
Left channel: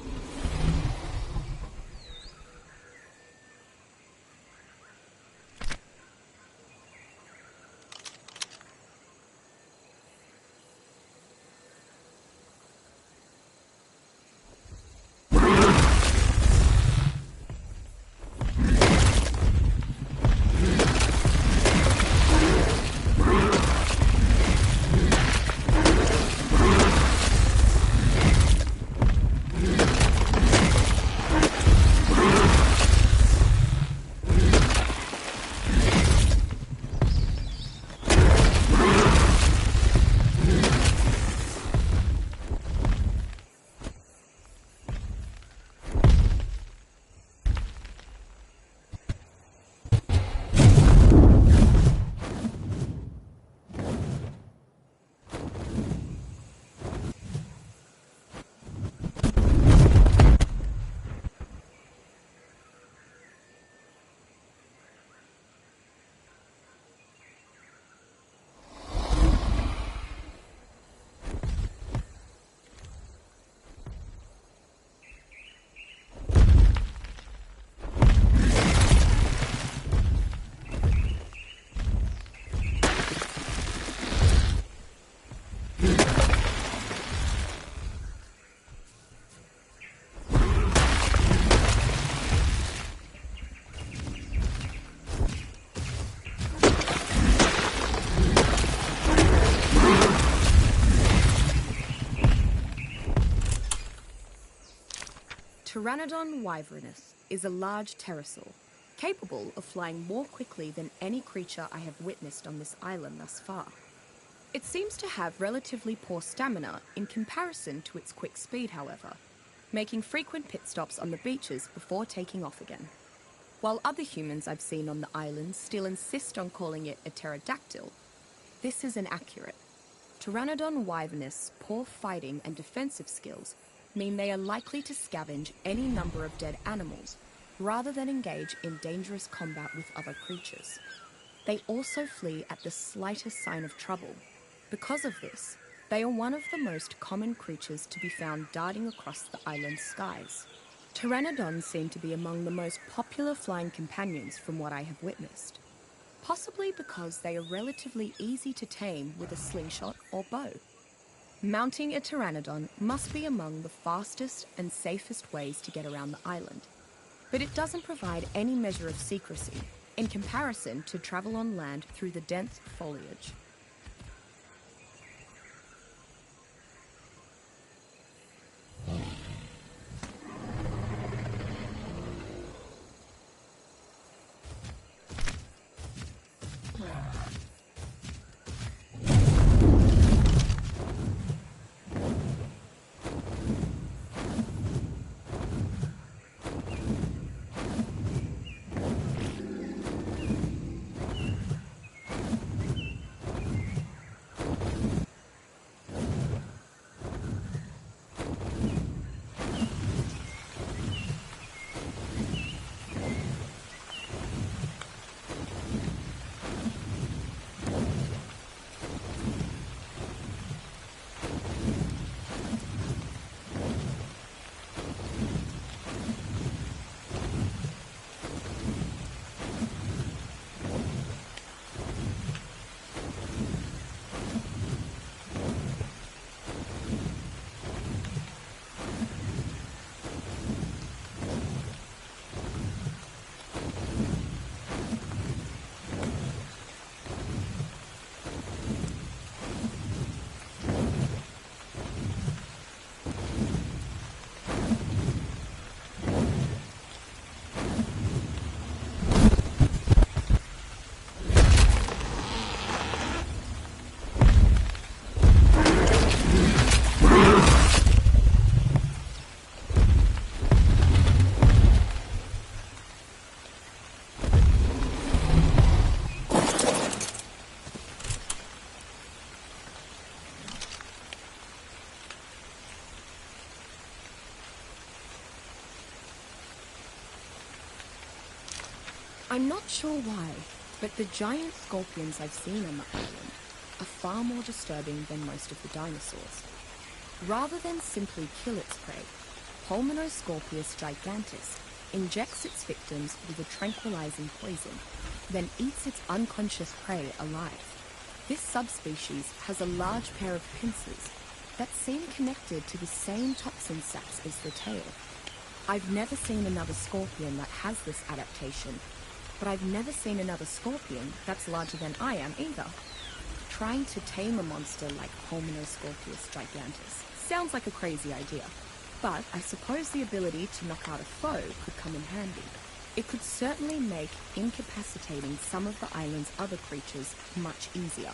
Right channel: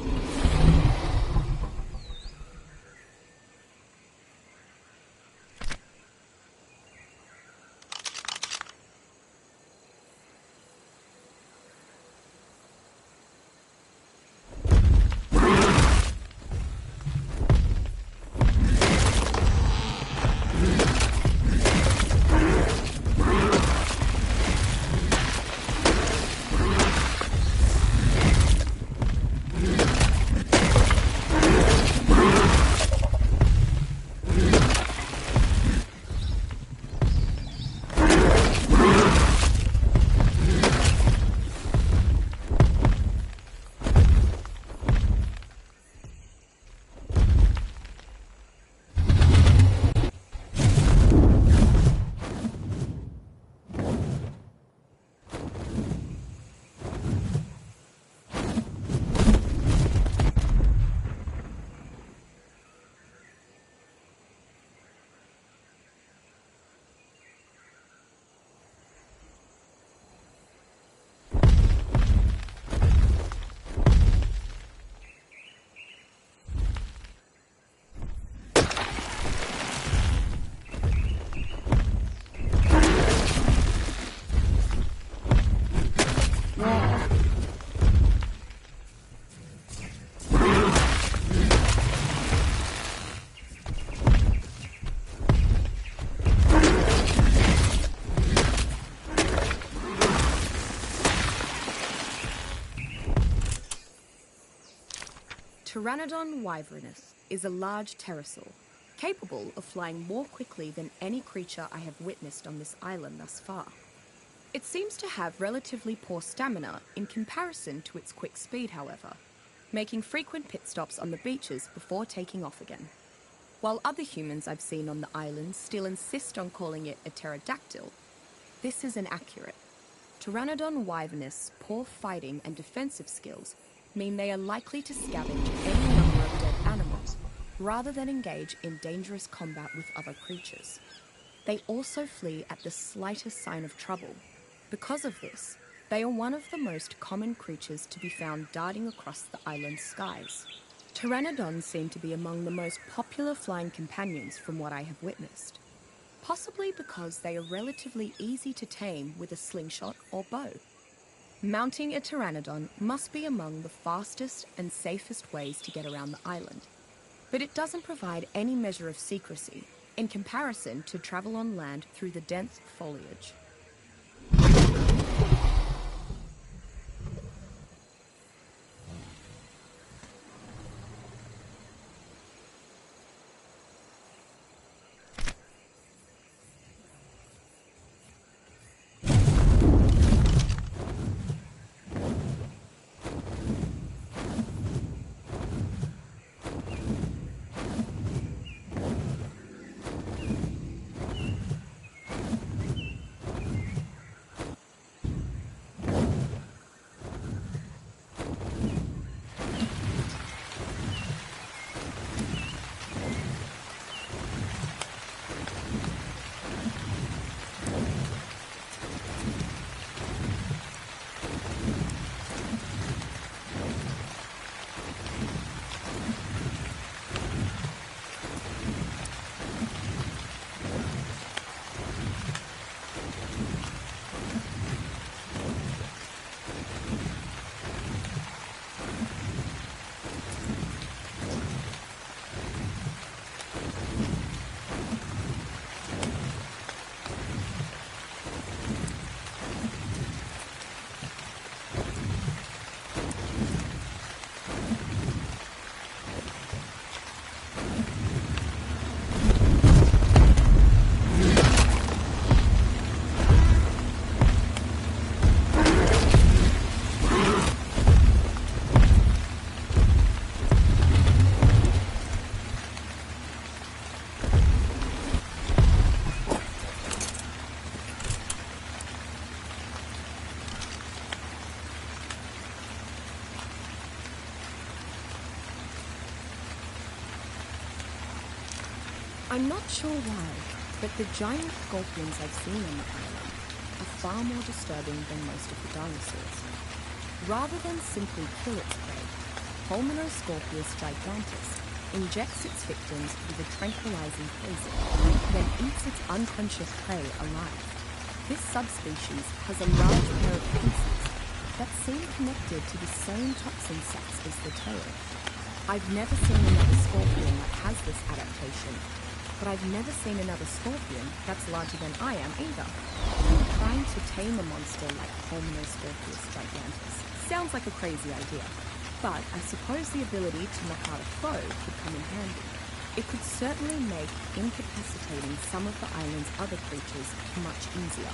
Pteranodon wyvernus is a large pterosaur, capable of flying more quickly than any creature I have witnessed on this island thus far. It seems to have relatively poor stamina in comparison to its quick speed, however, making frequent pit stops on the beaches before taking off again. While other humans I've seen on the island still insist on calling it a pterodactyl, this is inaccurate. Pteranodon wyvernus' poor fighting and defensive skills mean they are likely to scavenge any number of dead animals, rather than engage in dangerous combat with other creatures. They also flee at the slightest sign of trouble. Because of this, they are one of the most common creatures to be found darting across the island's skies. Pteranodons seem to be among the most popular flying companions from what I have witnessed, possibly because they are relatively easy to tame with a slingshot or bow. Mounting a pteranodon must be among the fastest and safest ways to get around the island, but it doesn't provide any measure of secrecy in comparison to travel on land through the dense foliage. I'm not sure why, but the giant scorpions I've seen on the island are far more disturbing than most of the dinosaurs. Rather than simply kill its prey, Pulmonoscorpius gigantus injects its victims with a tranquilizing poison, then eats its unconscious prey alive. This subspecies has a large pair of pincers that seem connected to the same toxin sacs as the tail. I've never seen another scorpion that has this adaptation, but I've never seen another scorpion that's larger than I am either. Trying to tame a monster like Pulmonoscorpius gigantus sounds like a crazy idea, but I suppose the ability to knock out a foe could come in handy. It could certainly make incapacitating some of the island's other creatures much easier.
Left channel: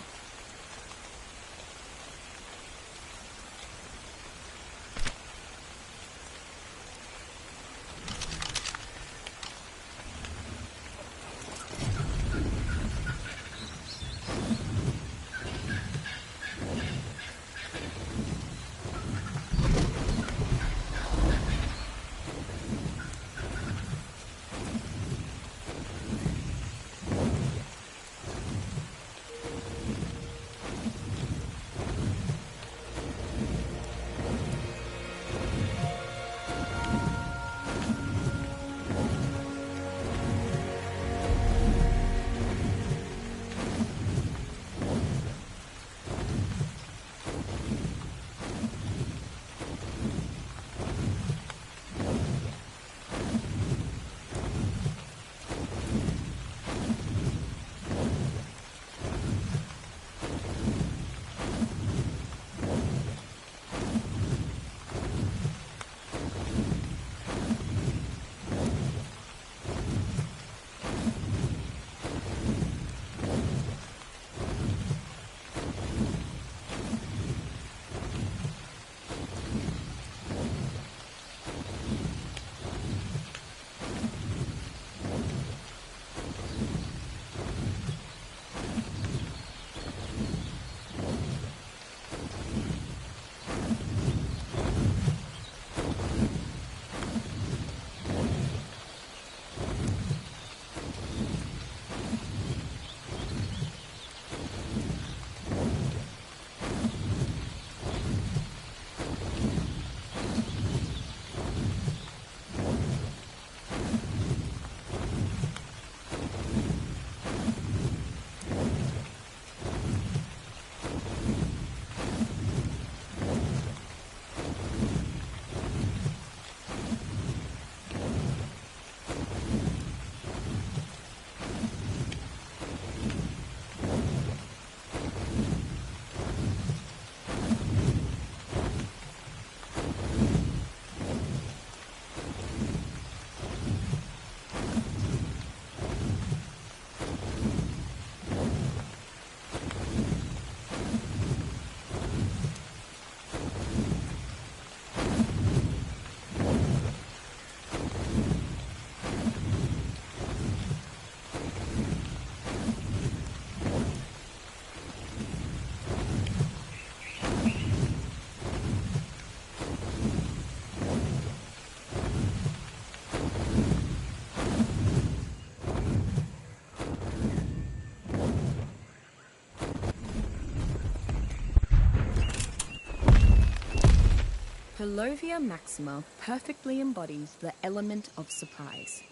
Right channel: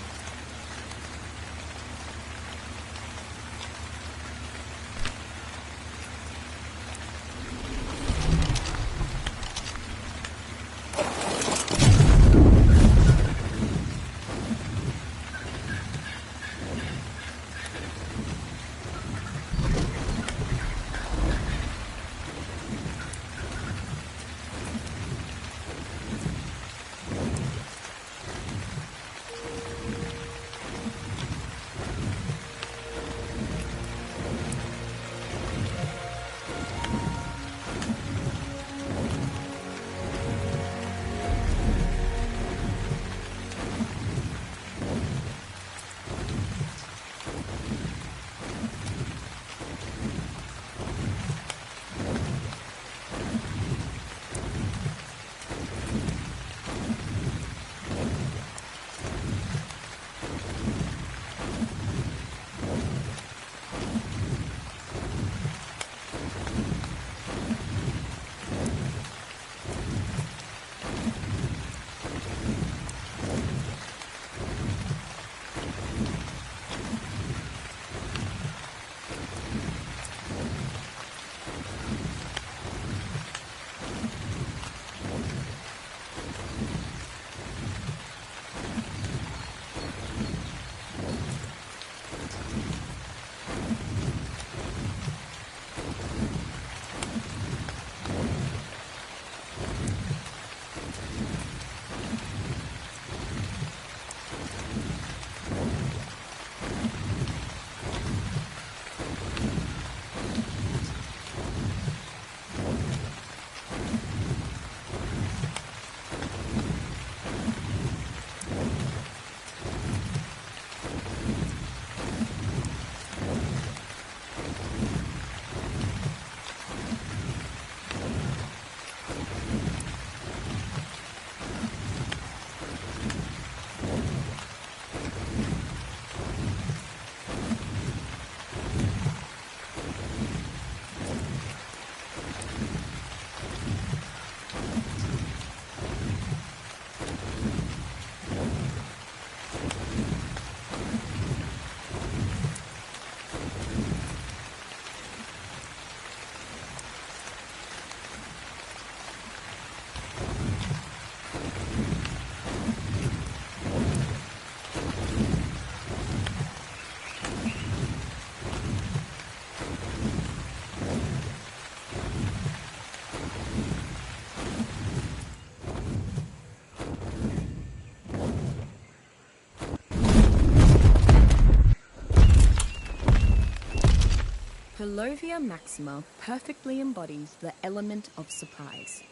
Palovia maxima perfectly embodies the element of surprise.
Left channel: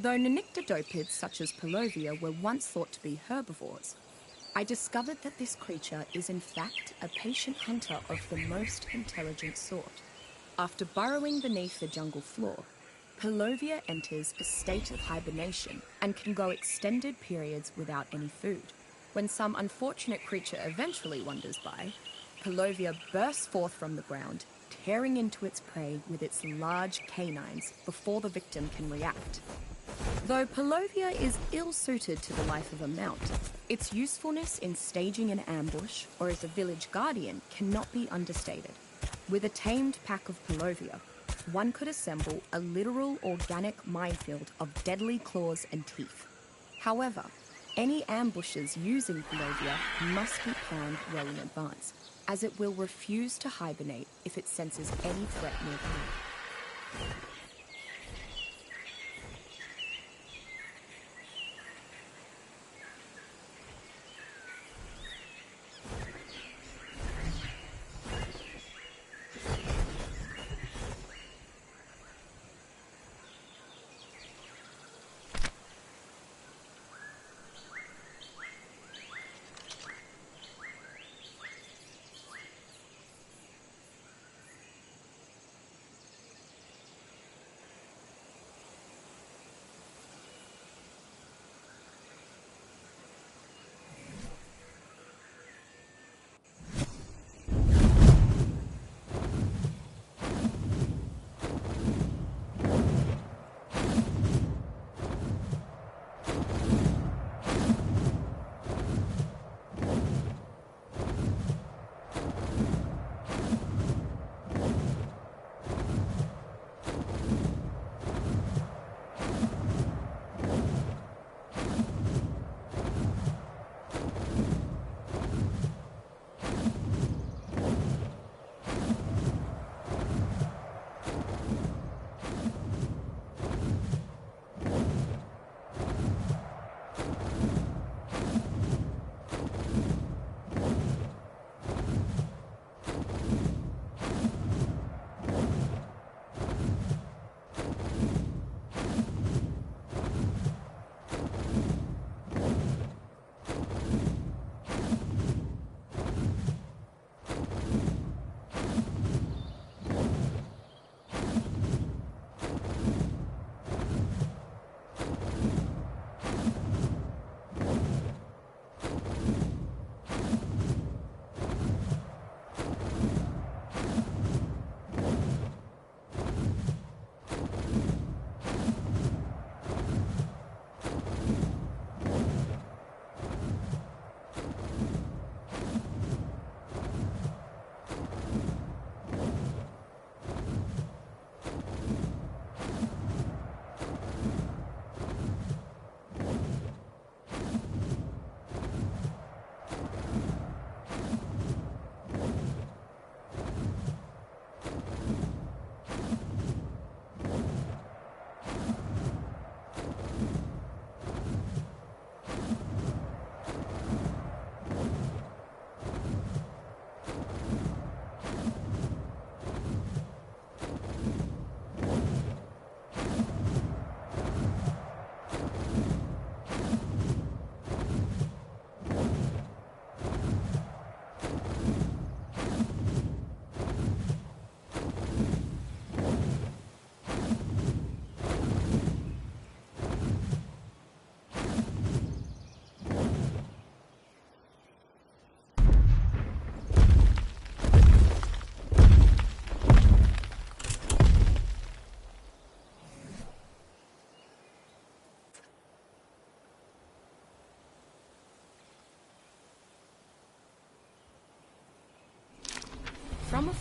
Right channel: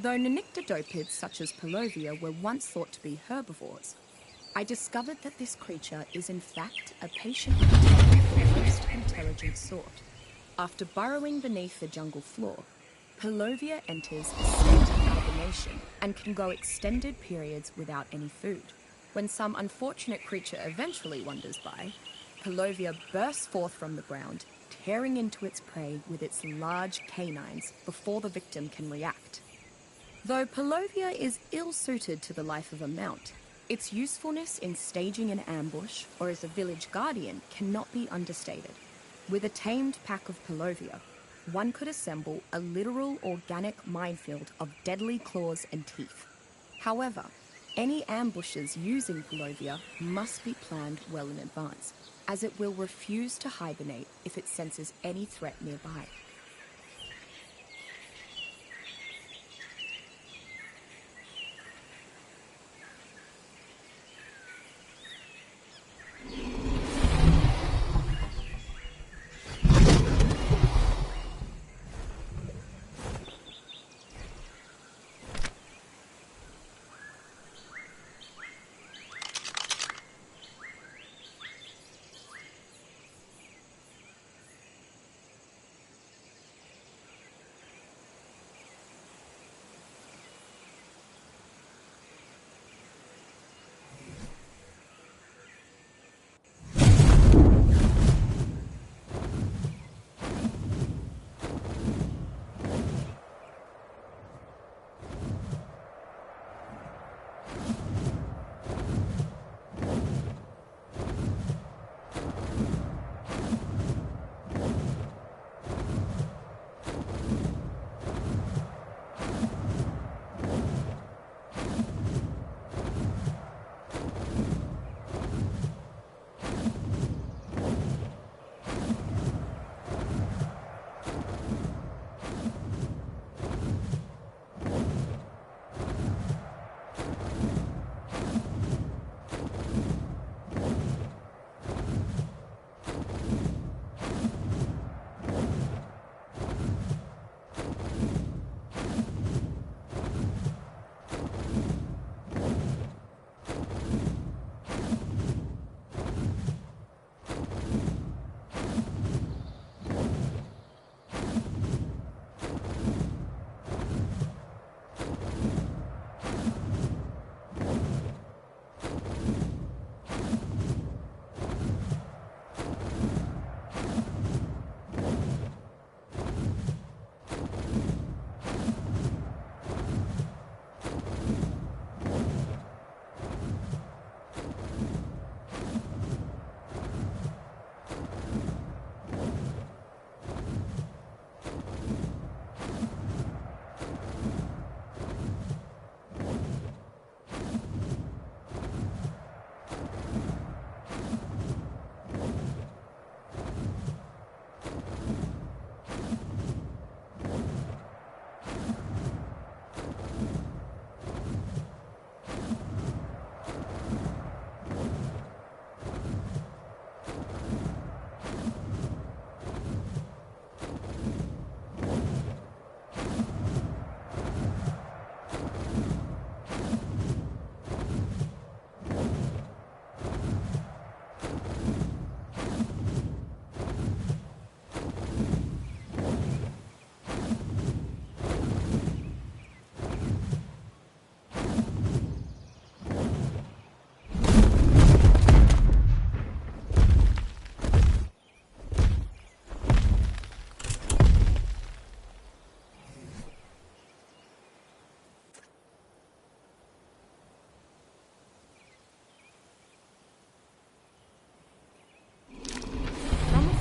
Though nyctodopids such as Palovia were once thought to be herbivores, I discovered that this creature is in fact a patient hunter of the most intelligent sort. After burrowing beneath the jungle floor, Palovia enters a state of hibernation and can go extended periods without any food. When some unfortunate creature eventually wanders by, Palovia bursts forth from the ground, tearing into its prey with its large canines before the victim can react. Though Palovia is ill-suited to the life of a mount, its usefulness in staging an ambush or as a village guardian cannot be understated. With a tamed pack of Palovia, one could assemble a literal organic minefield of deadly claws and teeth. However, any ambushes using Palovia must be planned well in advance, as it will refuse to hibernate if it senses any threat nearby.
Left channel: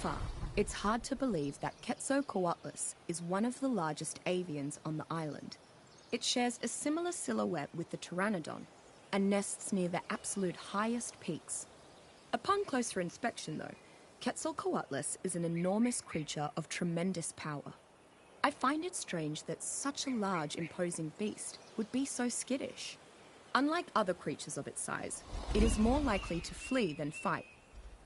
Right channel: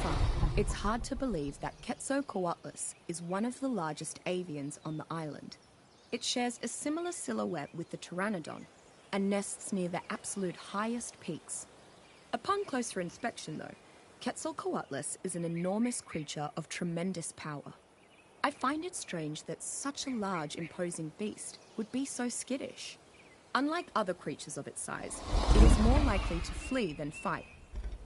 far, it's hard to believe that Quetzalcoatlus is one of the largest avians on the island. It shares a similar silhouette with the pteranodon and nests near the absolute highest peaks. Upon closer inspection, though, Quetzalcoatlus is an enormous creature of tremendous power. I find it strange that such a large, imposing beast would be so skittish. Unlike other creatures of its size, it is more likely to flee than fight.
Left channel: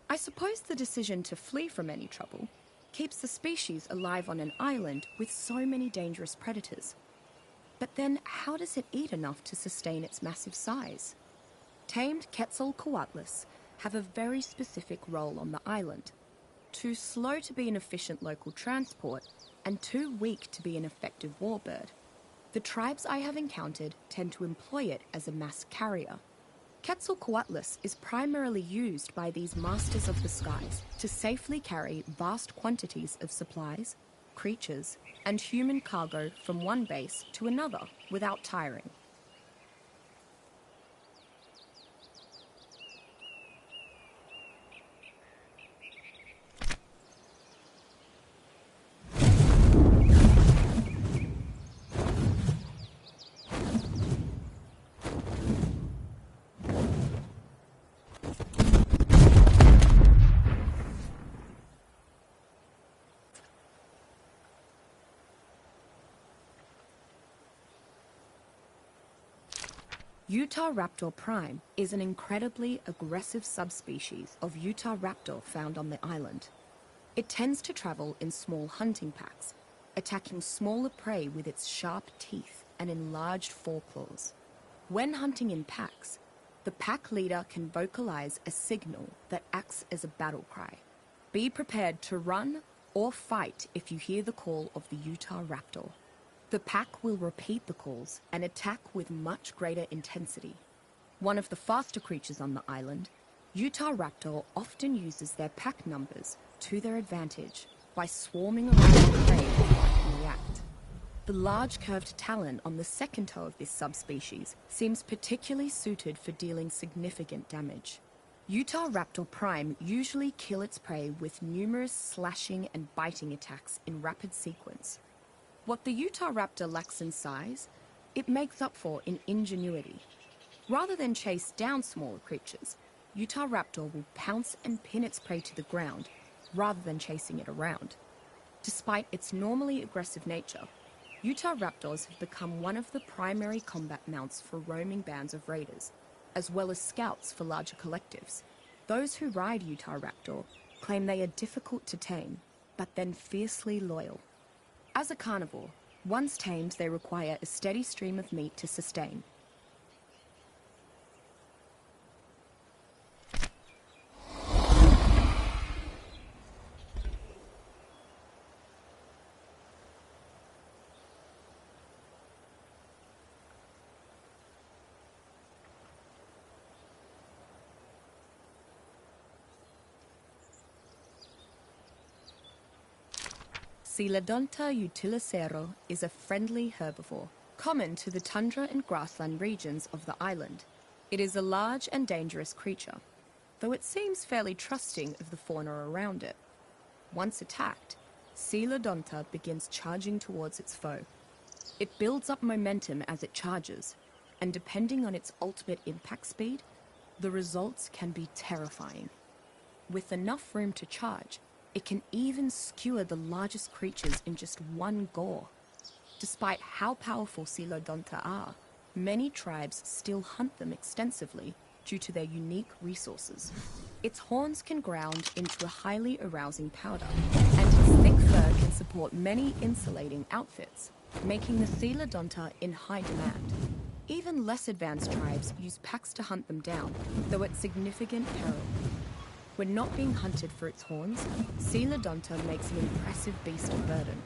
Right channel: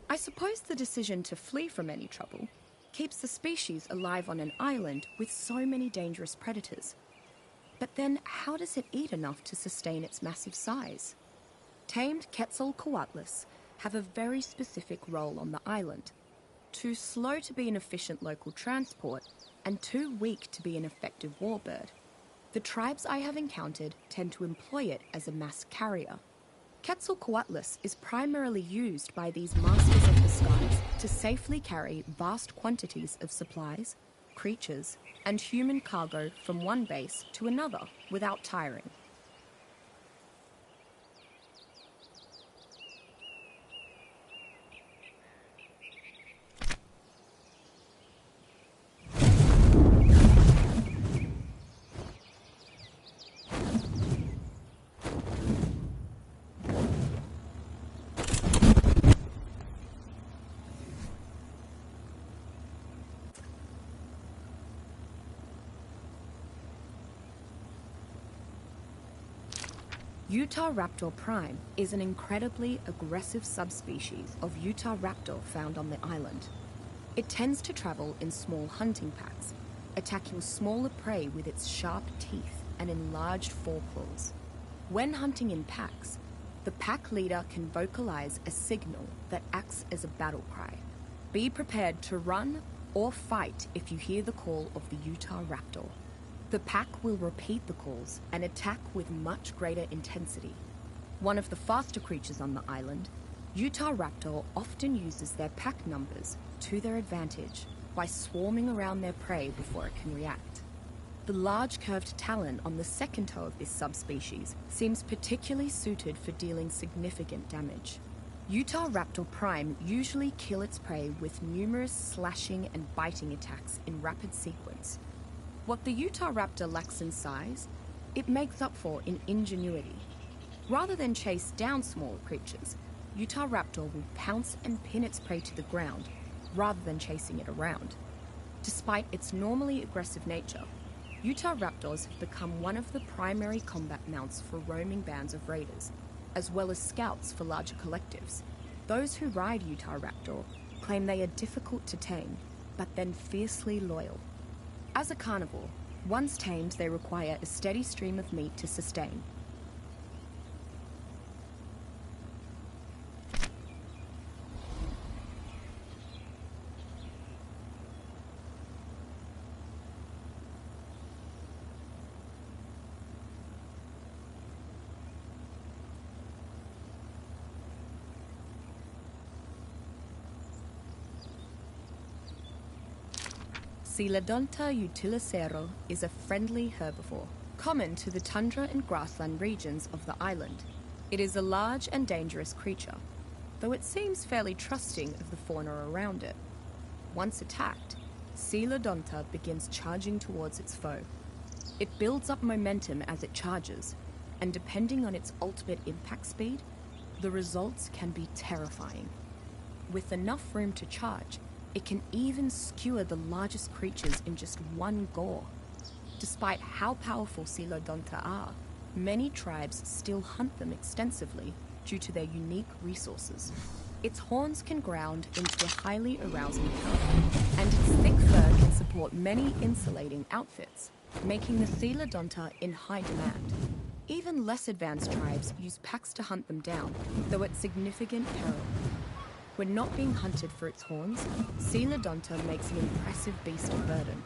I suppose the decision to flee from any trouble keeps the species alive on an island with so many dangerous predators. But then, how does it eat enough to sustain its massive size? Tamed Quetzalcoatlus have a very specific role on the island. Too slow to be an efficient local transport, and too weak to be an effective warbird. The tribes I have encountered tend to employ it as a mass carrier. Quetzalcoatlus is primarily used by these masters of the skies to safely carry vast quantities of supplies, creatures, and human cargo from one base to another without tiring. Utahraptor prime is an incredibly aggressive subspecies of Utahraptor found on the island. It tends to travel in small hunting packs, attacking smaller prey with its sharp teeth and enlarged foreclaws. When hunting in packs, the pack leader can vocalize a signal that acts as a battle cry. Be prepared to run or fight if you hear the call of the Utahraptor. The pack will repeat the calls and attack with much greater intensity. One of the faster creatures on the island, Utahraptor often uses their pack numbers to their advantage by swarming around their prey before it can react. The large curved talon on the second toe of this subspecies seems particularly suited for dealing significant damage. Utahraptor prime usually kill its prey with numerous slashing and biting attacks in rapid sequence. What the Utahraptor lacks in size, it makes up for in ingenuity. Rather than chase down smaller creatures, Utahraptor will pounce and pin its prey to the ground, rather than chasing it around. Despite its normally aggressive nature, Utahraptors have become one of the primary combat mounts for roaming bands of raiders, as well as scouts for larger collectives. Those who ride Utahraptor claim they are difficult to tame, but then fiercely loyal. As a carnivore, once tamed, they require a steady stream of meat to sustain. Coelodonta utilicero is a friendly herbivore, common to the tundra and grassland regions of the island. It is a large and dangerous creature, though it seems fairly trusting of the fauna around it. Once attacked, Coelodonta begins charging towards its foe. It builds up momentum as it charges, and depending on its ultimate impact speed, the results can be terrifying. With enough room to charge, it can even skewer the largest creatures in just one gore. Despite how powerful Coelodonta are, many tribes still hunt them extensively due to their unique resources. Its horns can ground into a highly arousing powder, and its thick fur can support many insulating outfits, making the Coelodonta in high demand. Even less advanced tribes use packs to hunt them down, though at significant peril. When not being hunted for its horns, Coelodonta makes an impressive beast of burden.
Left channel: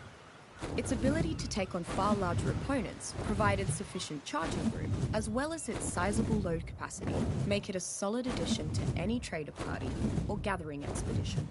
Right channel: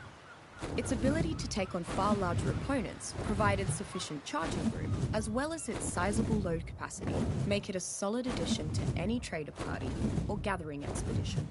Its ability to take on far larger opponents, provided sufficient charging room, as well as its sizable load capacity, make it a solid addition to any trader party or gathering expedition.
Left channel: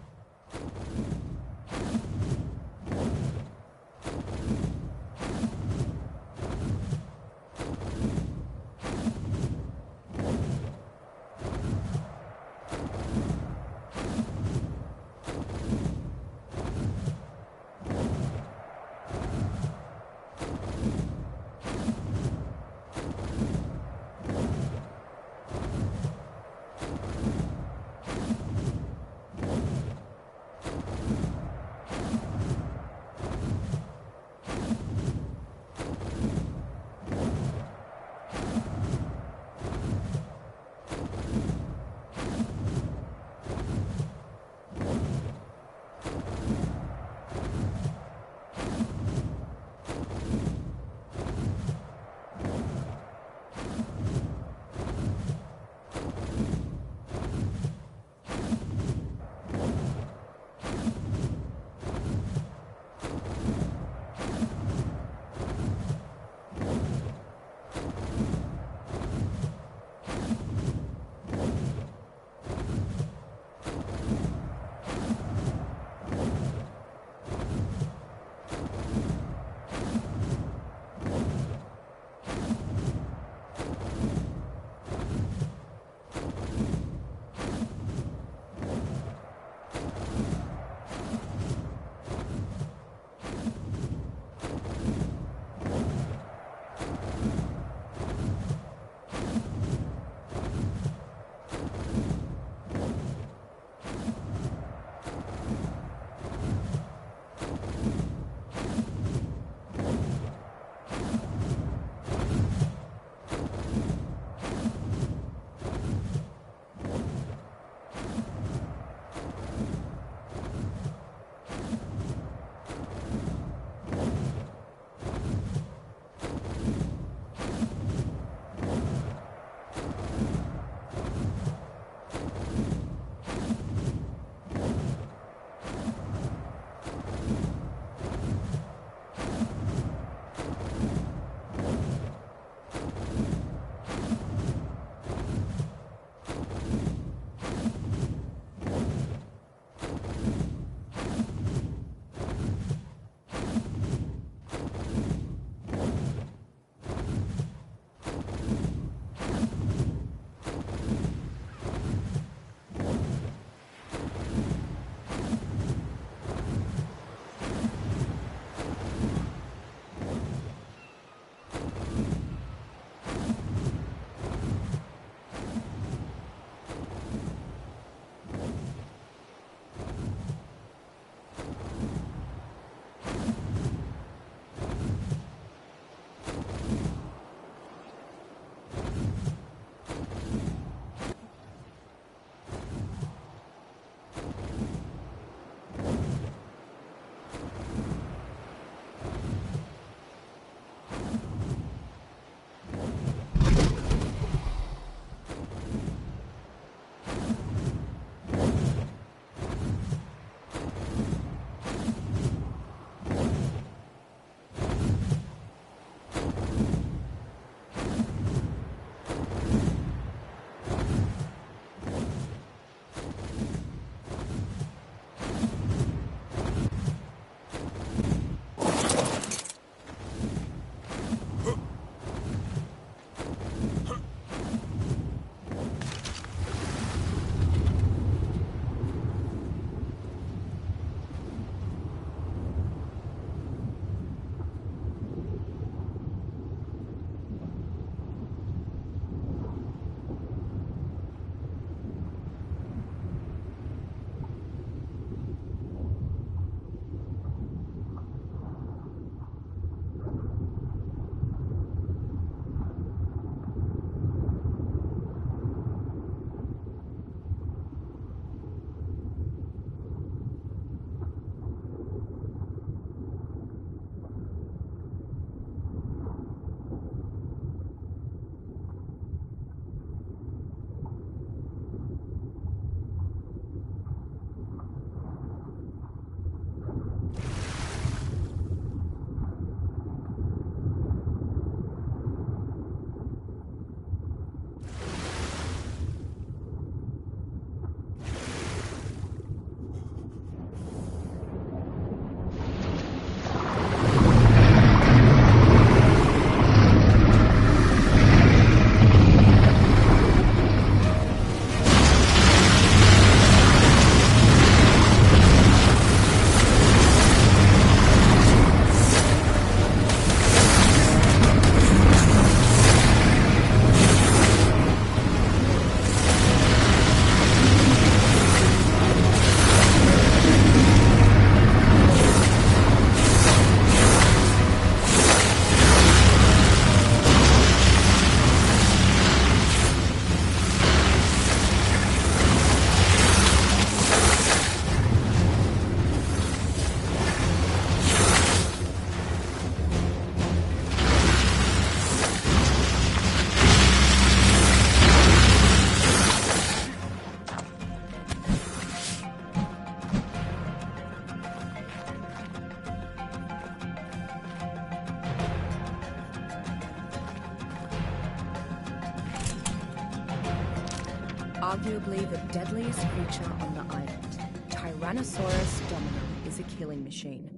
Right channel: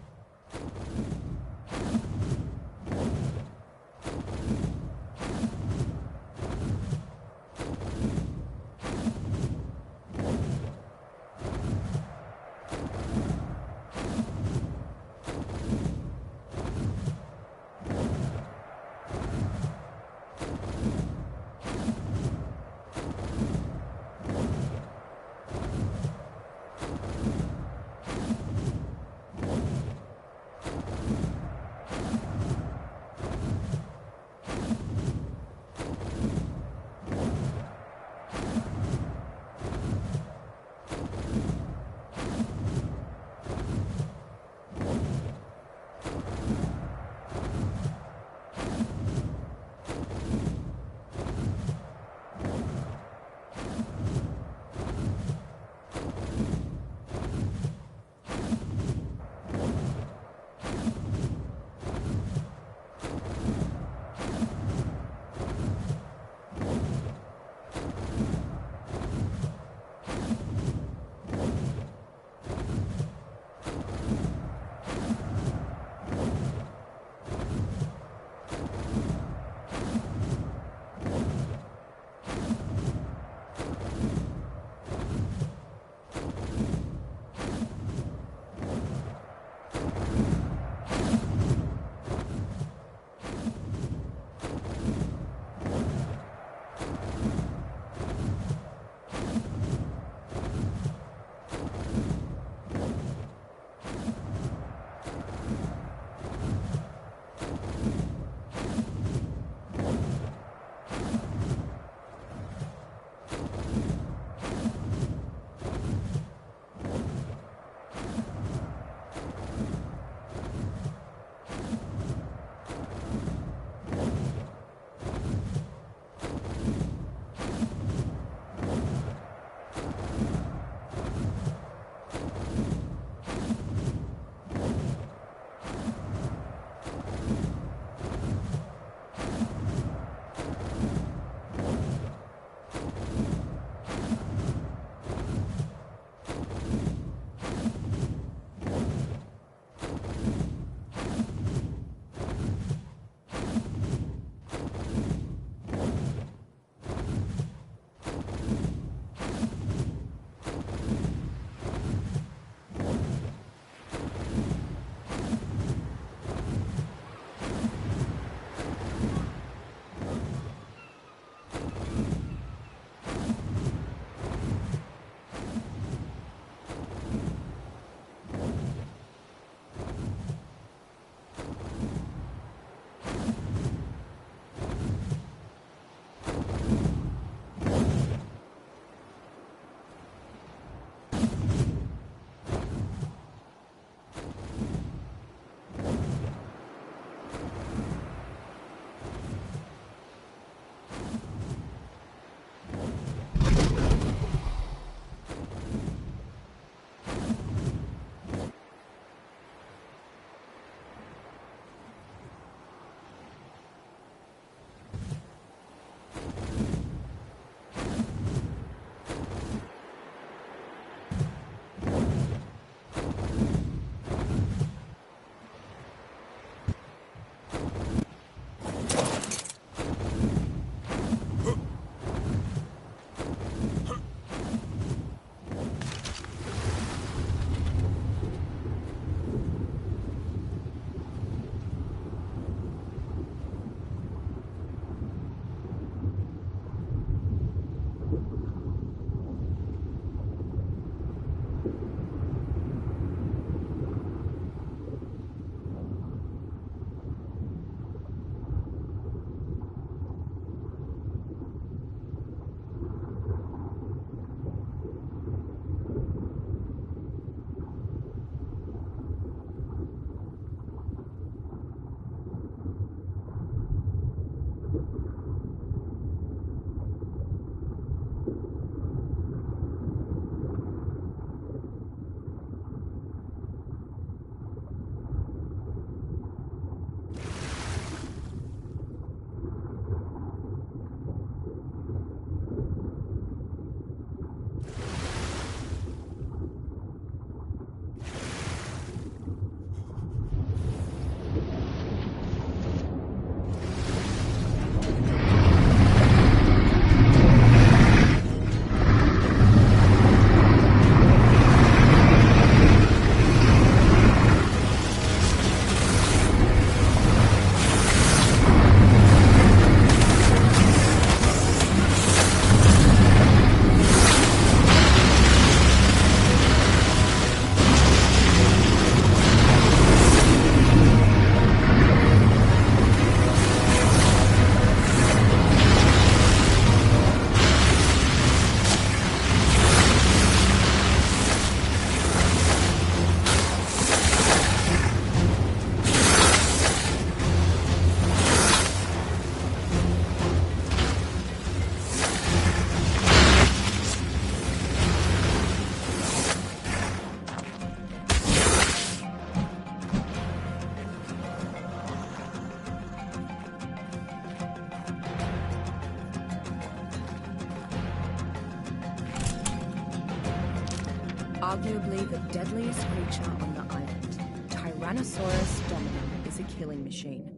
arguably the deadliest creature on the island, Tyrannosaurus dominum is a killing machine.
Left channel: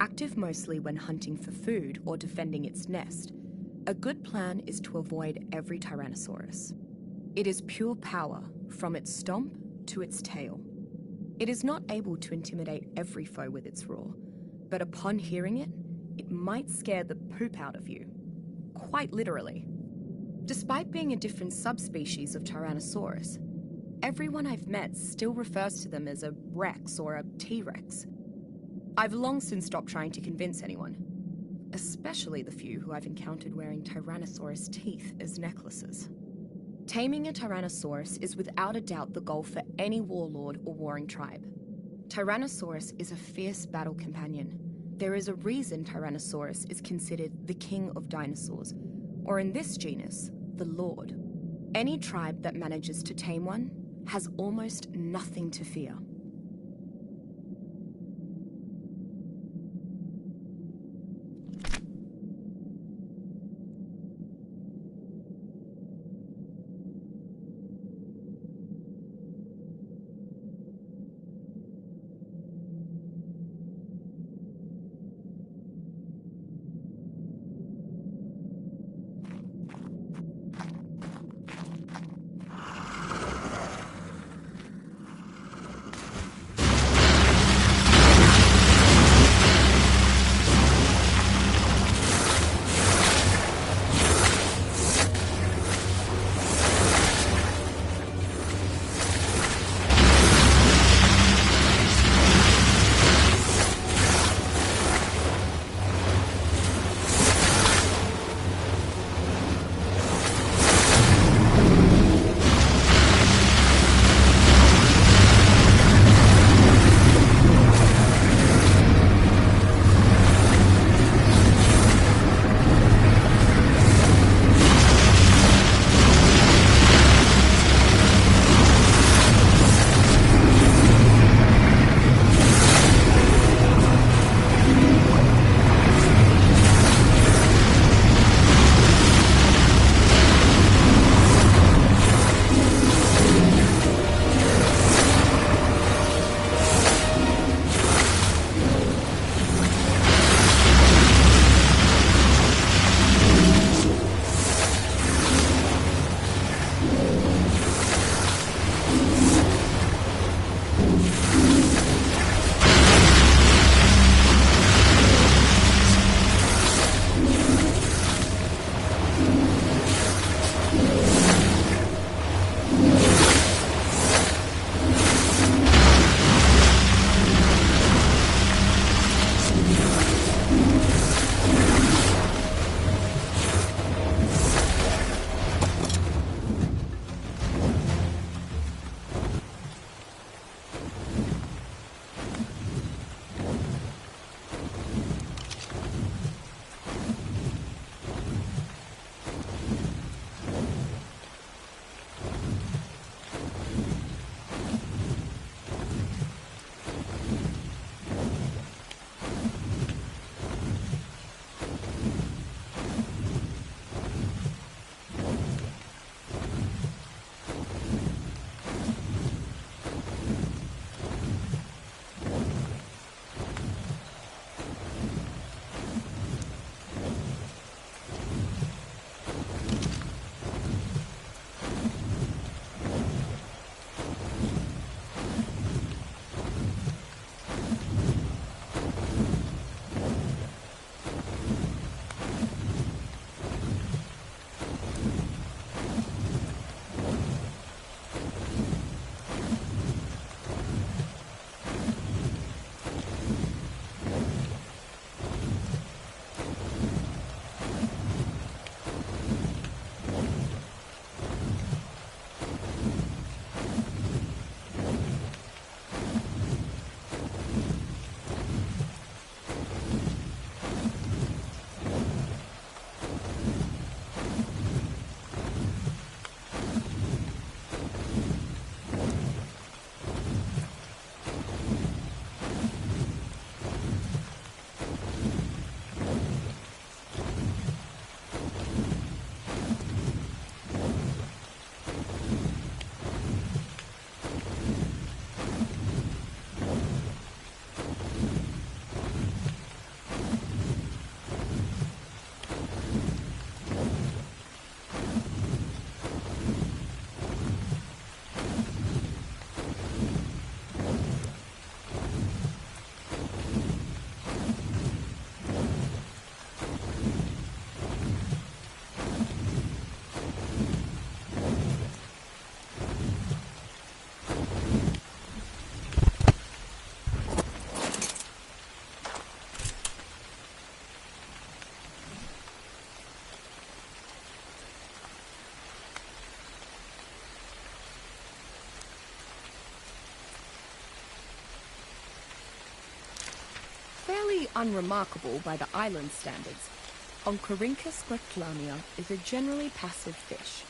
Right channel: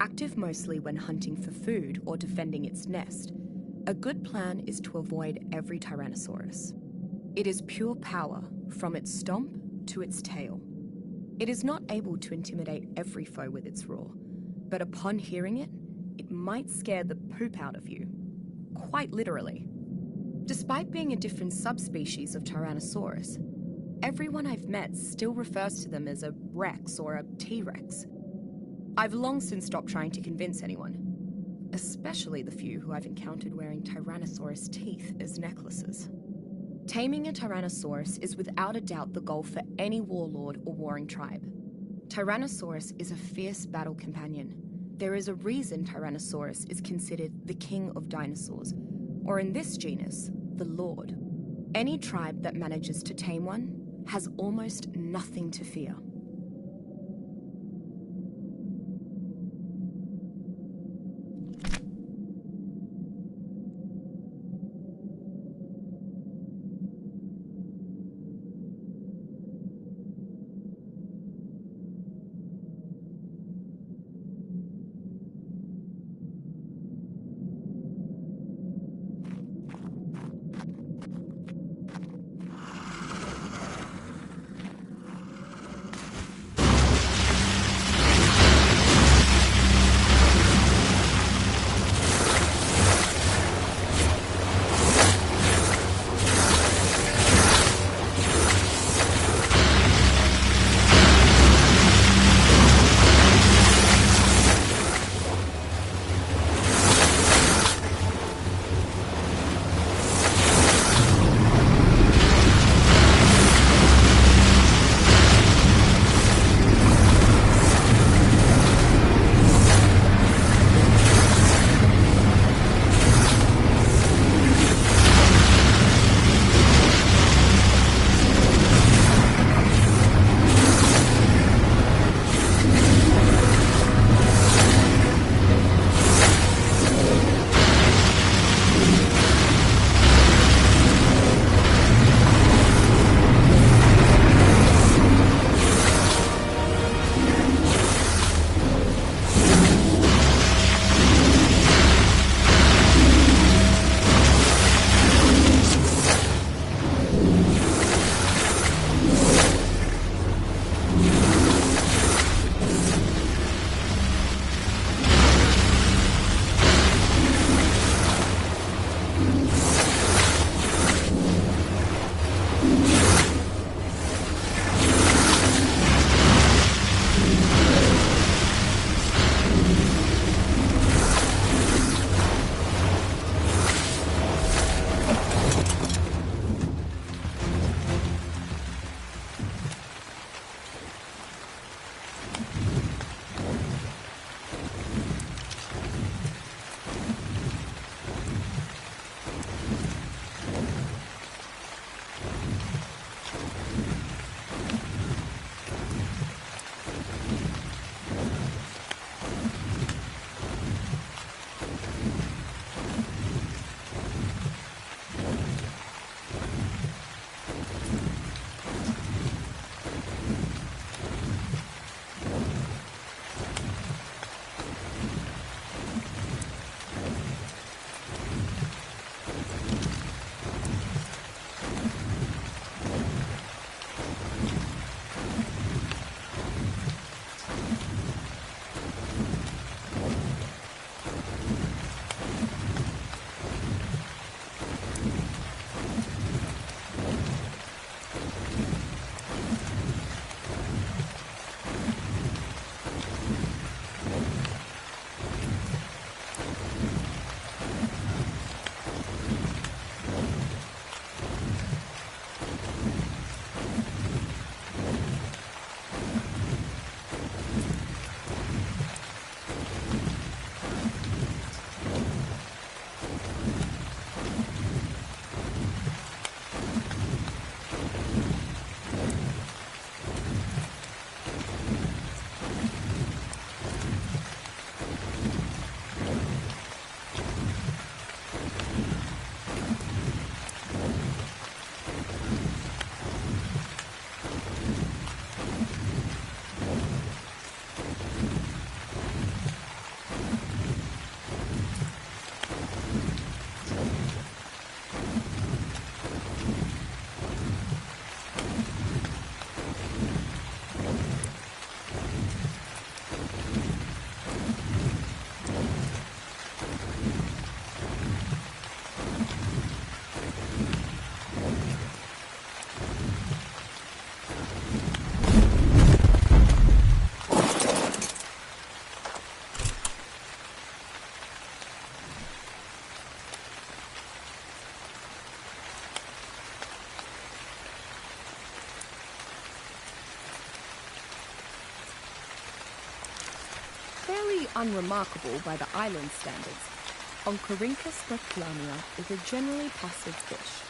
Active mostly when hunting for food or defending its nest, a good plan is to avoid every Tyrannosaurus. It is pure power, from its stomp to its tail. It is not able to intimidate every foe with its roar, but upon hearing it, it might scare the poop out of you. Quite literally. Despite being a different subspecies of Tyrannosaurus, everyone I've met still refers to them as a Rex or a T-Rex. I've long since stopped trying to convince anyone, especially the few who I've encountered wearing Tyrannosaurus teeth as necklaces. Taming a Tyrannosaurus is without a doubt the goal for any warlord or warring tribe. Tyrannosaurus is a fierce battle companion. There is a reason Tyrannosaurus is considered the king of dinosaurs, or in this genus, the lord. Any tribe that manages to tame one has almost nothing to fear. Fairly unremarkable by the island standards, Oncorhynchus berkelania is a generally passive fish.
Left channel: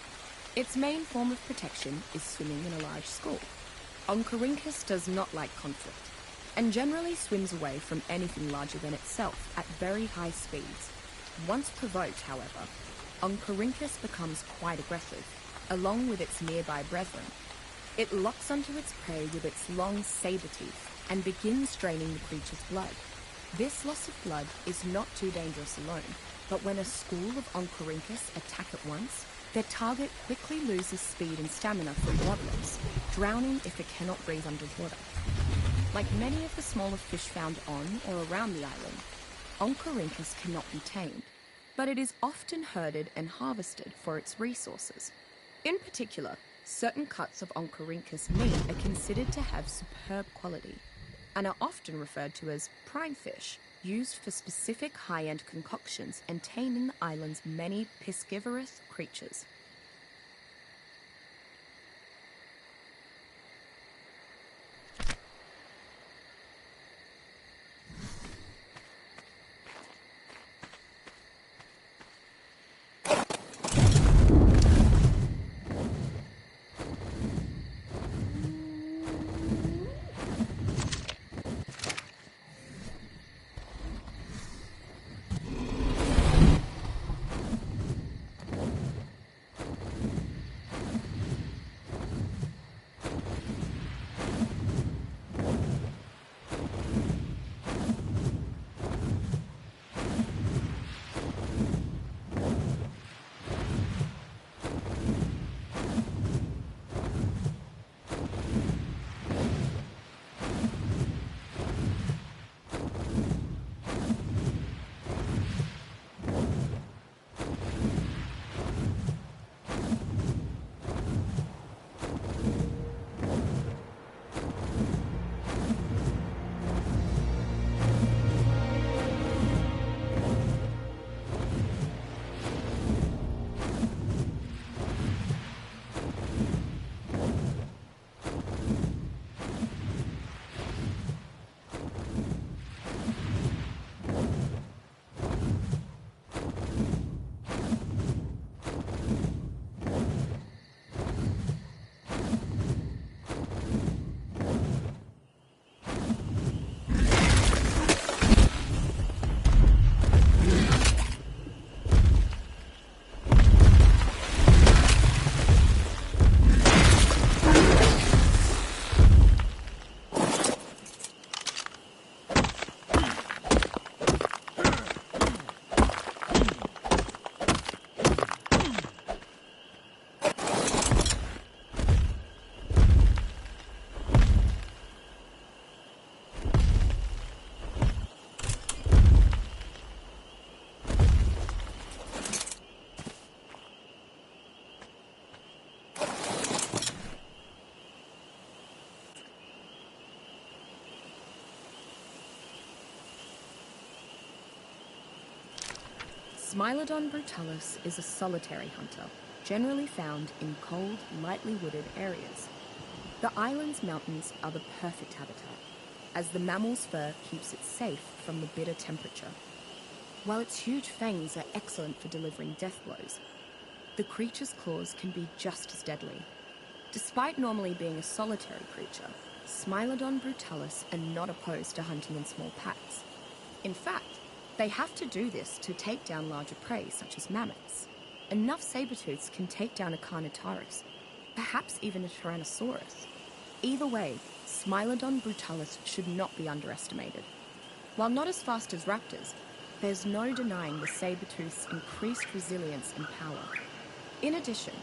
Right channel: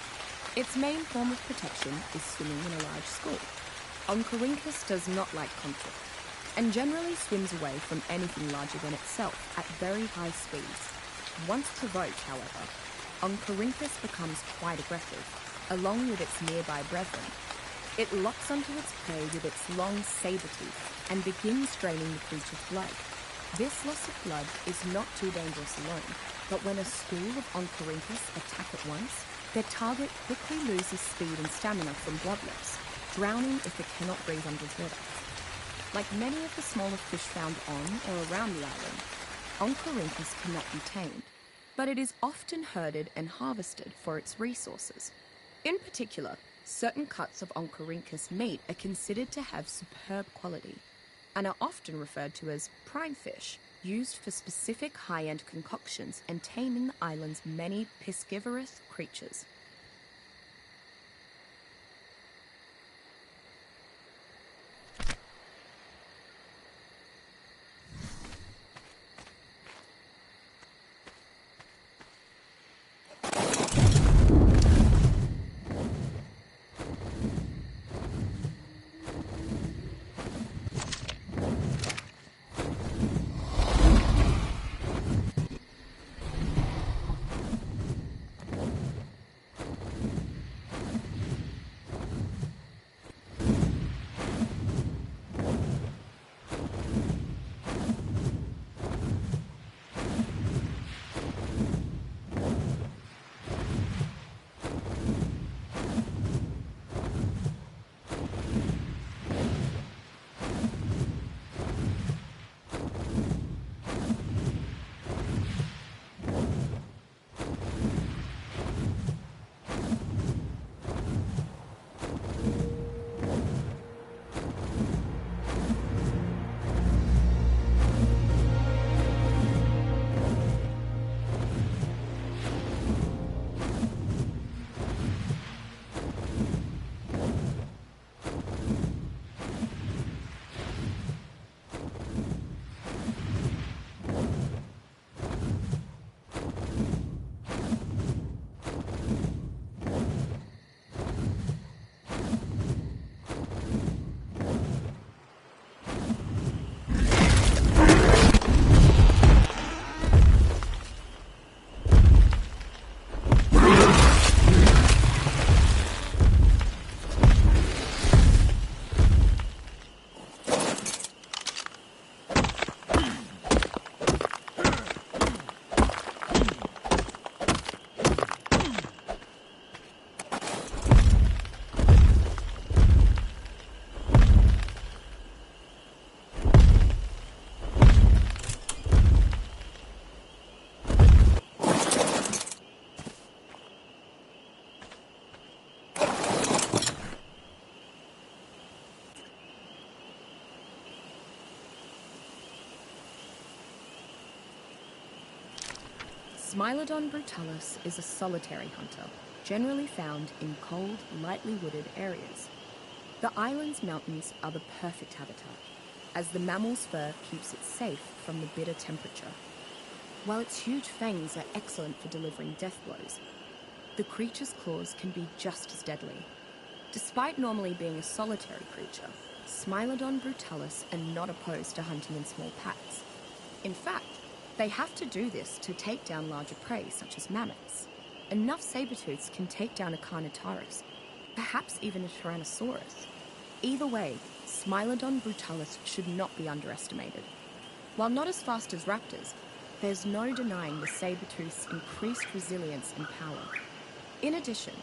Its main form of protection is swimming in a large school. Oncorhynchus does not like conflict, and generally swims away from anything larger than itself at very high speeds. Once provoked, however, Oncorhynchus becomes quite aggressive, along with its nearby brethren. It locks onto its prey with its long saber teeth and begins draining the creature's blood. This loss of blood is not too dangerous alone, but when a school of Oncorhynchus attack at once, their target quickly loses speed and stamina from blood loss, drowning if it cannot breathe underwater. Like many of the smaller fish found on or around the island, Oncorhynchus cannot be tamed, but it is often herded and harvested for its resources. In particular, certain cuts of Oncorhynchus meat are considered to have superb quality and are often referred to as prime fish, used for specific high-end concoctions and taming the island's many piscivorous creatures. Smilodon brutalis is a solitary hunter, generally found in cold, lightly wooded areas. The island's mountains are the perfect habitat, as the mammal's fur keeps it safe from the bitter temperature. While its huge fangs are excellent for delivering death blows, the creature's claws can be just as deadly. Despite normally being a solitary creature, Smilodon brutalis are not opposed to hunting in small packs. In fact, they have to do this to take down larger prey, such as mammoths. Enough saber-tooths can take down a Carnotaurus, perhaps even a Tyrannosaurus. Either way, Smilodon brutalis should not be underestimated. While not as fast as raptors, there's no denying the saber-tooth's increased resilience and power. In addition,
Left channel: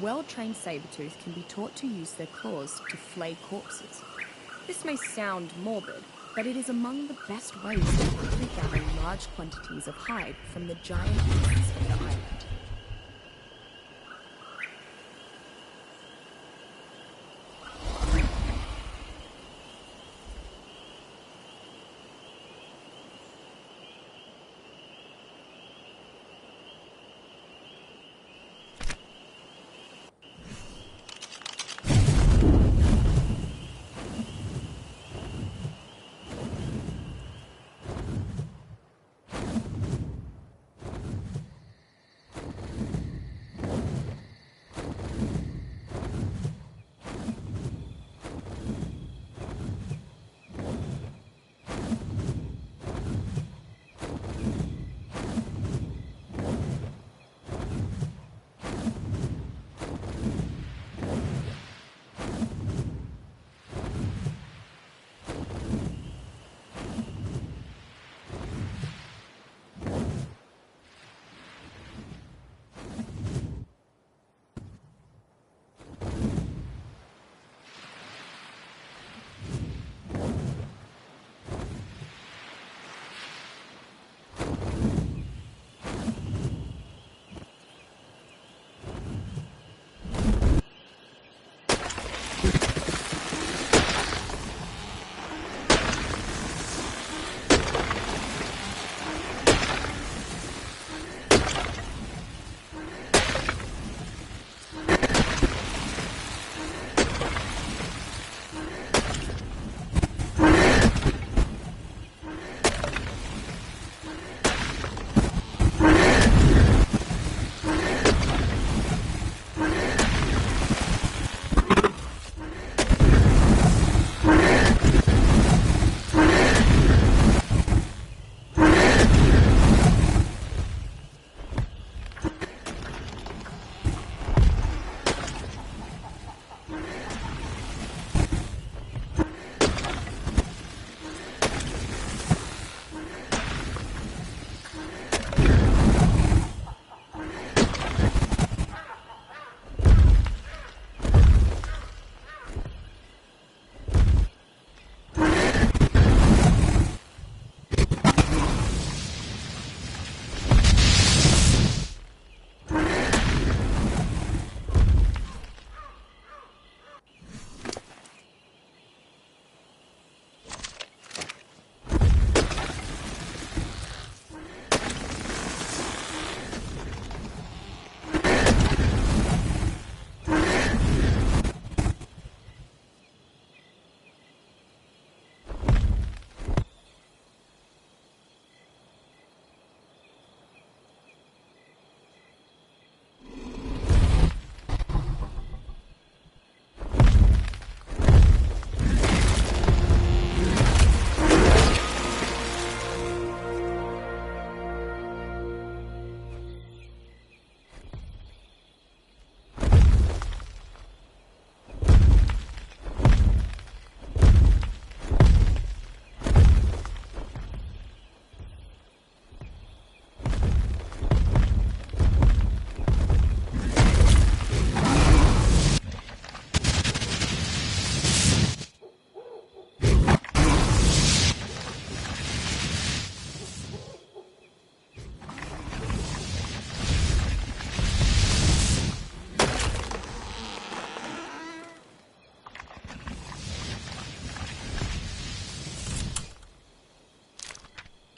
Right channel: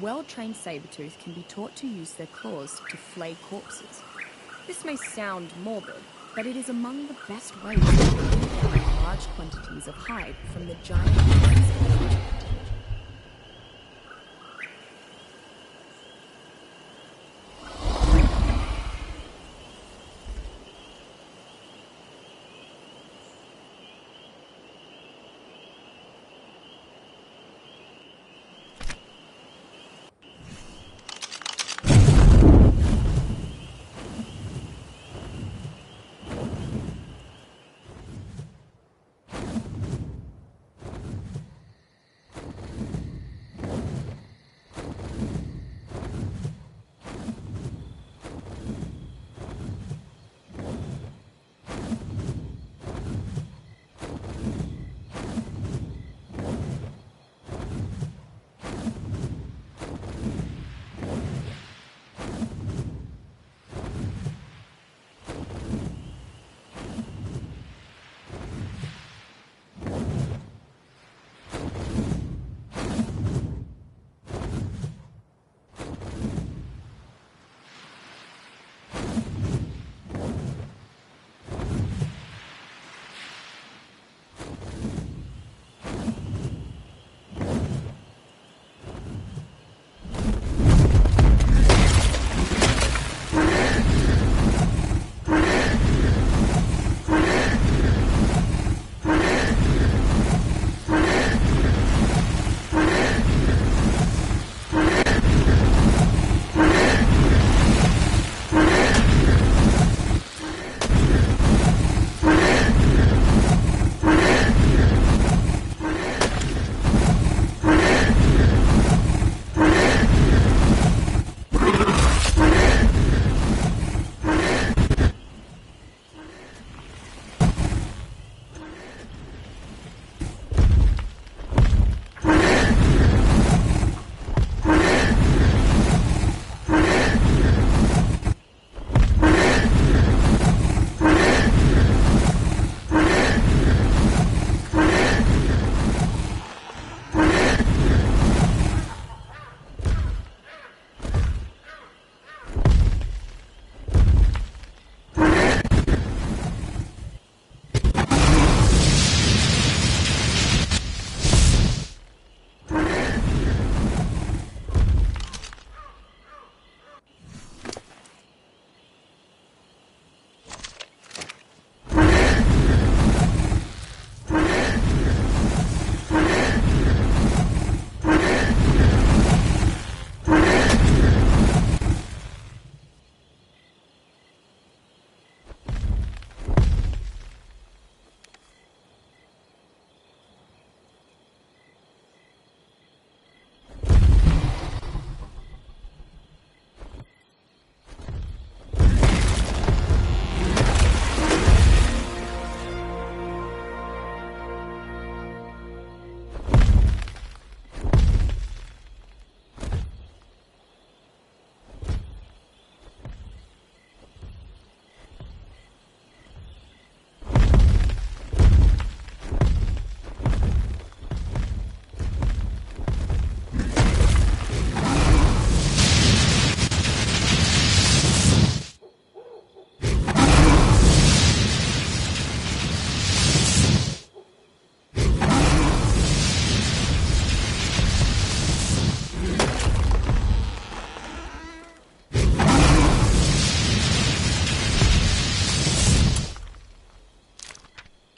well-trained saber-tooth can be taught to use their claws to flay corpses. This may sound morbid, but it is among the best ways to gather large quantities of hide from the giant pieces of the island.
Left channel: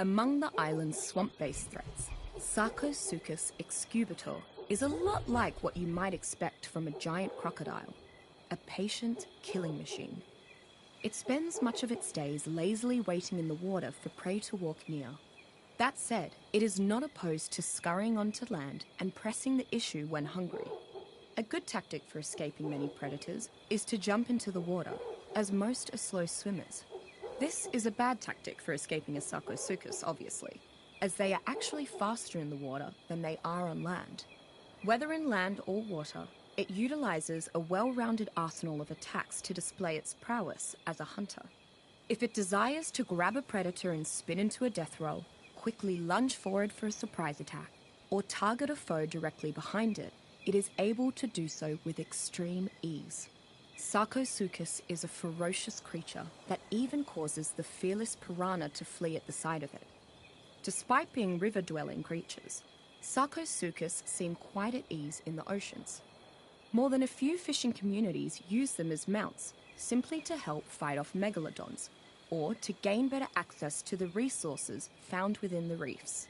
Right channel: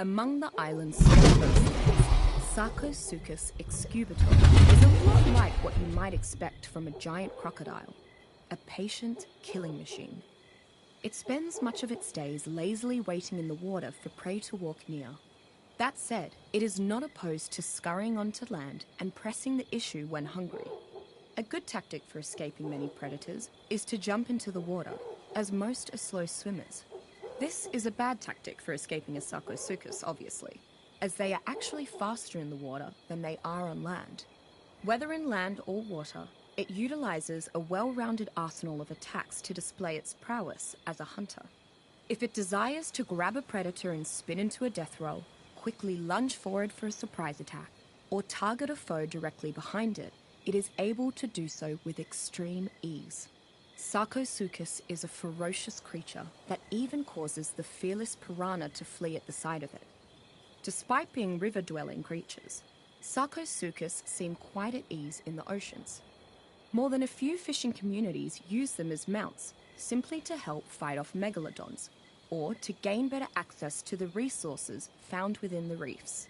Among the island's swamp-based threats, Sarcosuchus excubitor is a lot like what you might expect from a giant crocodile, a patient killing machine. It spends much of its days lazily waiting in the water for prey to walk near. That said, it is not opposed to scurrying onto land and pressing the issue when hungry. A good tactic for escaping many predators is to jump into the water, as most are slow swimmers. This is a bad tactic for escaping a Sarcosuchus, obviously, as they are actually faster in the water than they are on land. Whether in land or water, it utilizes a well-rounded arsenal of attacks to display its prowess as a hunter. If it desires to grab a predator and spin into a death roll, quickly lunge forward for a surprise attack, or target a foe directly behind it, it is able to do so with extreme ease. Sarcosuchus is a ferocious creature that even causes the fearless piranha to flee at the sight of it. Despite being river-dwelling creatures, Sarcosuchus seem quite at ease in the oceans. More than a few fishing communities use them as mounts, simply to help fight off megalodons, or to gain better access to the resources found within the reefs.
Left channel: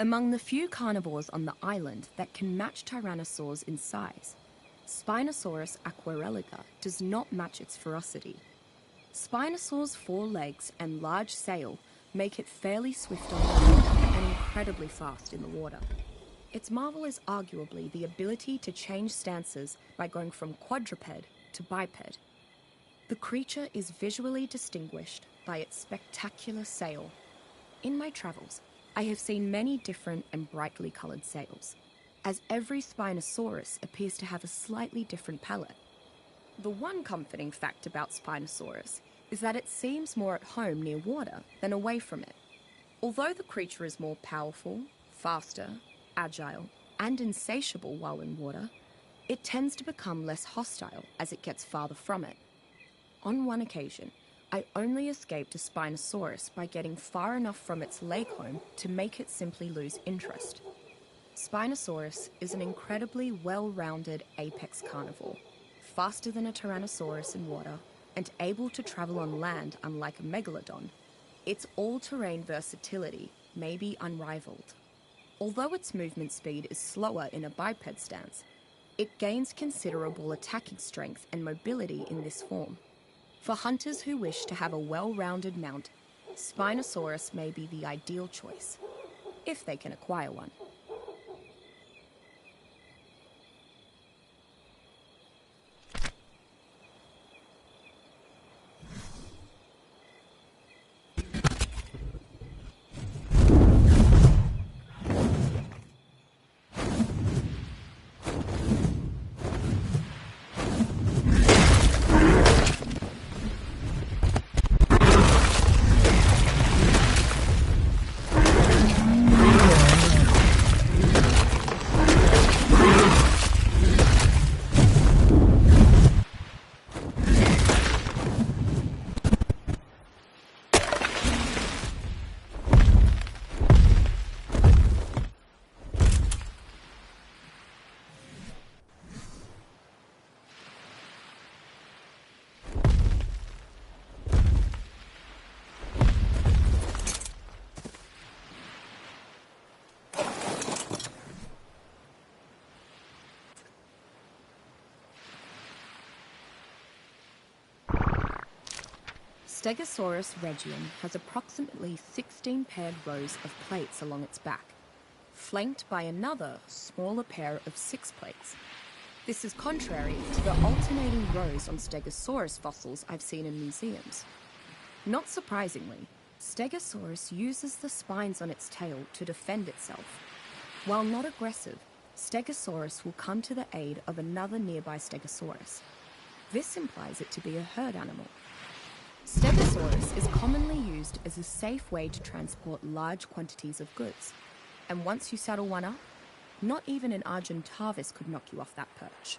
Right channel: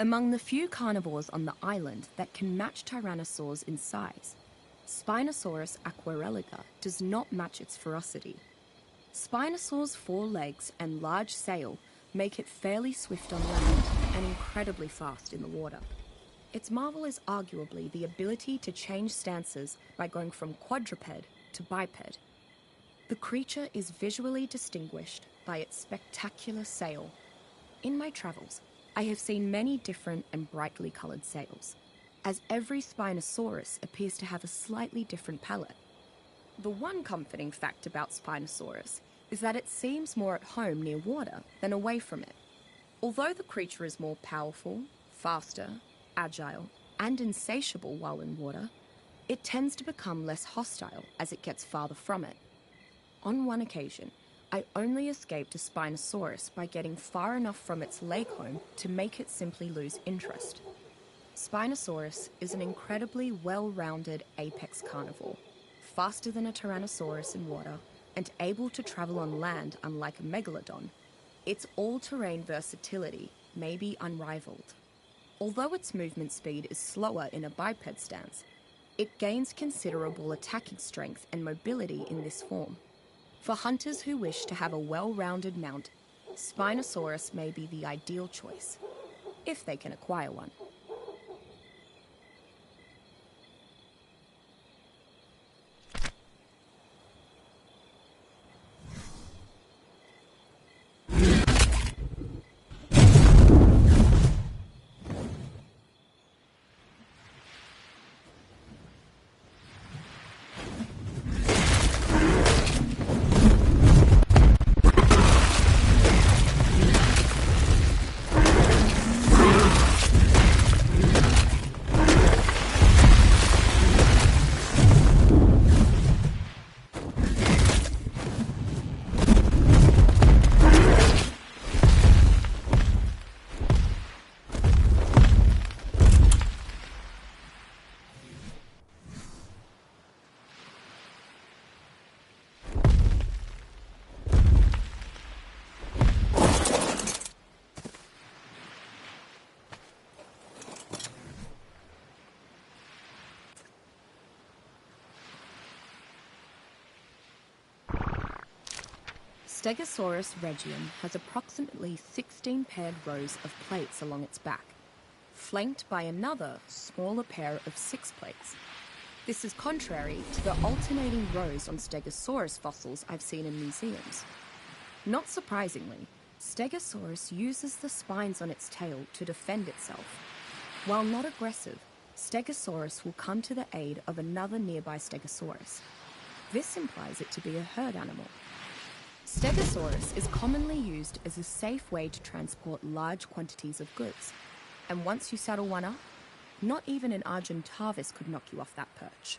Among the few carnivores on the island that can match tyrannosaurs in size, Spinosaurus aquarelica does not match its ferocity. Spinosaur's 4 legs and large sail make it fairly swift on land and incredibly fast in the water. Its marvel is arguably the ability to change stances by going from quadruped to biped. The creature is visually distinguished by its spectacular sail. In my travels, I have seen many different and brightly coloured sails, as every Spinosaurus appears to have a slightly different palette. The one comforting fact about Spinosaurus is that it seems more at home near water than away from it. Although the creature is more powerful, faster, agile, and insatiable while in water, it tends to become less hostile as it gets farther from it. On one occasion, I only escaped a Spinosaurus by getting far enough from its lake home to make it simply lose interest. Spinosaurus is an incredibly well-rounded apex carnivore, faster than a Tyrannosaurus in water and able to travel on land unlike a megalodon. Its all-terrain versatility may be unrivaled. Although its movement speed is slower in a biped stance, it gains considerable attacking strength and mobility in this form. For hunters who wish to have a well-rounded mount, Spinosaurus may be the ideal choice, if they can acquire one. Stegosaurus regium has approximately 16 paired rows of plates along its back, flanked by another, smaller pair of 6 plates. This is contrary to the alternating rows on Stegosaurus fossils I've seen in museums. Not surprisingly, Stegosaurus uses the spines on its tail to defend itself. While not aggressive, Stegosaurus will come to the aid of another nearby Stegosaurus. This implies it to be a herd animal. Stegosaurus is commonly used as a safe way to transport large quantities of goods, and once you saddle one up, not even an Argentavis could knock you off that perch.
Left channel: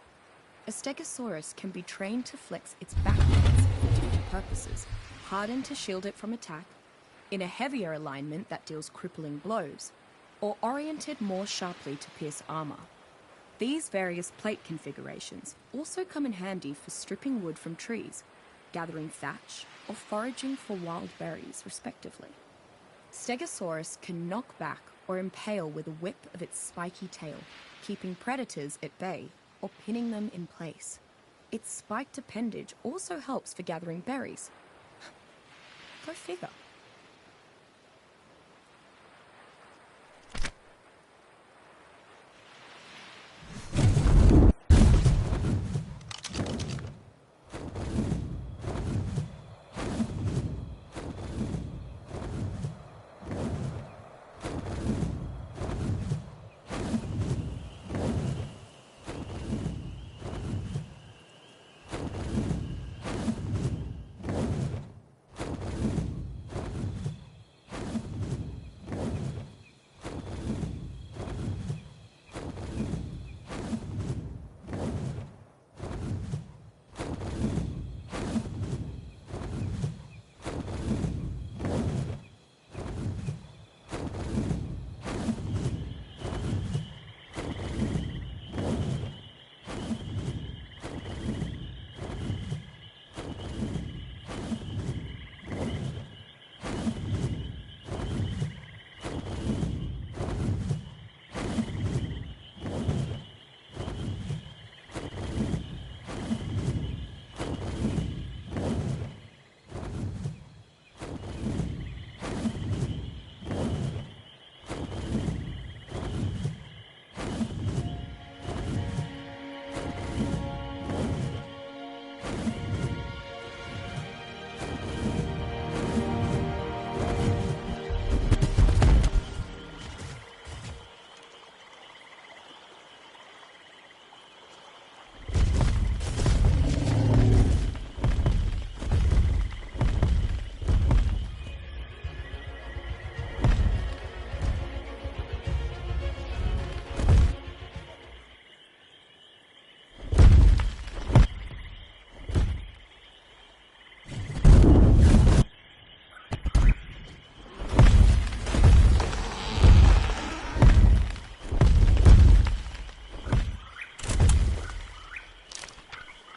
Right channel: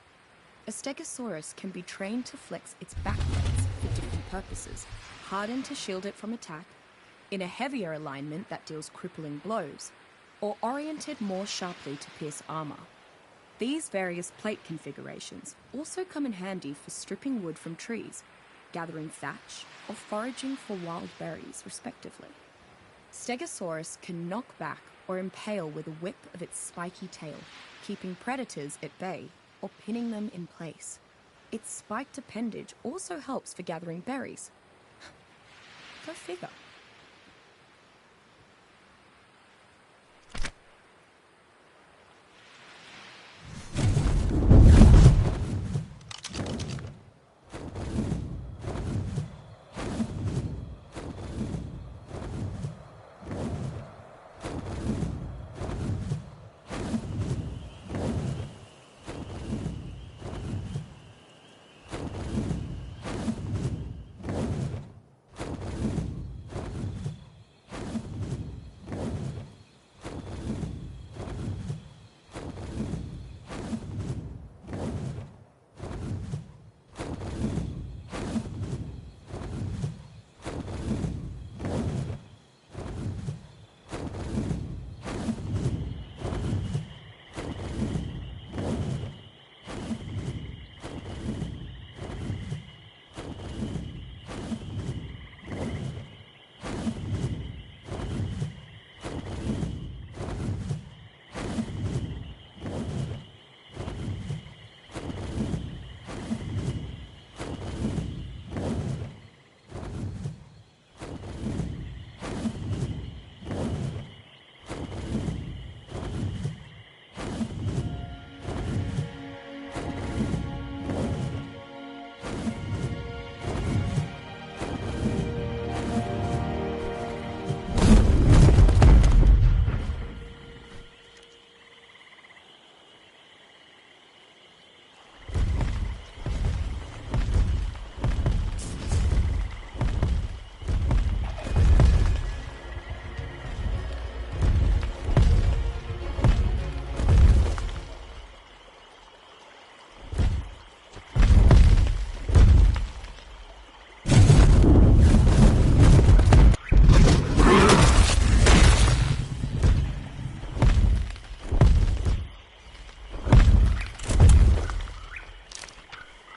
A Stegosaurus can be trained to flex its back legs for different purposes, hardened to shield it from attack, in a heavier alignment that deals crippling blows, or oriented more sharply to pierce armor. These various plate configurations also come in handy for stripping wood from trees, gathering thatch, or foraging for wild berries, respectively. Stegosaurus can knock back or impale with a whip of its spiky tail, keeping predators at bay or pinning them in place. Its spiked appendage also helps for gathering berries. Go figure.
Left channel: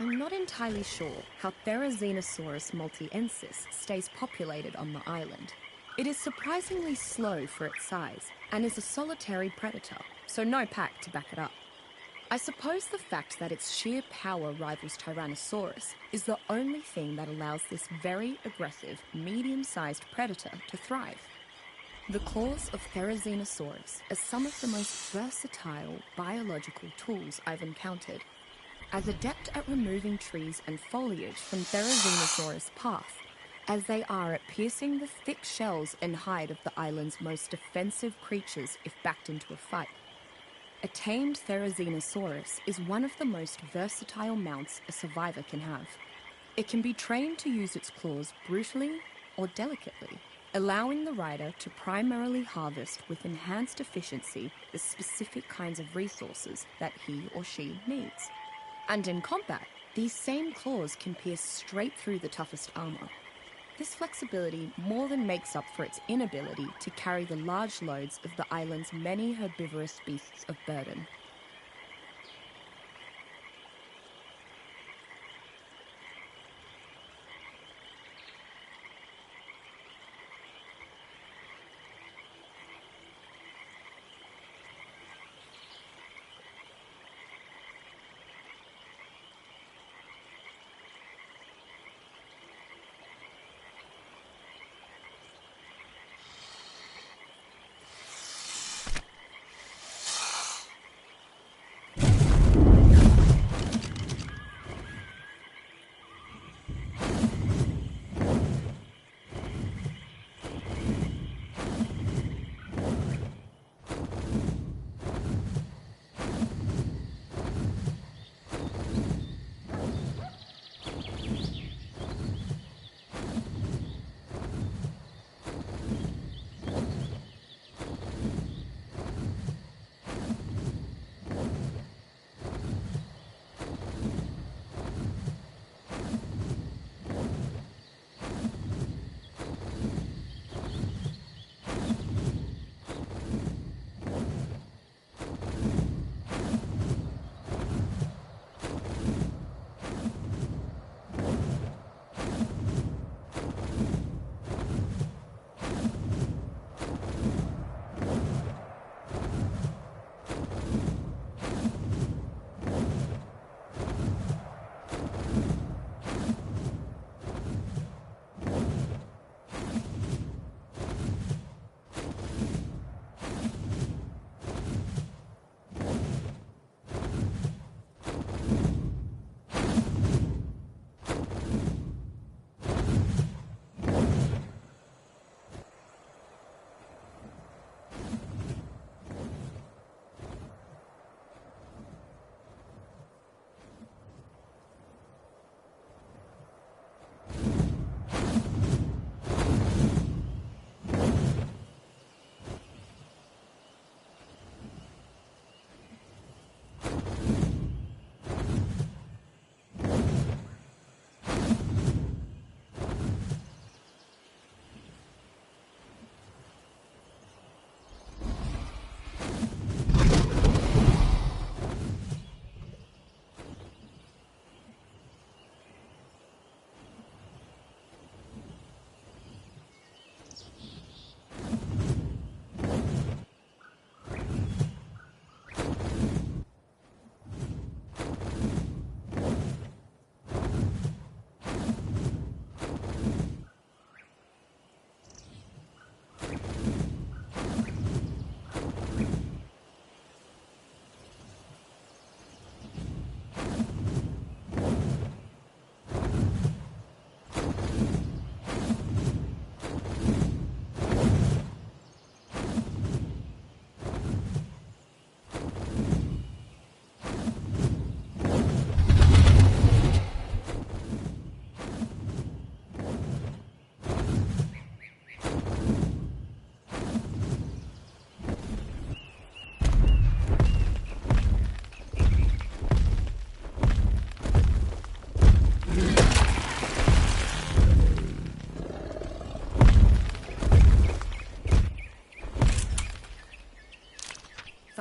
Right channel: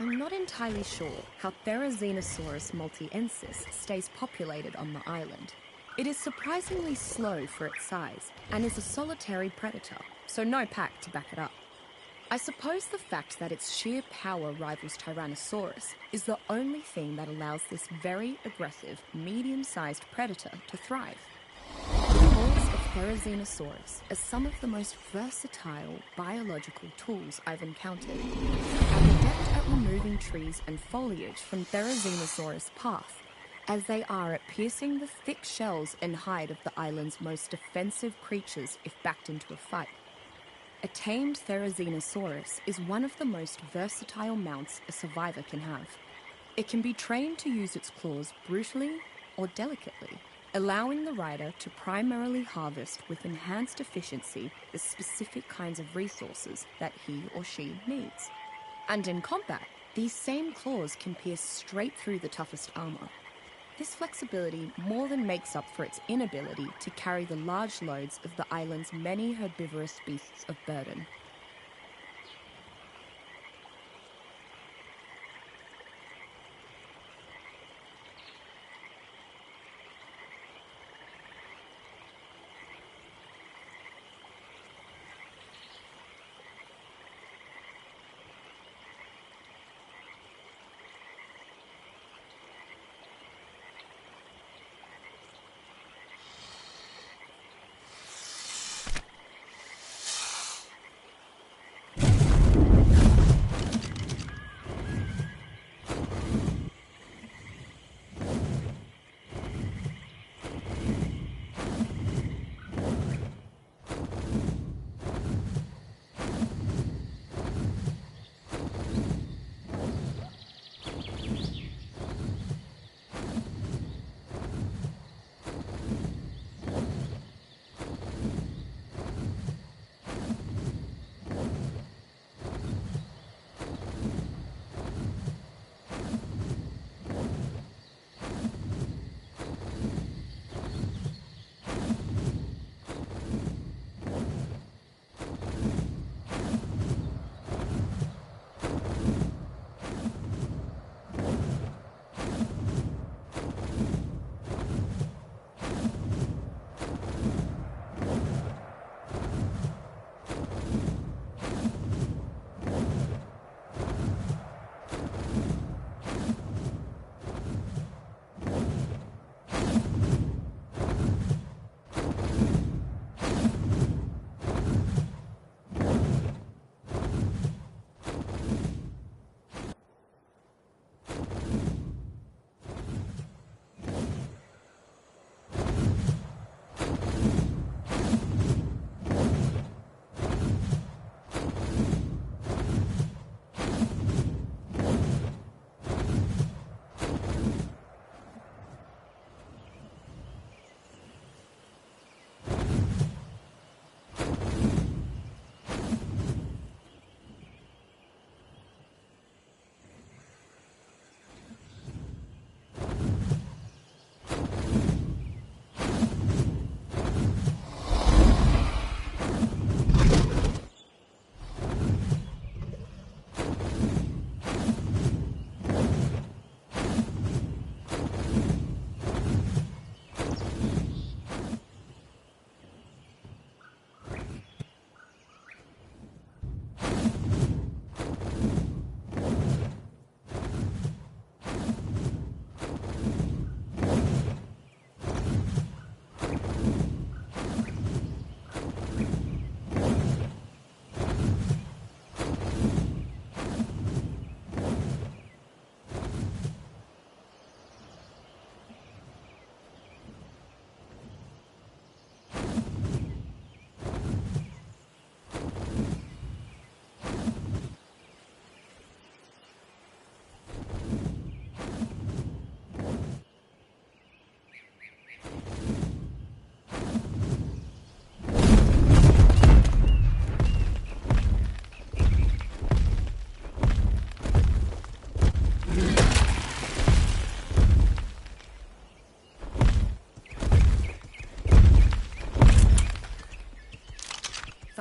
I'm not entirely sure how Therizinosaurus multiensis stays populated on the island. It is surprisingly slow for its size and is a solitary predator, so no pack to back it up. I suppose the fact that its sheer power rivals Tyrannosaurus is the only thing that allows this very aggressive, medium-sized predator to thrive. The claws of Therizinosaurus are some of the most versatile biological tools I've encountered. Are adept at removing trees and foliage from Therizinosaurus' path, as they are at piercing the thick shells and hide of the island's most defensive creatures if backed into a fight. A tamed Therizinosaurus is one of the most versatile mounts a survivor can have. It can be trained to use its claws brutally or delicately, allowing the rider to primarily harvest with enhanced efficiency the specific kinds of resources that he or she needs. And in combat, these same claws can pierce straight through the toughest armor. This flexibility more than makes up for its inability to carry the large loads of the island's many herbivorous beasts of burden.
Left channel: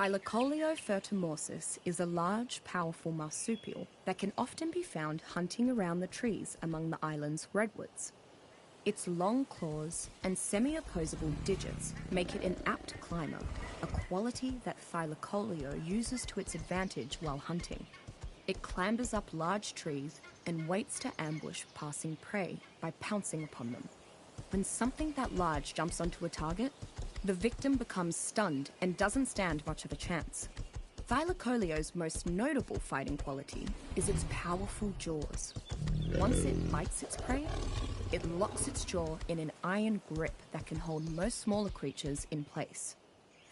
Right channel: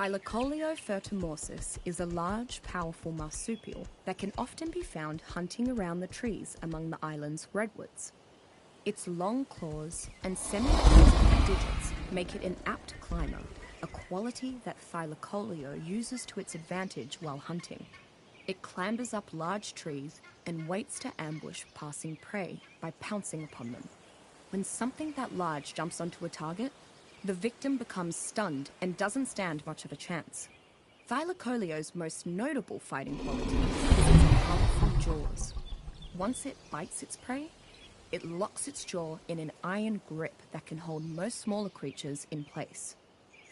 Thylacoleo fertimorsus is a large, powerful marsupial that can often be found hunting around the trees among the island's redwoods. Its long claws and semi-opposable digits make it an apt climber, a quality that Thylacoleo uses to its advantage while hunting. It clambers up large trees and waits to ambush passing prey by pouncing upon them. When something that large jumps onto a target, the victim becomes stunned and doesn't stand much of a chance. Thylacoleo's most notable fighting quality is its powerful jaws. Once it bites its prey, it locks its jaw in an iron grip that can hold most smaller creatures in place.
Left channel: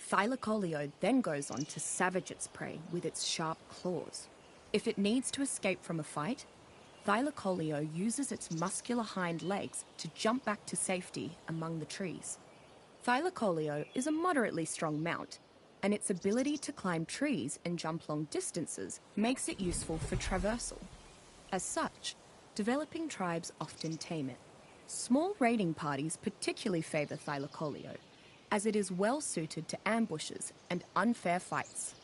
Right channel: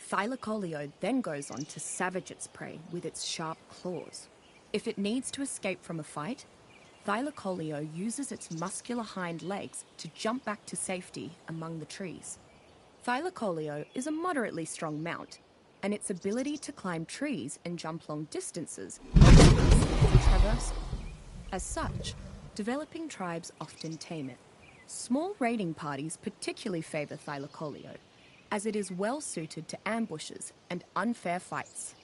Thylacoleo then goes on to savage its prey with its sharp claws. If it needs to escape from a fight, Thylacoleo uses its muscular hind legs to jump back to safety among the trees. Thylacoleo is a moderately strong mount, and its ability to climb trees and jump long distances makes it useful for traversal. As such, developing tribes often tame it. Small raiding parties particularly favour Thylacoleo, as it is well suited to ambushes and unfair fights.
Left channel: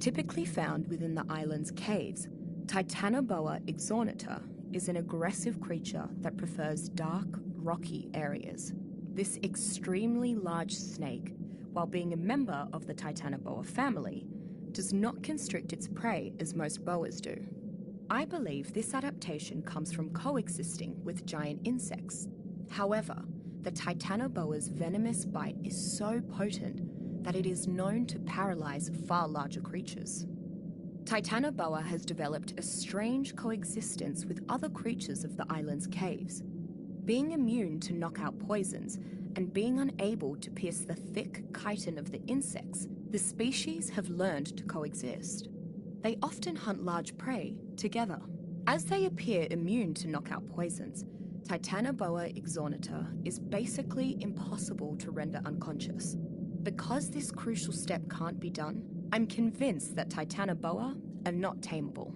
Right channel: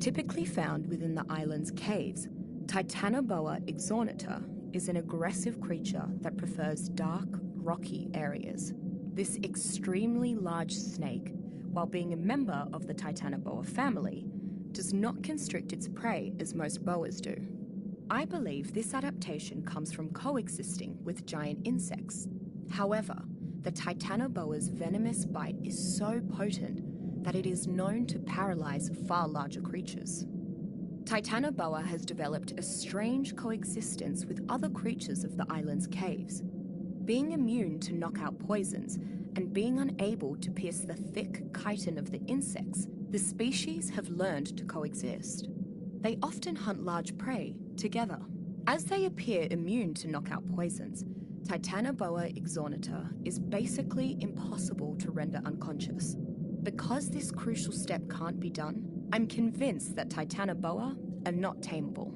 Typically found within the island's caves, Titanoboa exornita is an aggressive creature that prefers dark, rocky areas. This extremely large snake, while being a member of the Titanoboa family, does not constrict its prey as most boas do. I believe this adaptation comes from coexisting with giant insects. However, the Titanoboa's venomous bite is so potent that it is known to paralyze far larger creatures. Titanoboa has developed a strange coexistence with other creatures of the island's caves. Being immune to knockout poisons and being unable to pierce the thick chitin of the insects, the species have learned to coexist. They often hunt large prey together. As they appear immune to knockout poisons, Titanoboa exornita is basically impossible to render unconscious. Because this crucial step can't be done, I'm convinced that Titanoboa are not tameable.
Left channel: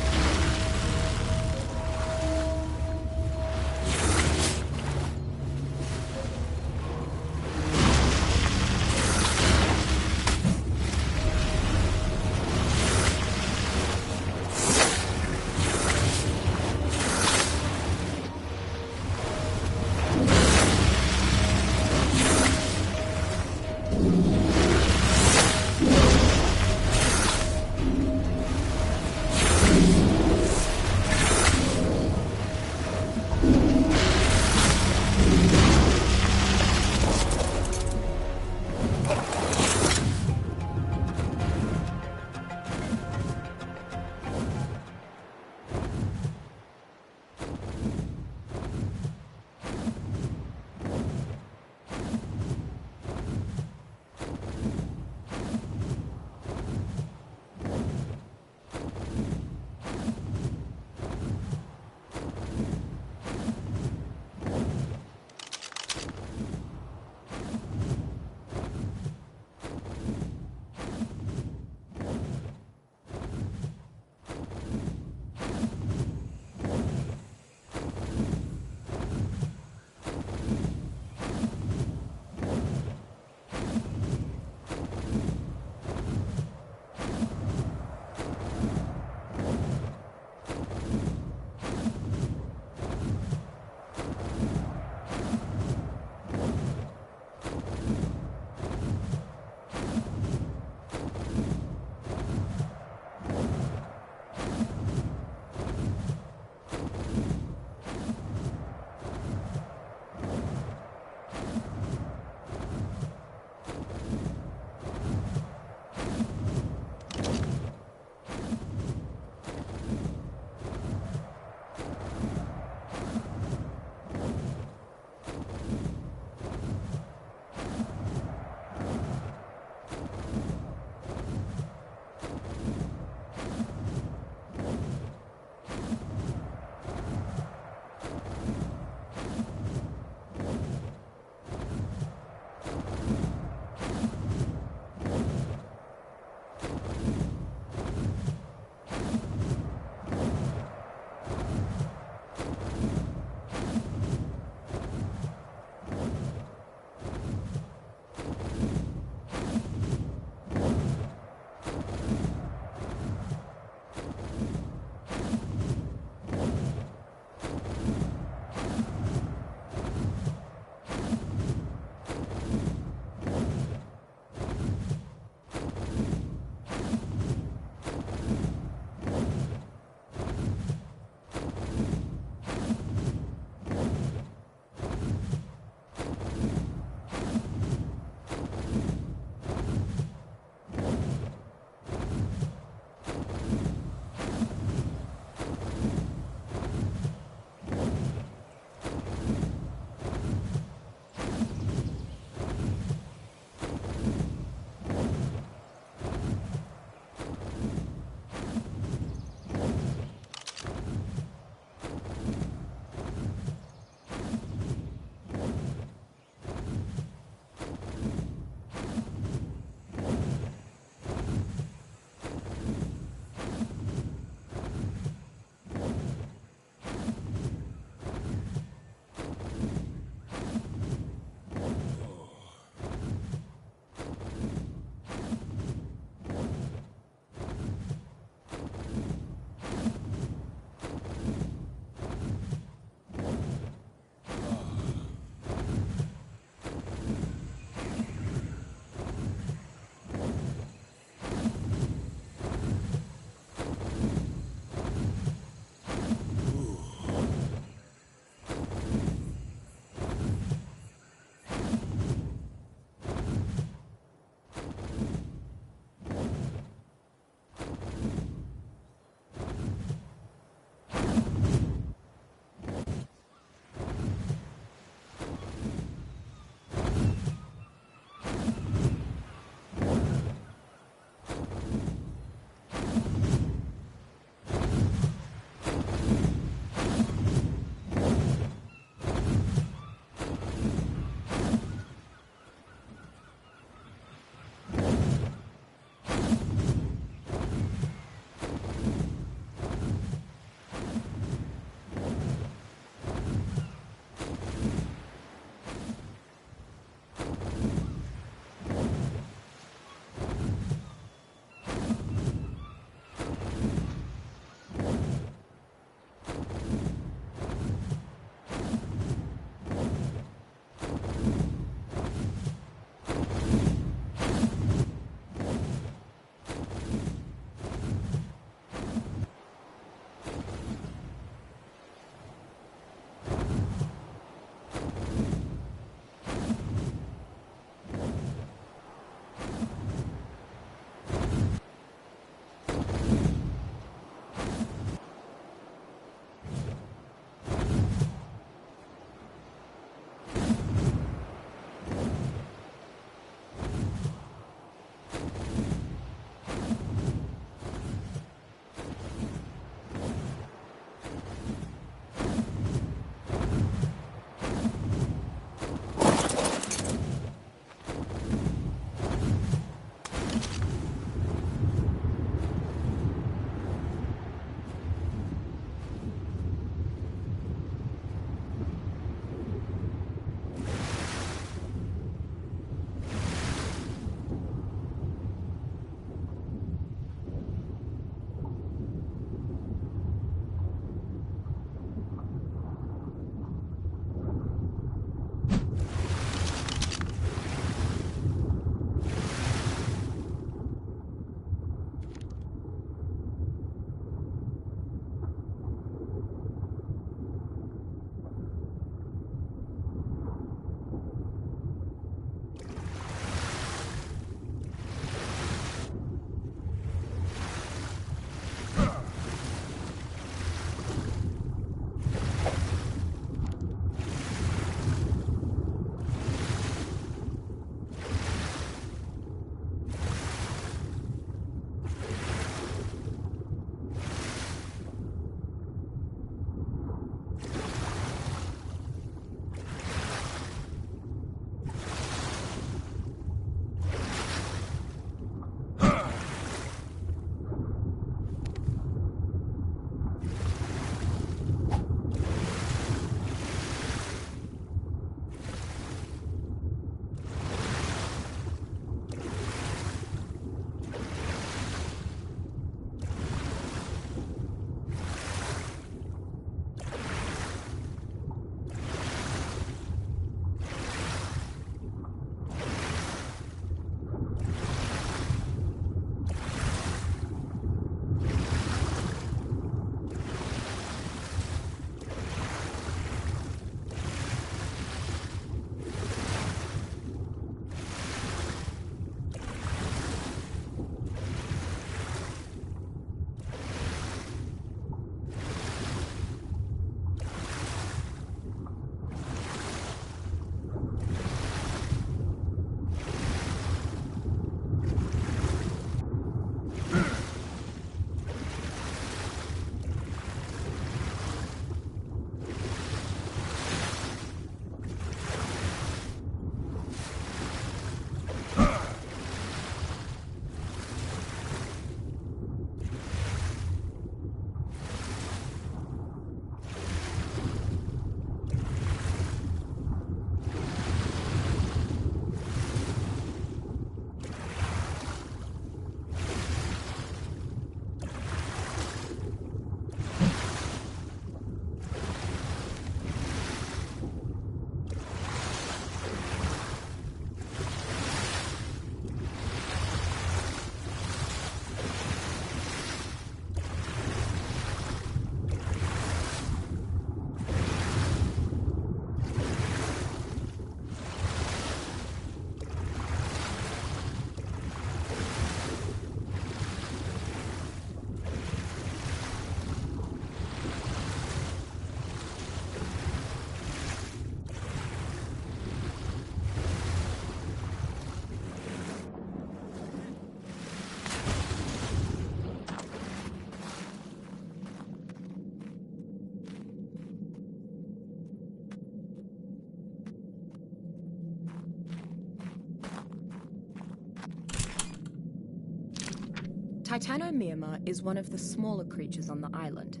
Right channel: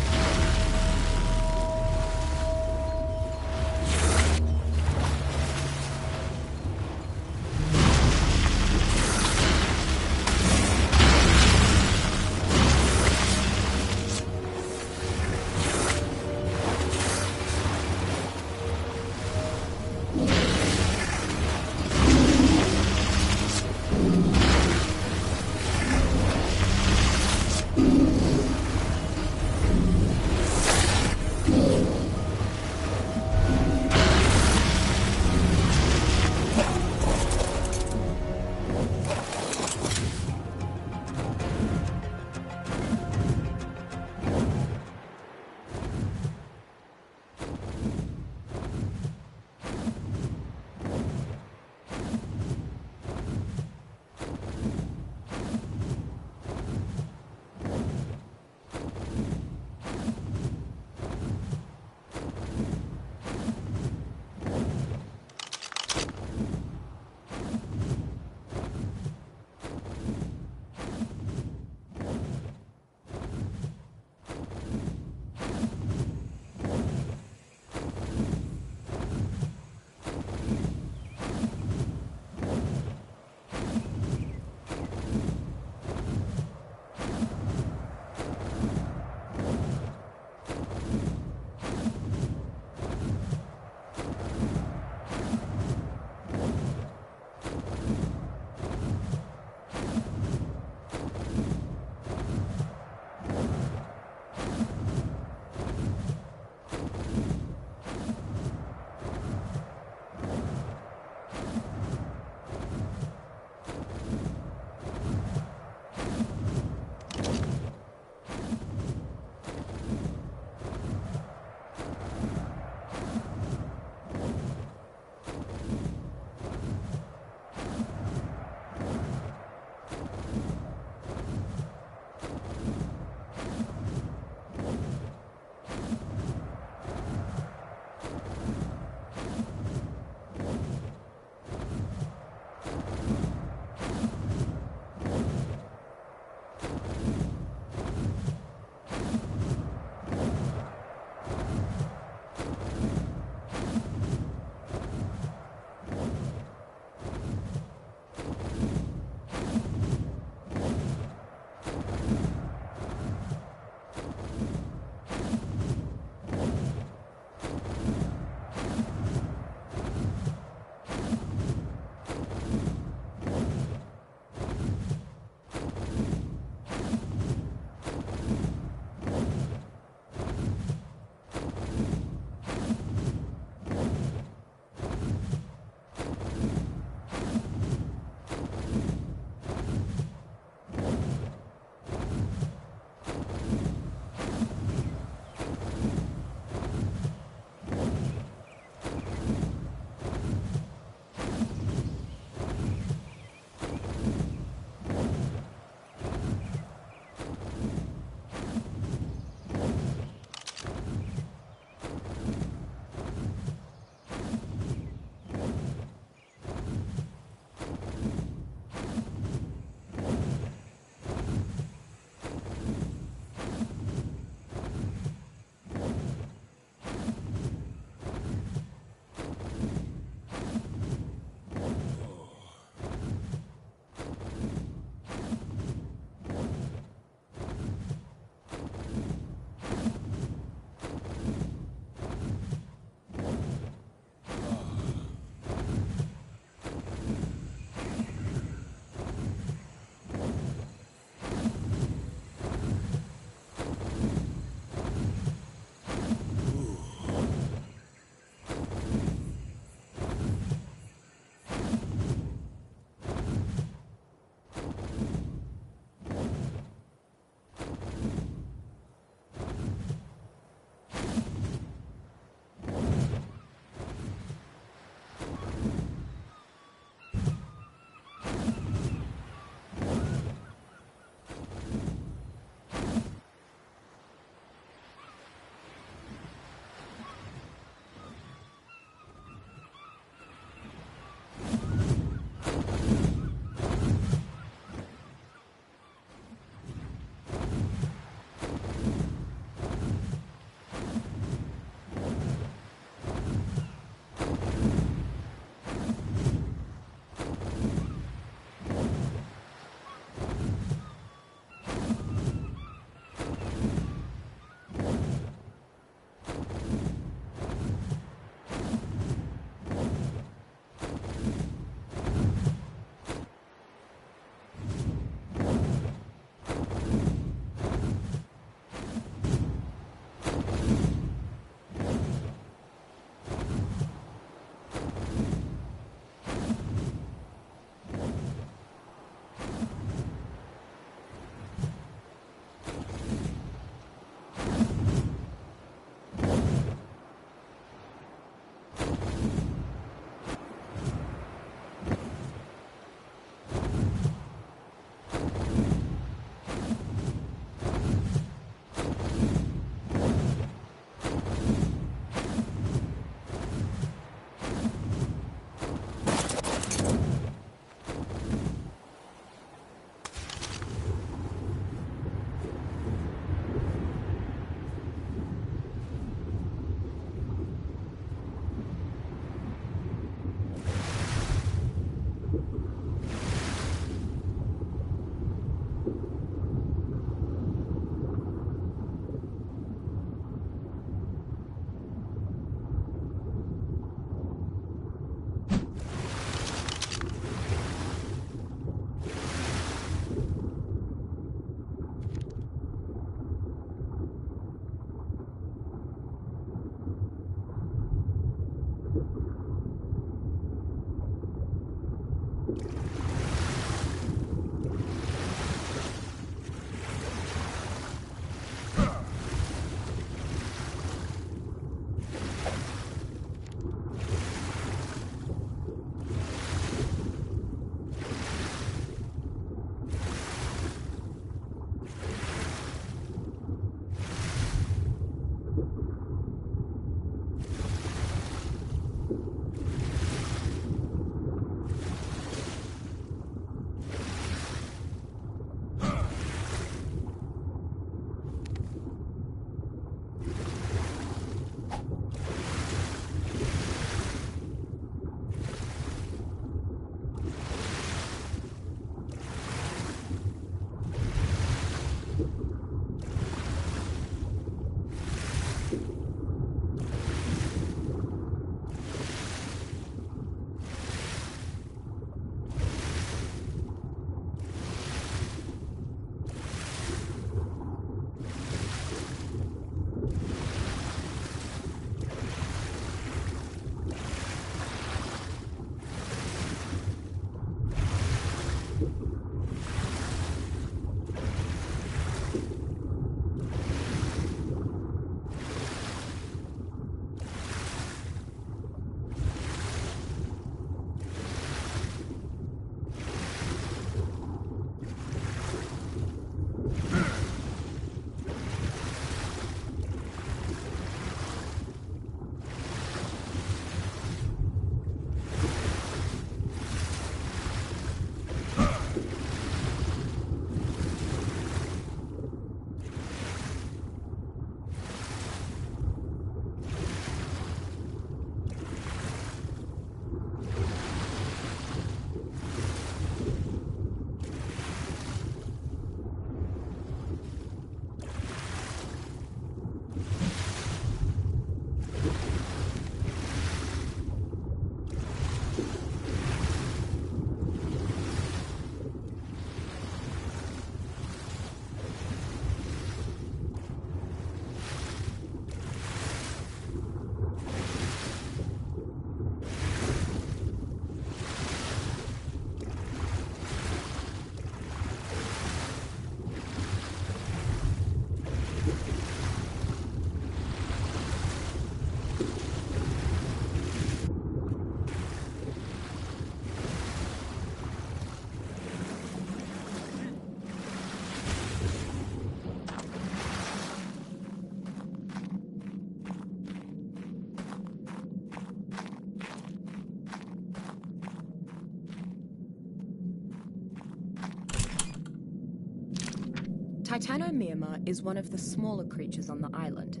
Titanomyrma is one of the smaller creatures on the island.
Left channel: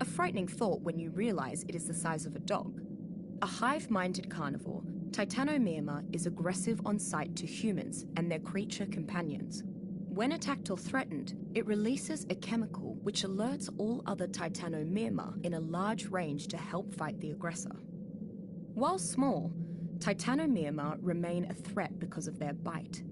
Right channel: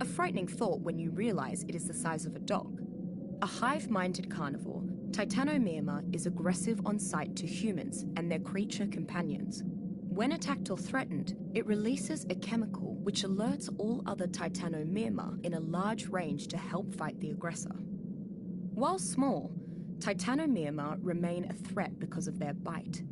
A frightening thought when you realise it is the size of a dog. A hive-minded carnivore, Titanomyrma is aggressive on sight to humans and their creature companions. When attacked or threatened, it releases a chemical which alerts all other Titanomyrma in a large range to help fight the aggressor. While small, Titanomyrma remain a threat because of their bite.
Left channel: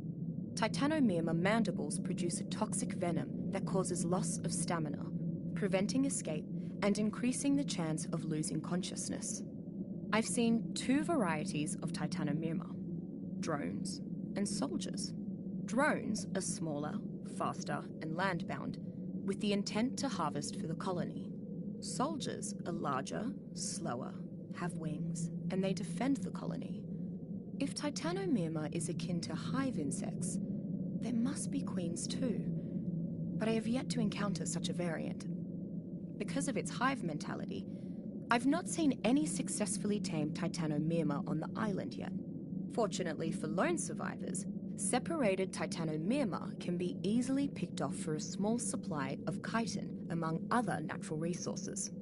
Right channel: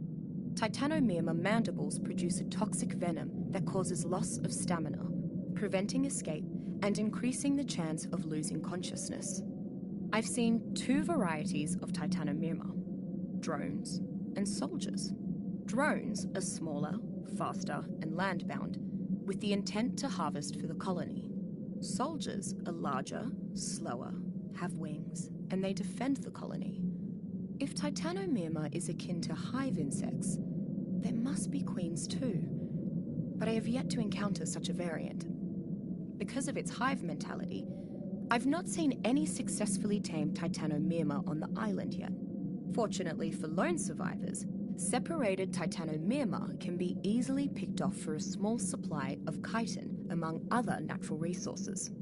Titanomyrma mandibles produce a toxic venom that causes loss of stamina, preventing escape and increasing the chance of losing consciousness. I've seen two varieties of Titanomyrma: drones and soldiers. Drones are smaller, faster, and land-bound, with the intent to harvest for the colony. Soldiers are larger, slower, have wings, and they defend the colony. If Titanomyrma is akin to hive insects, there must be queens too. But I have yet to encounter such a variant. Because of its hive mentality, I've not seen any successfully tamed Titanomyrma on the island yet. Fortunately for lone survivors, separated Titanomyrma can be easily picked off for a small supply of chitin, among other natural resources.